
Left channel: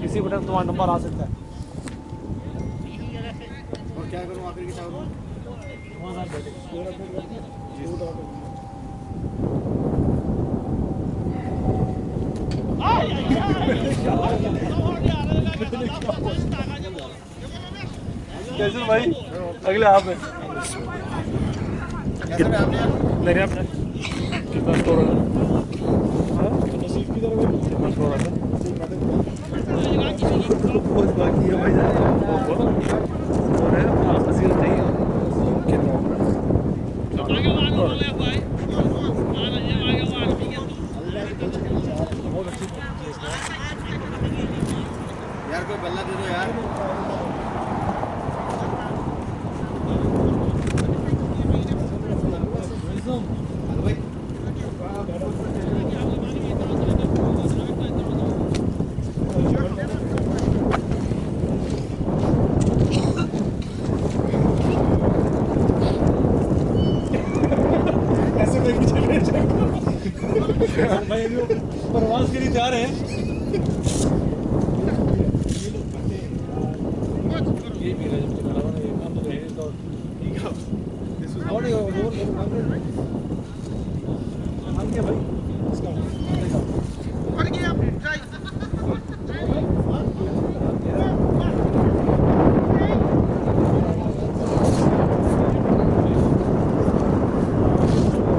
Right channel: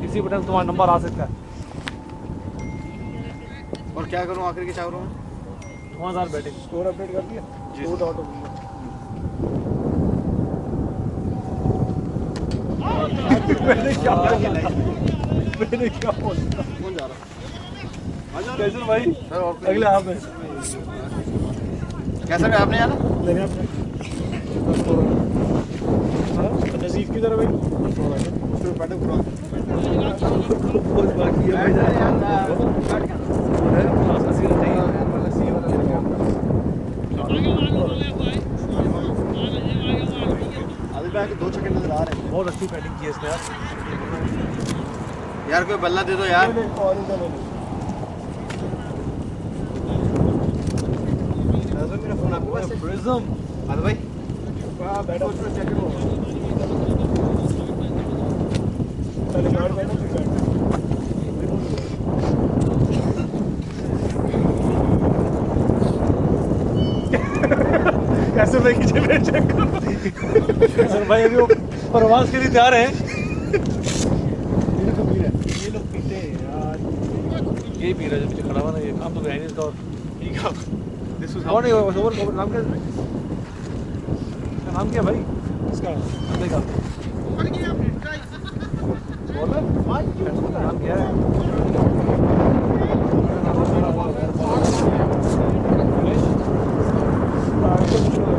किसी बटन तुम्हारा नंबर आ सकता है। और क्या करूँ आखिर के, क्या करूँ? 9000 बैटिंग स्कोर अपडेट कर दिया, स्कोर आउट हो गया। मैंने क्या बोला? कैसे भाई अगले हाफ में कैसे में आपने यार? नहीं आपने कितना स्कोर है? हाँ नजीफ की तरफ भाई कितना स्कोर है? तो बैटिंग पूरा बहुत बाकी है भाई जान। स्कोर है अपना 80 रन चाहिए। कितना? अभी बैठ 2 छक्के नजर आ रहे हैं बहुत अच्छी बैटिंग की है इसने यार। कोई बल्ला दे दो यार। प्रिज्म अरे भाई बैठो उसमें चेक करो। पहले बैट बैठो फिर बैठो। कैसे भाई की चले चेक करो। भाई अभी वो प्रवास के लिए तैयार हैं। ये लोग पीते हैं यार। ये पी रहा है जब खड़ा हुआ ना, ये काम तो है नहीं इसका। ठीक है। This was कौन है ओवर नाम क्या? नाम क्या भाई इसका अंदर का? बॉलर नाम क्या है?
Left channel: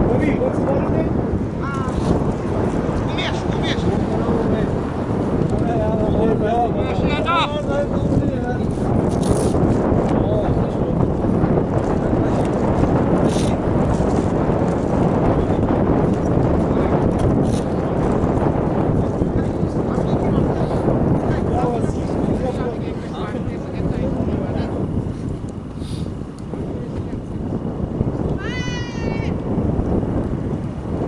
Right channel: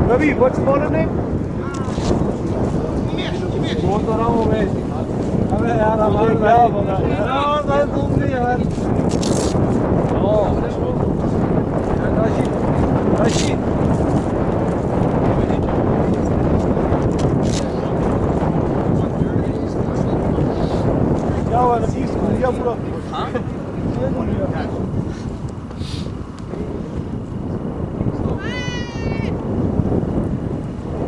Ravi what's bowler name? बोल तो रहा हूँ मैं। अबे यार हमारे क्या पता यार तुम नहीं यार। ओ राशि क्या हुआ नसीब घूम गया पूरा।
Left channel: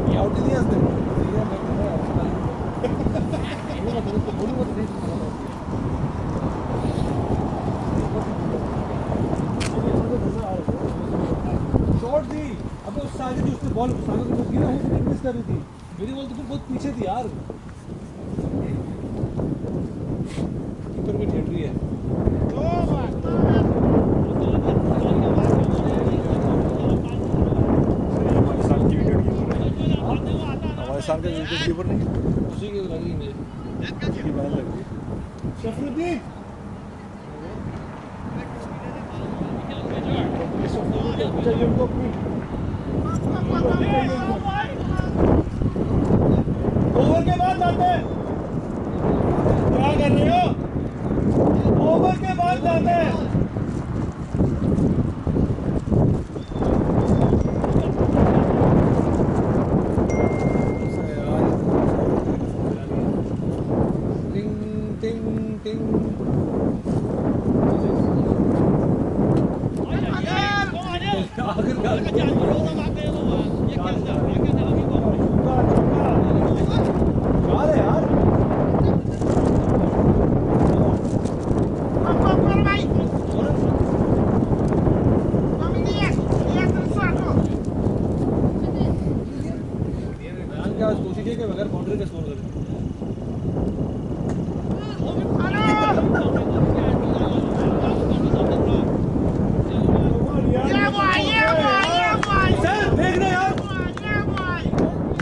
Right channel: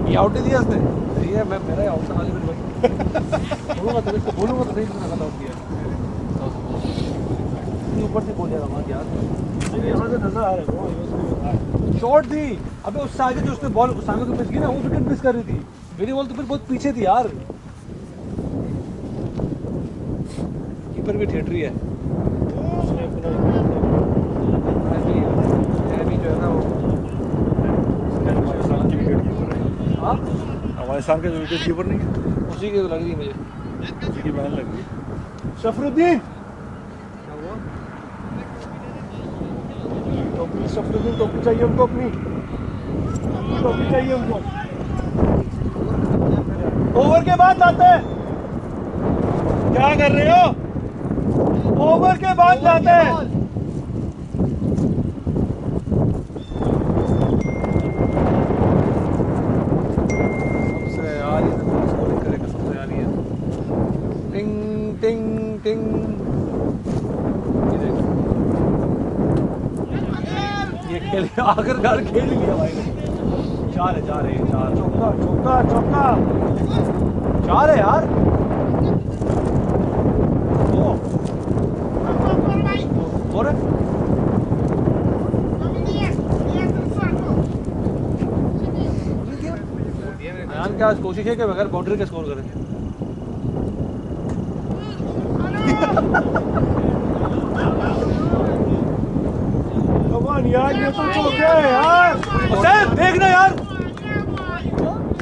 ये आउट ही दिया इसने। सही है, मैं मेरा आउट वाली में बोलूँगा तो इसको बोलूँगा तो नहीं तुम्हें आउट दिया। ऊपर से बोल जाएगा यार। यहाँ से नजर आ रहा है शॉट थी। अबे उससे आगे जो उसने बॉल सामने को मिस की ना, वो विकेट मिस कर रही थी। मेरी बॉल तो फिर बहुत पीछे थी यार। कीपर भी थिएटरी है। जो है ना वो पाकिस्तान की विकेट कीपर है। हाँ अफगानिस्तान का विकेट कीपर नहीं है, उसी की लग रही है मुझे। उसकी बहन लग रही है। शफरुद्दीन शफरुद्दीन टोपी चाहिए हमको, अपनी टोपी चाहिए हमको। ओवर के बाद जाते हैं। क्या कर रहे हो? ओवर के बाद जाते हैं। सबसे यार ये तो स्कोर करेगा सबसे यार ये। टिंग टिंग टिंग। आखिरकार खेल लिया भाई ने। चार है चार। चौका चौका चौका। चार है यार। और ध्यान क्या आज कोशिश है कि बगैर बाउंड्री के स्कोर करें। कमान यार, ये तो चौका है यार। सैम देखना यार।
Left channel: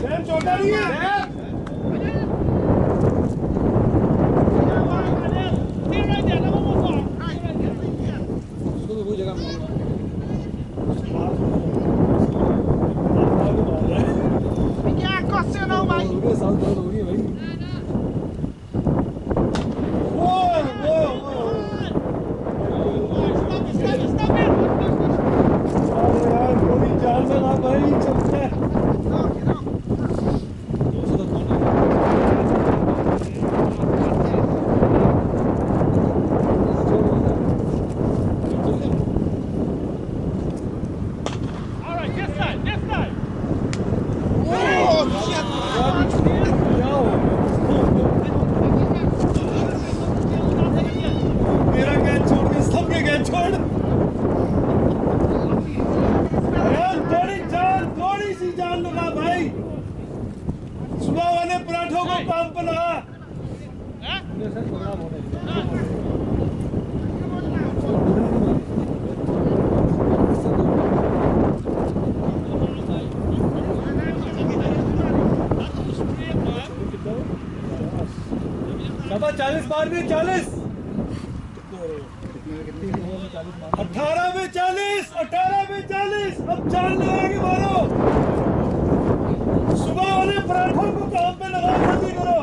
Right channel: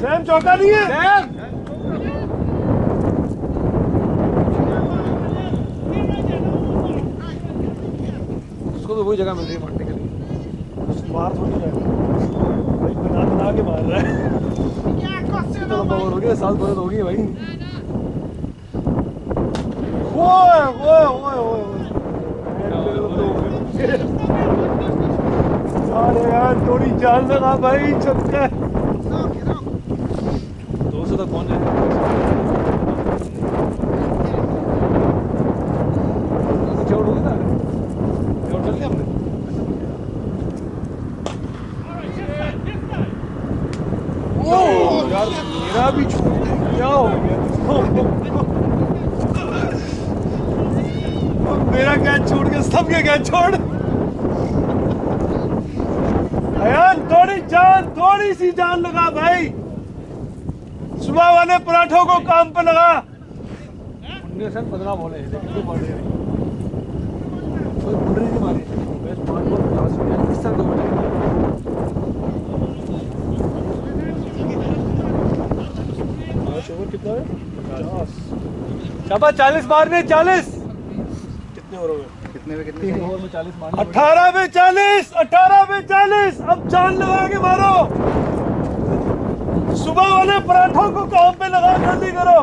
सैम चौका नहीं है। सैम उसको तो वही जगह मिल रही है मारने के लिए। मार तो नहीं रहा है। बना बना के मार रहा है। चलो ओवर हो गया, 7 बॉल हो गई भाई। ओए ओए ओए ओए। अरे यार थोड़ी जान लगा भाई, छक्का। 200 तक पहुंच जाएंगे। छोड़ होगी ना, छोड़ कर लिया हमने। मेरा भी क्या हो गया? मेरा कैच छोड़ के सबके कैच छोड़। अयान थोड़ी सी जान लगा भाई। सुबह वाले पराठों को काम पे लगा। अपने सर 15 बॉलें हैं देखो पड़ रहे हैं कोई बाउंड्री नहीं मारी 5 बॉल 50 इस तरह 2 बॉल कितना है 50 शाबाश 40 मारने 40 कितने हो रहे हो कितने में 3 ओवर में 40 मारने 18 में 40 18 में 40 अब जान लगा के मारो सुबह वाले पराठों को काम पे लगा जल्दी करो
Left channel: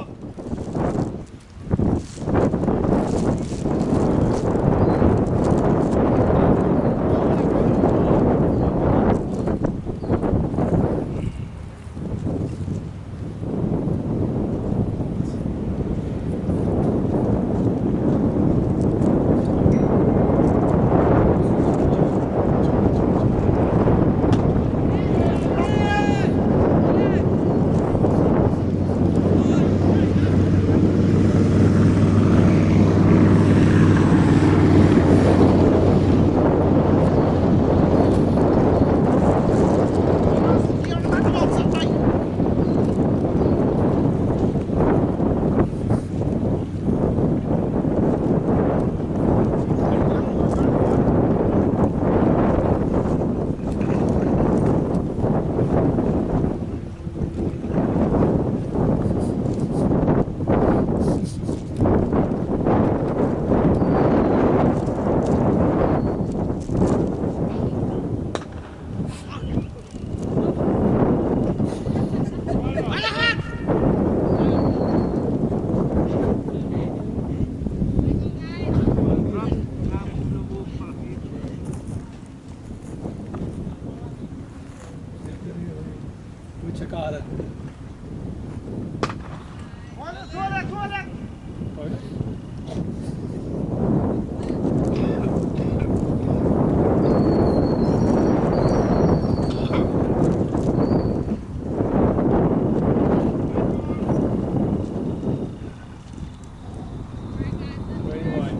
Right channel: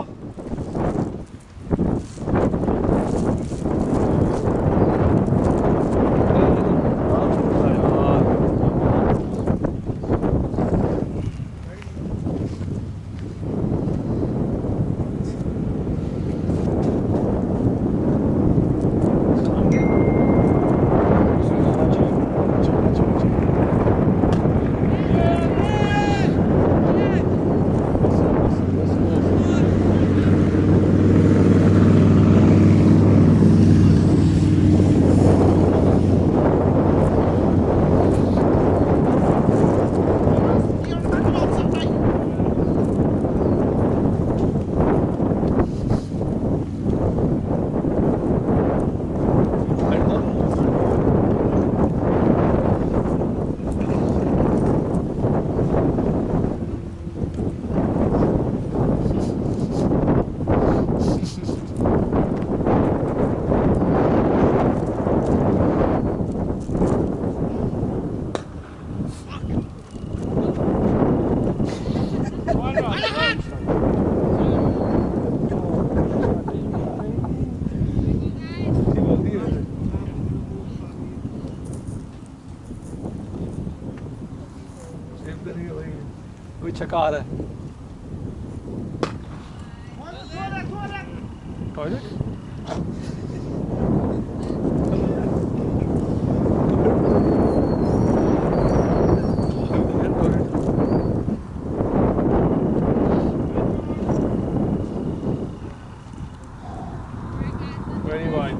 कोई छक्का आ रहा है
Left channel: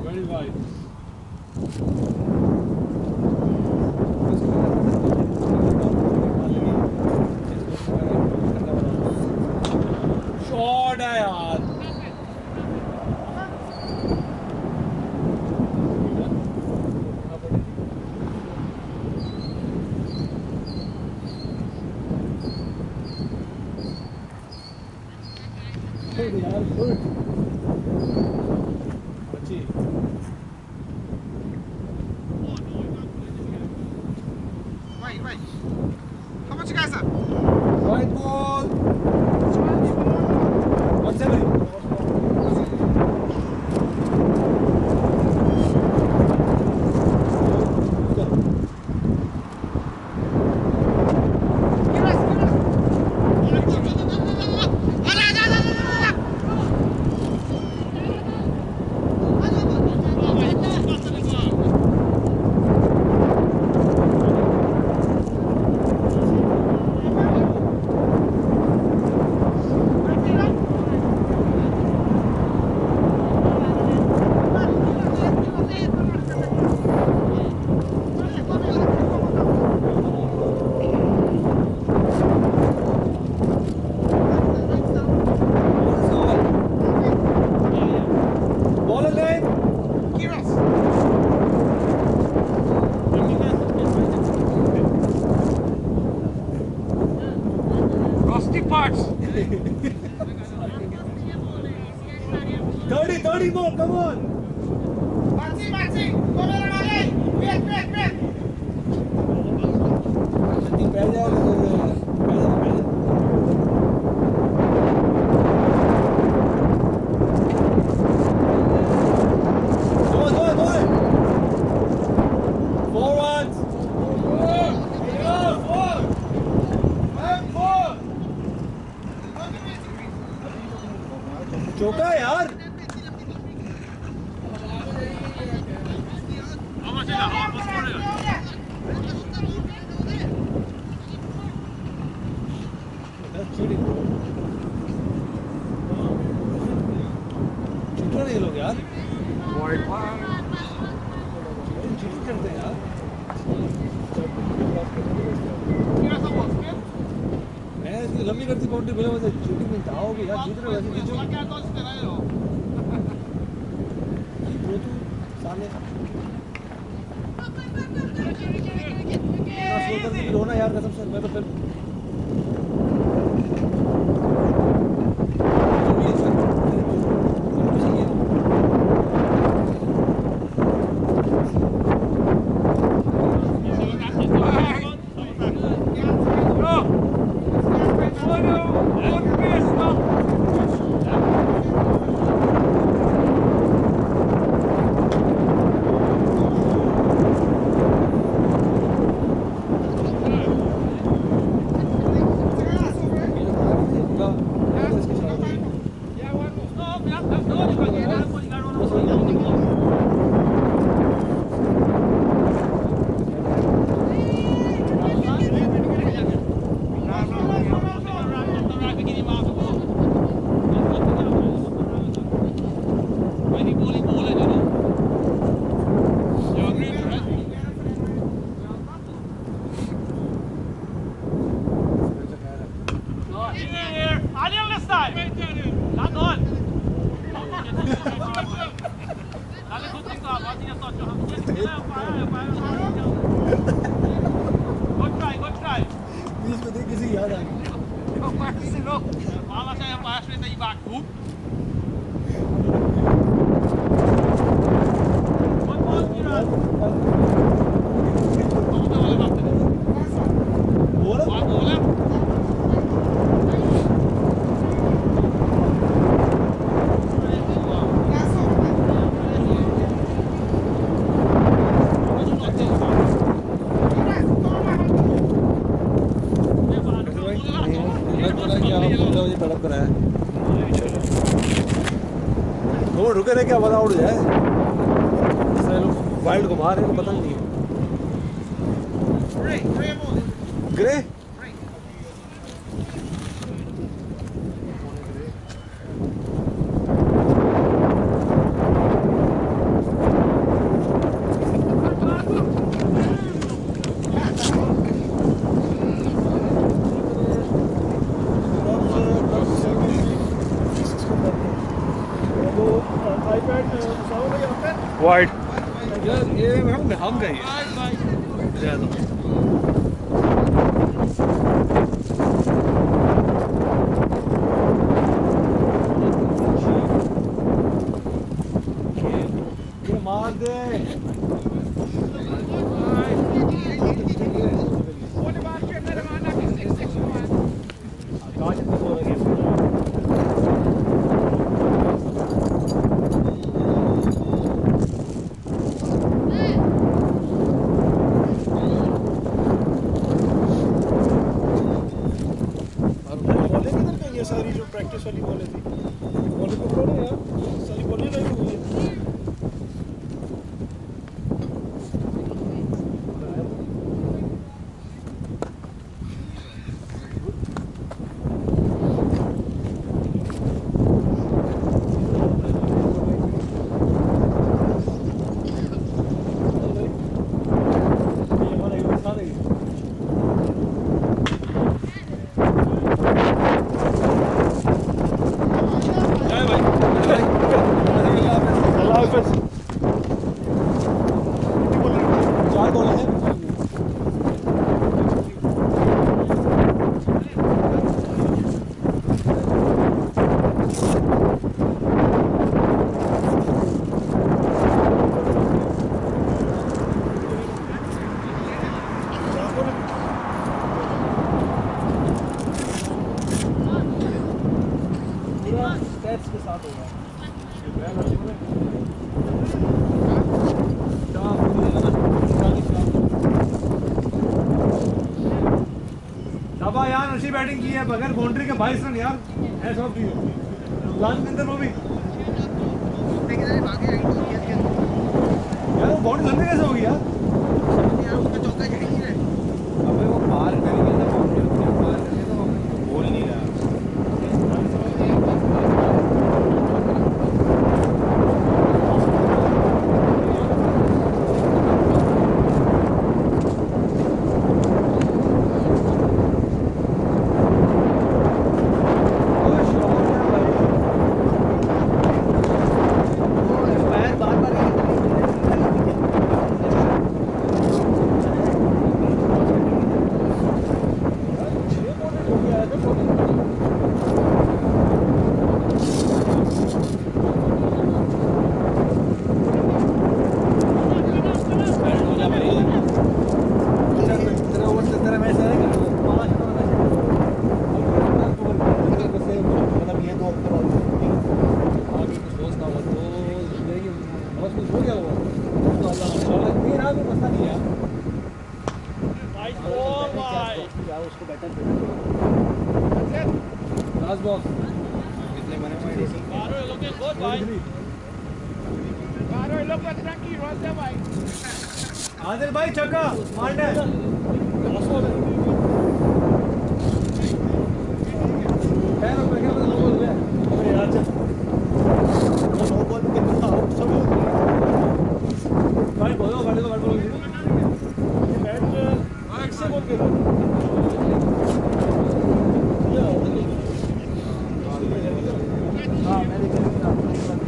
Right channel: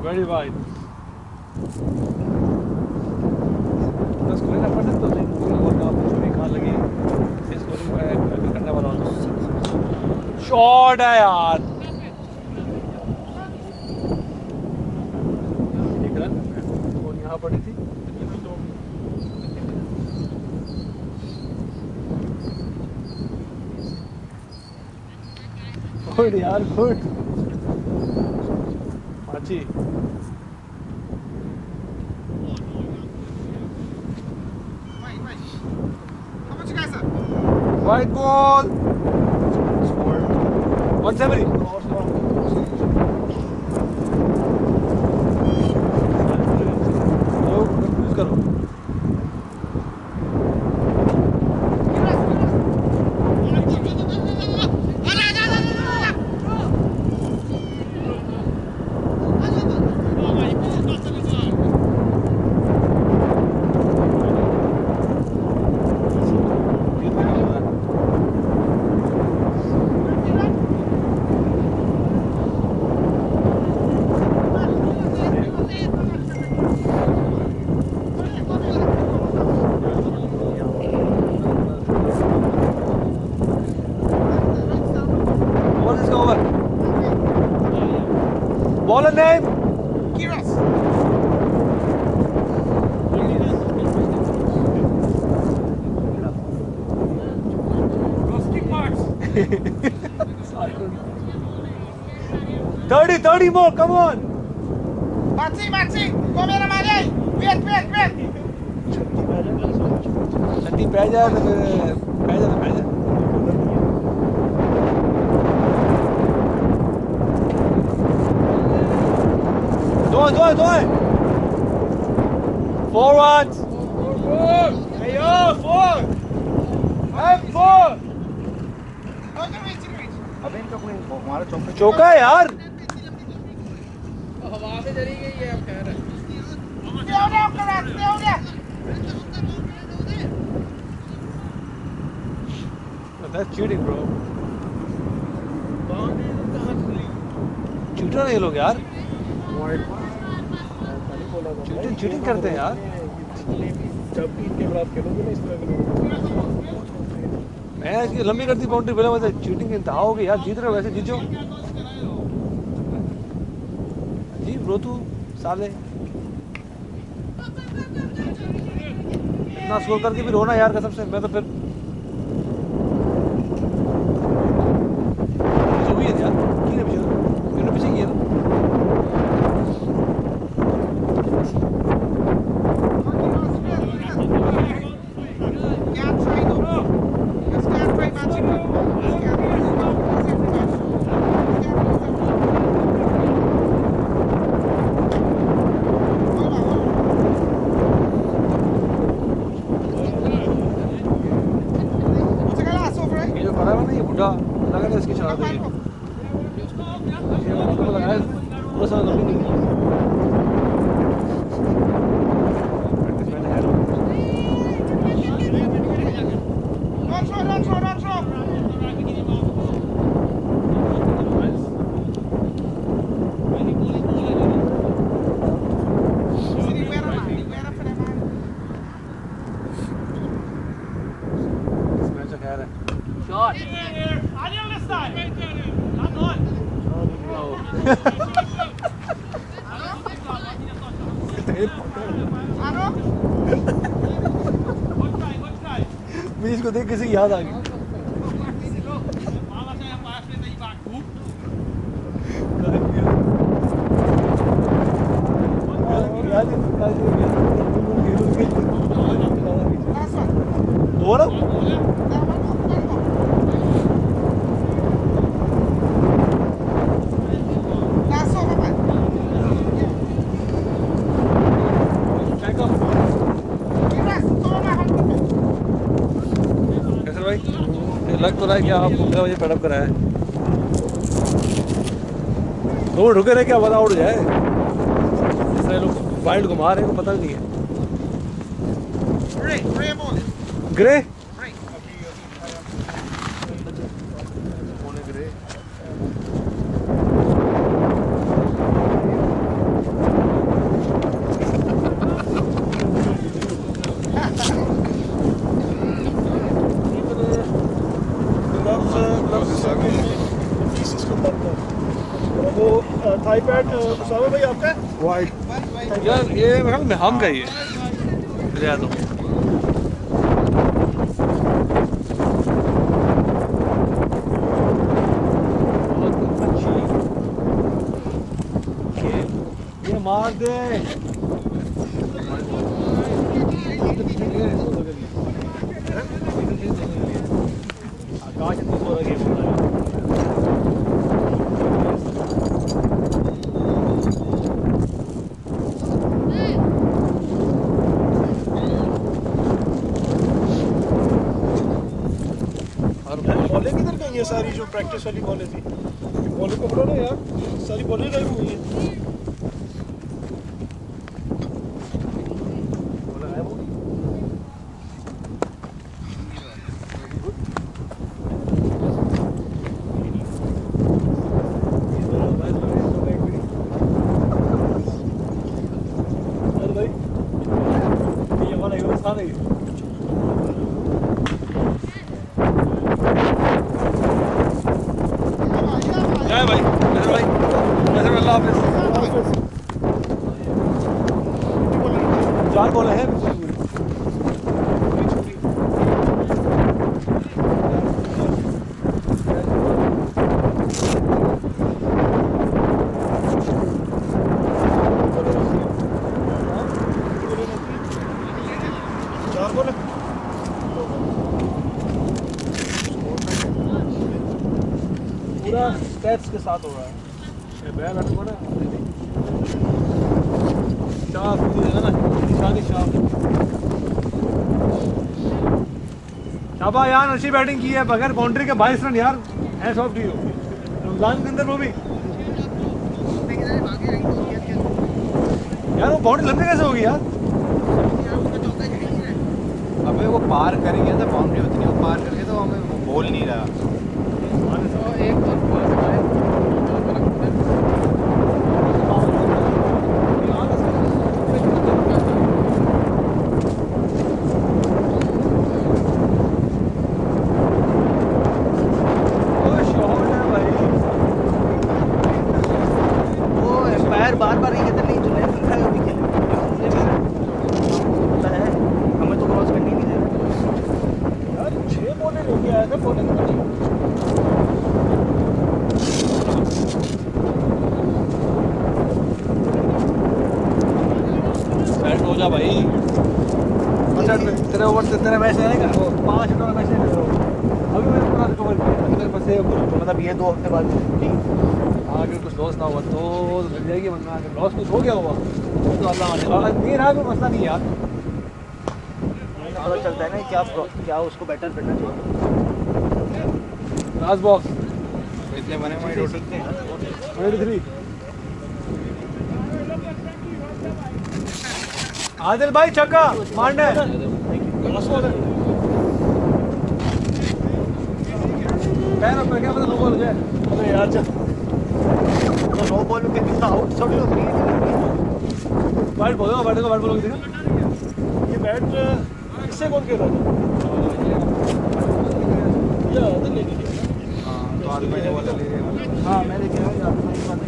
very wide बस लेना पड़ता तो नहीं बहुत काम पूरी खान लगी इसको करने वाला हूँ शॉट है यार एक रन और यहाँ पड़ी थी गुड यार गुड अच्छी White ball. 170. लोग कंफ्यूज करो Baller name? Kiras. Rusty parts. 30 more, come on. Maxi, come here, Mali. Wait. छठी पै जाए तो पै जाए दो 4 runs. Hey yo, 4. I'm 4. चौका है यार हवा में चली गई है कह रहा That's cheating, bro. चूटर नहीं लोग यार चीटिंग करते हैं यार मैं इसकी लंबी करती बाउंड्री बोला चीटिंग इंतहा होगी यार जीत रहे हो वैसे जीत जाओ रो तू साले ना स्कोर करके भी रोना यार कसम से मैं तो फिर जो भी अच्छा ठीक है पीछे किया ना बुढ़ा लगा था इसकी शरारत है पूरा सारा लंबी निकली बीच को देख किसी की याद आ गई लग तो रहा है कि आप 15 बजे पैडअप कराया है वो रुके रहे क्या पता उड़ जाए इस तरह लोग वाइल्ड घुमा रहे हैं को पता नहीं है ग्रे वो आईपैड उसामा भाई आपका है? वाइट यार ये मेरे ख्याल में हम का ही है मुझे तो ये मार दे कांच इतनी सो रही है बॉलें किधर गई है सारी जो प्रैक्टिस वाली बॉलें थी बॉलें पकड़ो ना यार सारी बॉलें गायब हुई हैं चार बॉल है पूरा स्टेप्स के साथ होगा ये बैल हट ना शाफ है ना निशानी शाफ शाबा यार अच्छी बैटिंग की है बगैर बाउंड्री के 22 रन यार hats off to you Ramzan के अंदर वो भी यार वो बाउंड्री लंबी कैसे होगी यार अबे वो पार करेंगे तो बाउंड्री होती नहीं वो पार करके तो हमें वो बोल नहीं रहा बार बार होके आया था 4 नंबर। बैट हो जा भाई। तेरे ओवर से तेरा मैच रहेगा वो 5 हिटों का मैच है। अभी मैंने पूरा कवर किया अगर बस ये मतलब ये 2 हफ्ते बाद ठीक। आगे कुछ लॉस ना हुआ तो मिल जाएगी, वरना अगर लॉस कुछ हो गया होगा तो अल्लाह माने। नहीं ना कोई मसला नहीं यार, पता चलता है ना क्या उसको बेटर करना चाहिए। लास्ट बॉक्स इतने बने हुए टोटल 43। आदिल भाई छक्का मारना है। पैर ऊपर क्या मतलब नो बॉल हो जाए। अरे यार जा तो 9 बॉल में कितना आउट थोड़ी होती है। बैट बोलो बैट को बैट बोलो किसी ये बैट किससे कौन खेला था? या आदत ले लीजिए ना। हाँ मैं लेके आऊँ आपको नहीं बात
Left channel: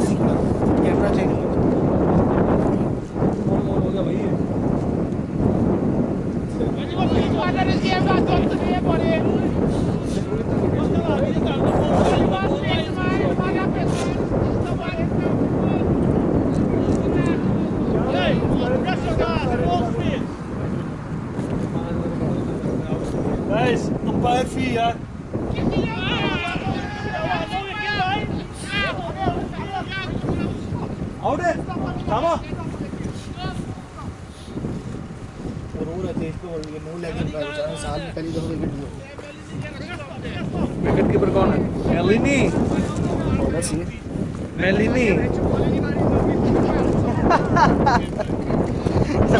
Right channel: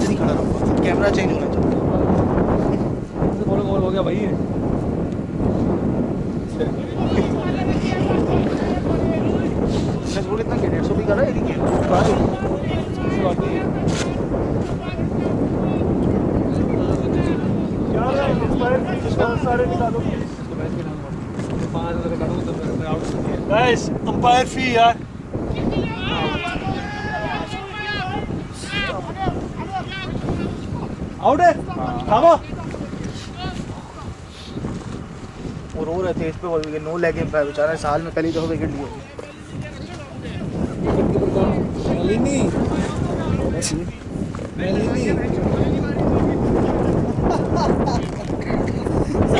नहीं खड़ा रहूँगा, कैमरा चेंज होना चाहिए। बोलो गोल हो गया भाई ये। वो कितना 150 भी कर रहा है। गाइस अंपायर फी यार। आउट है थामा। वो रो रहे थे इस पे बोल के नो लेग एम्पायर बेचारा साल में पहली दफा विकेट लिया। विकेट कीपर कौन है? मेलिनी। मेलिनी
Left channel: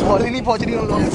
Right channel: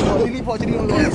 बॉल ही नहीं पहुंच रही उन लोगों को।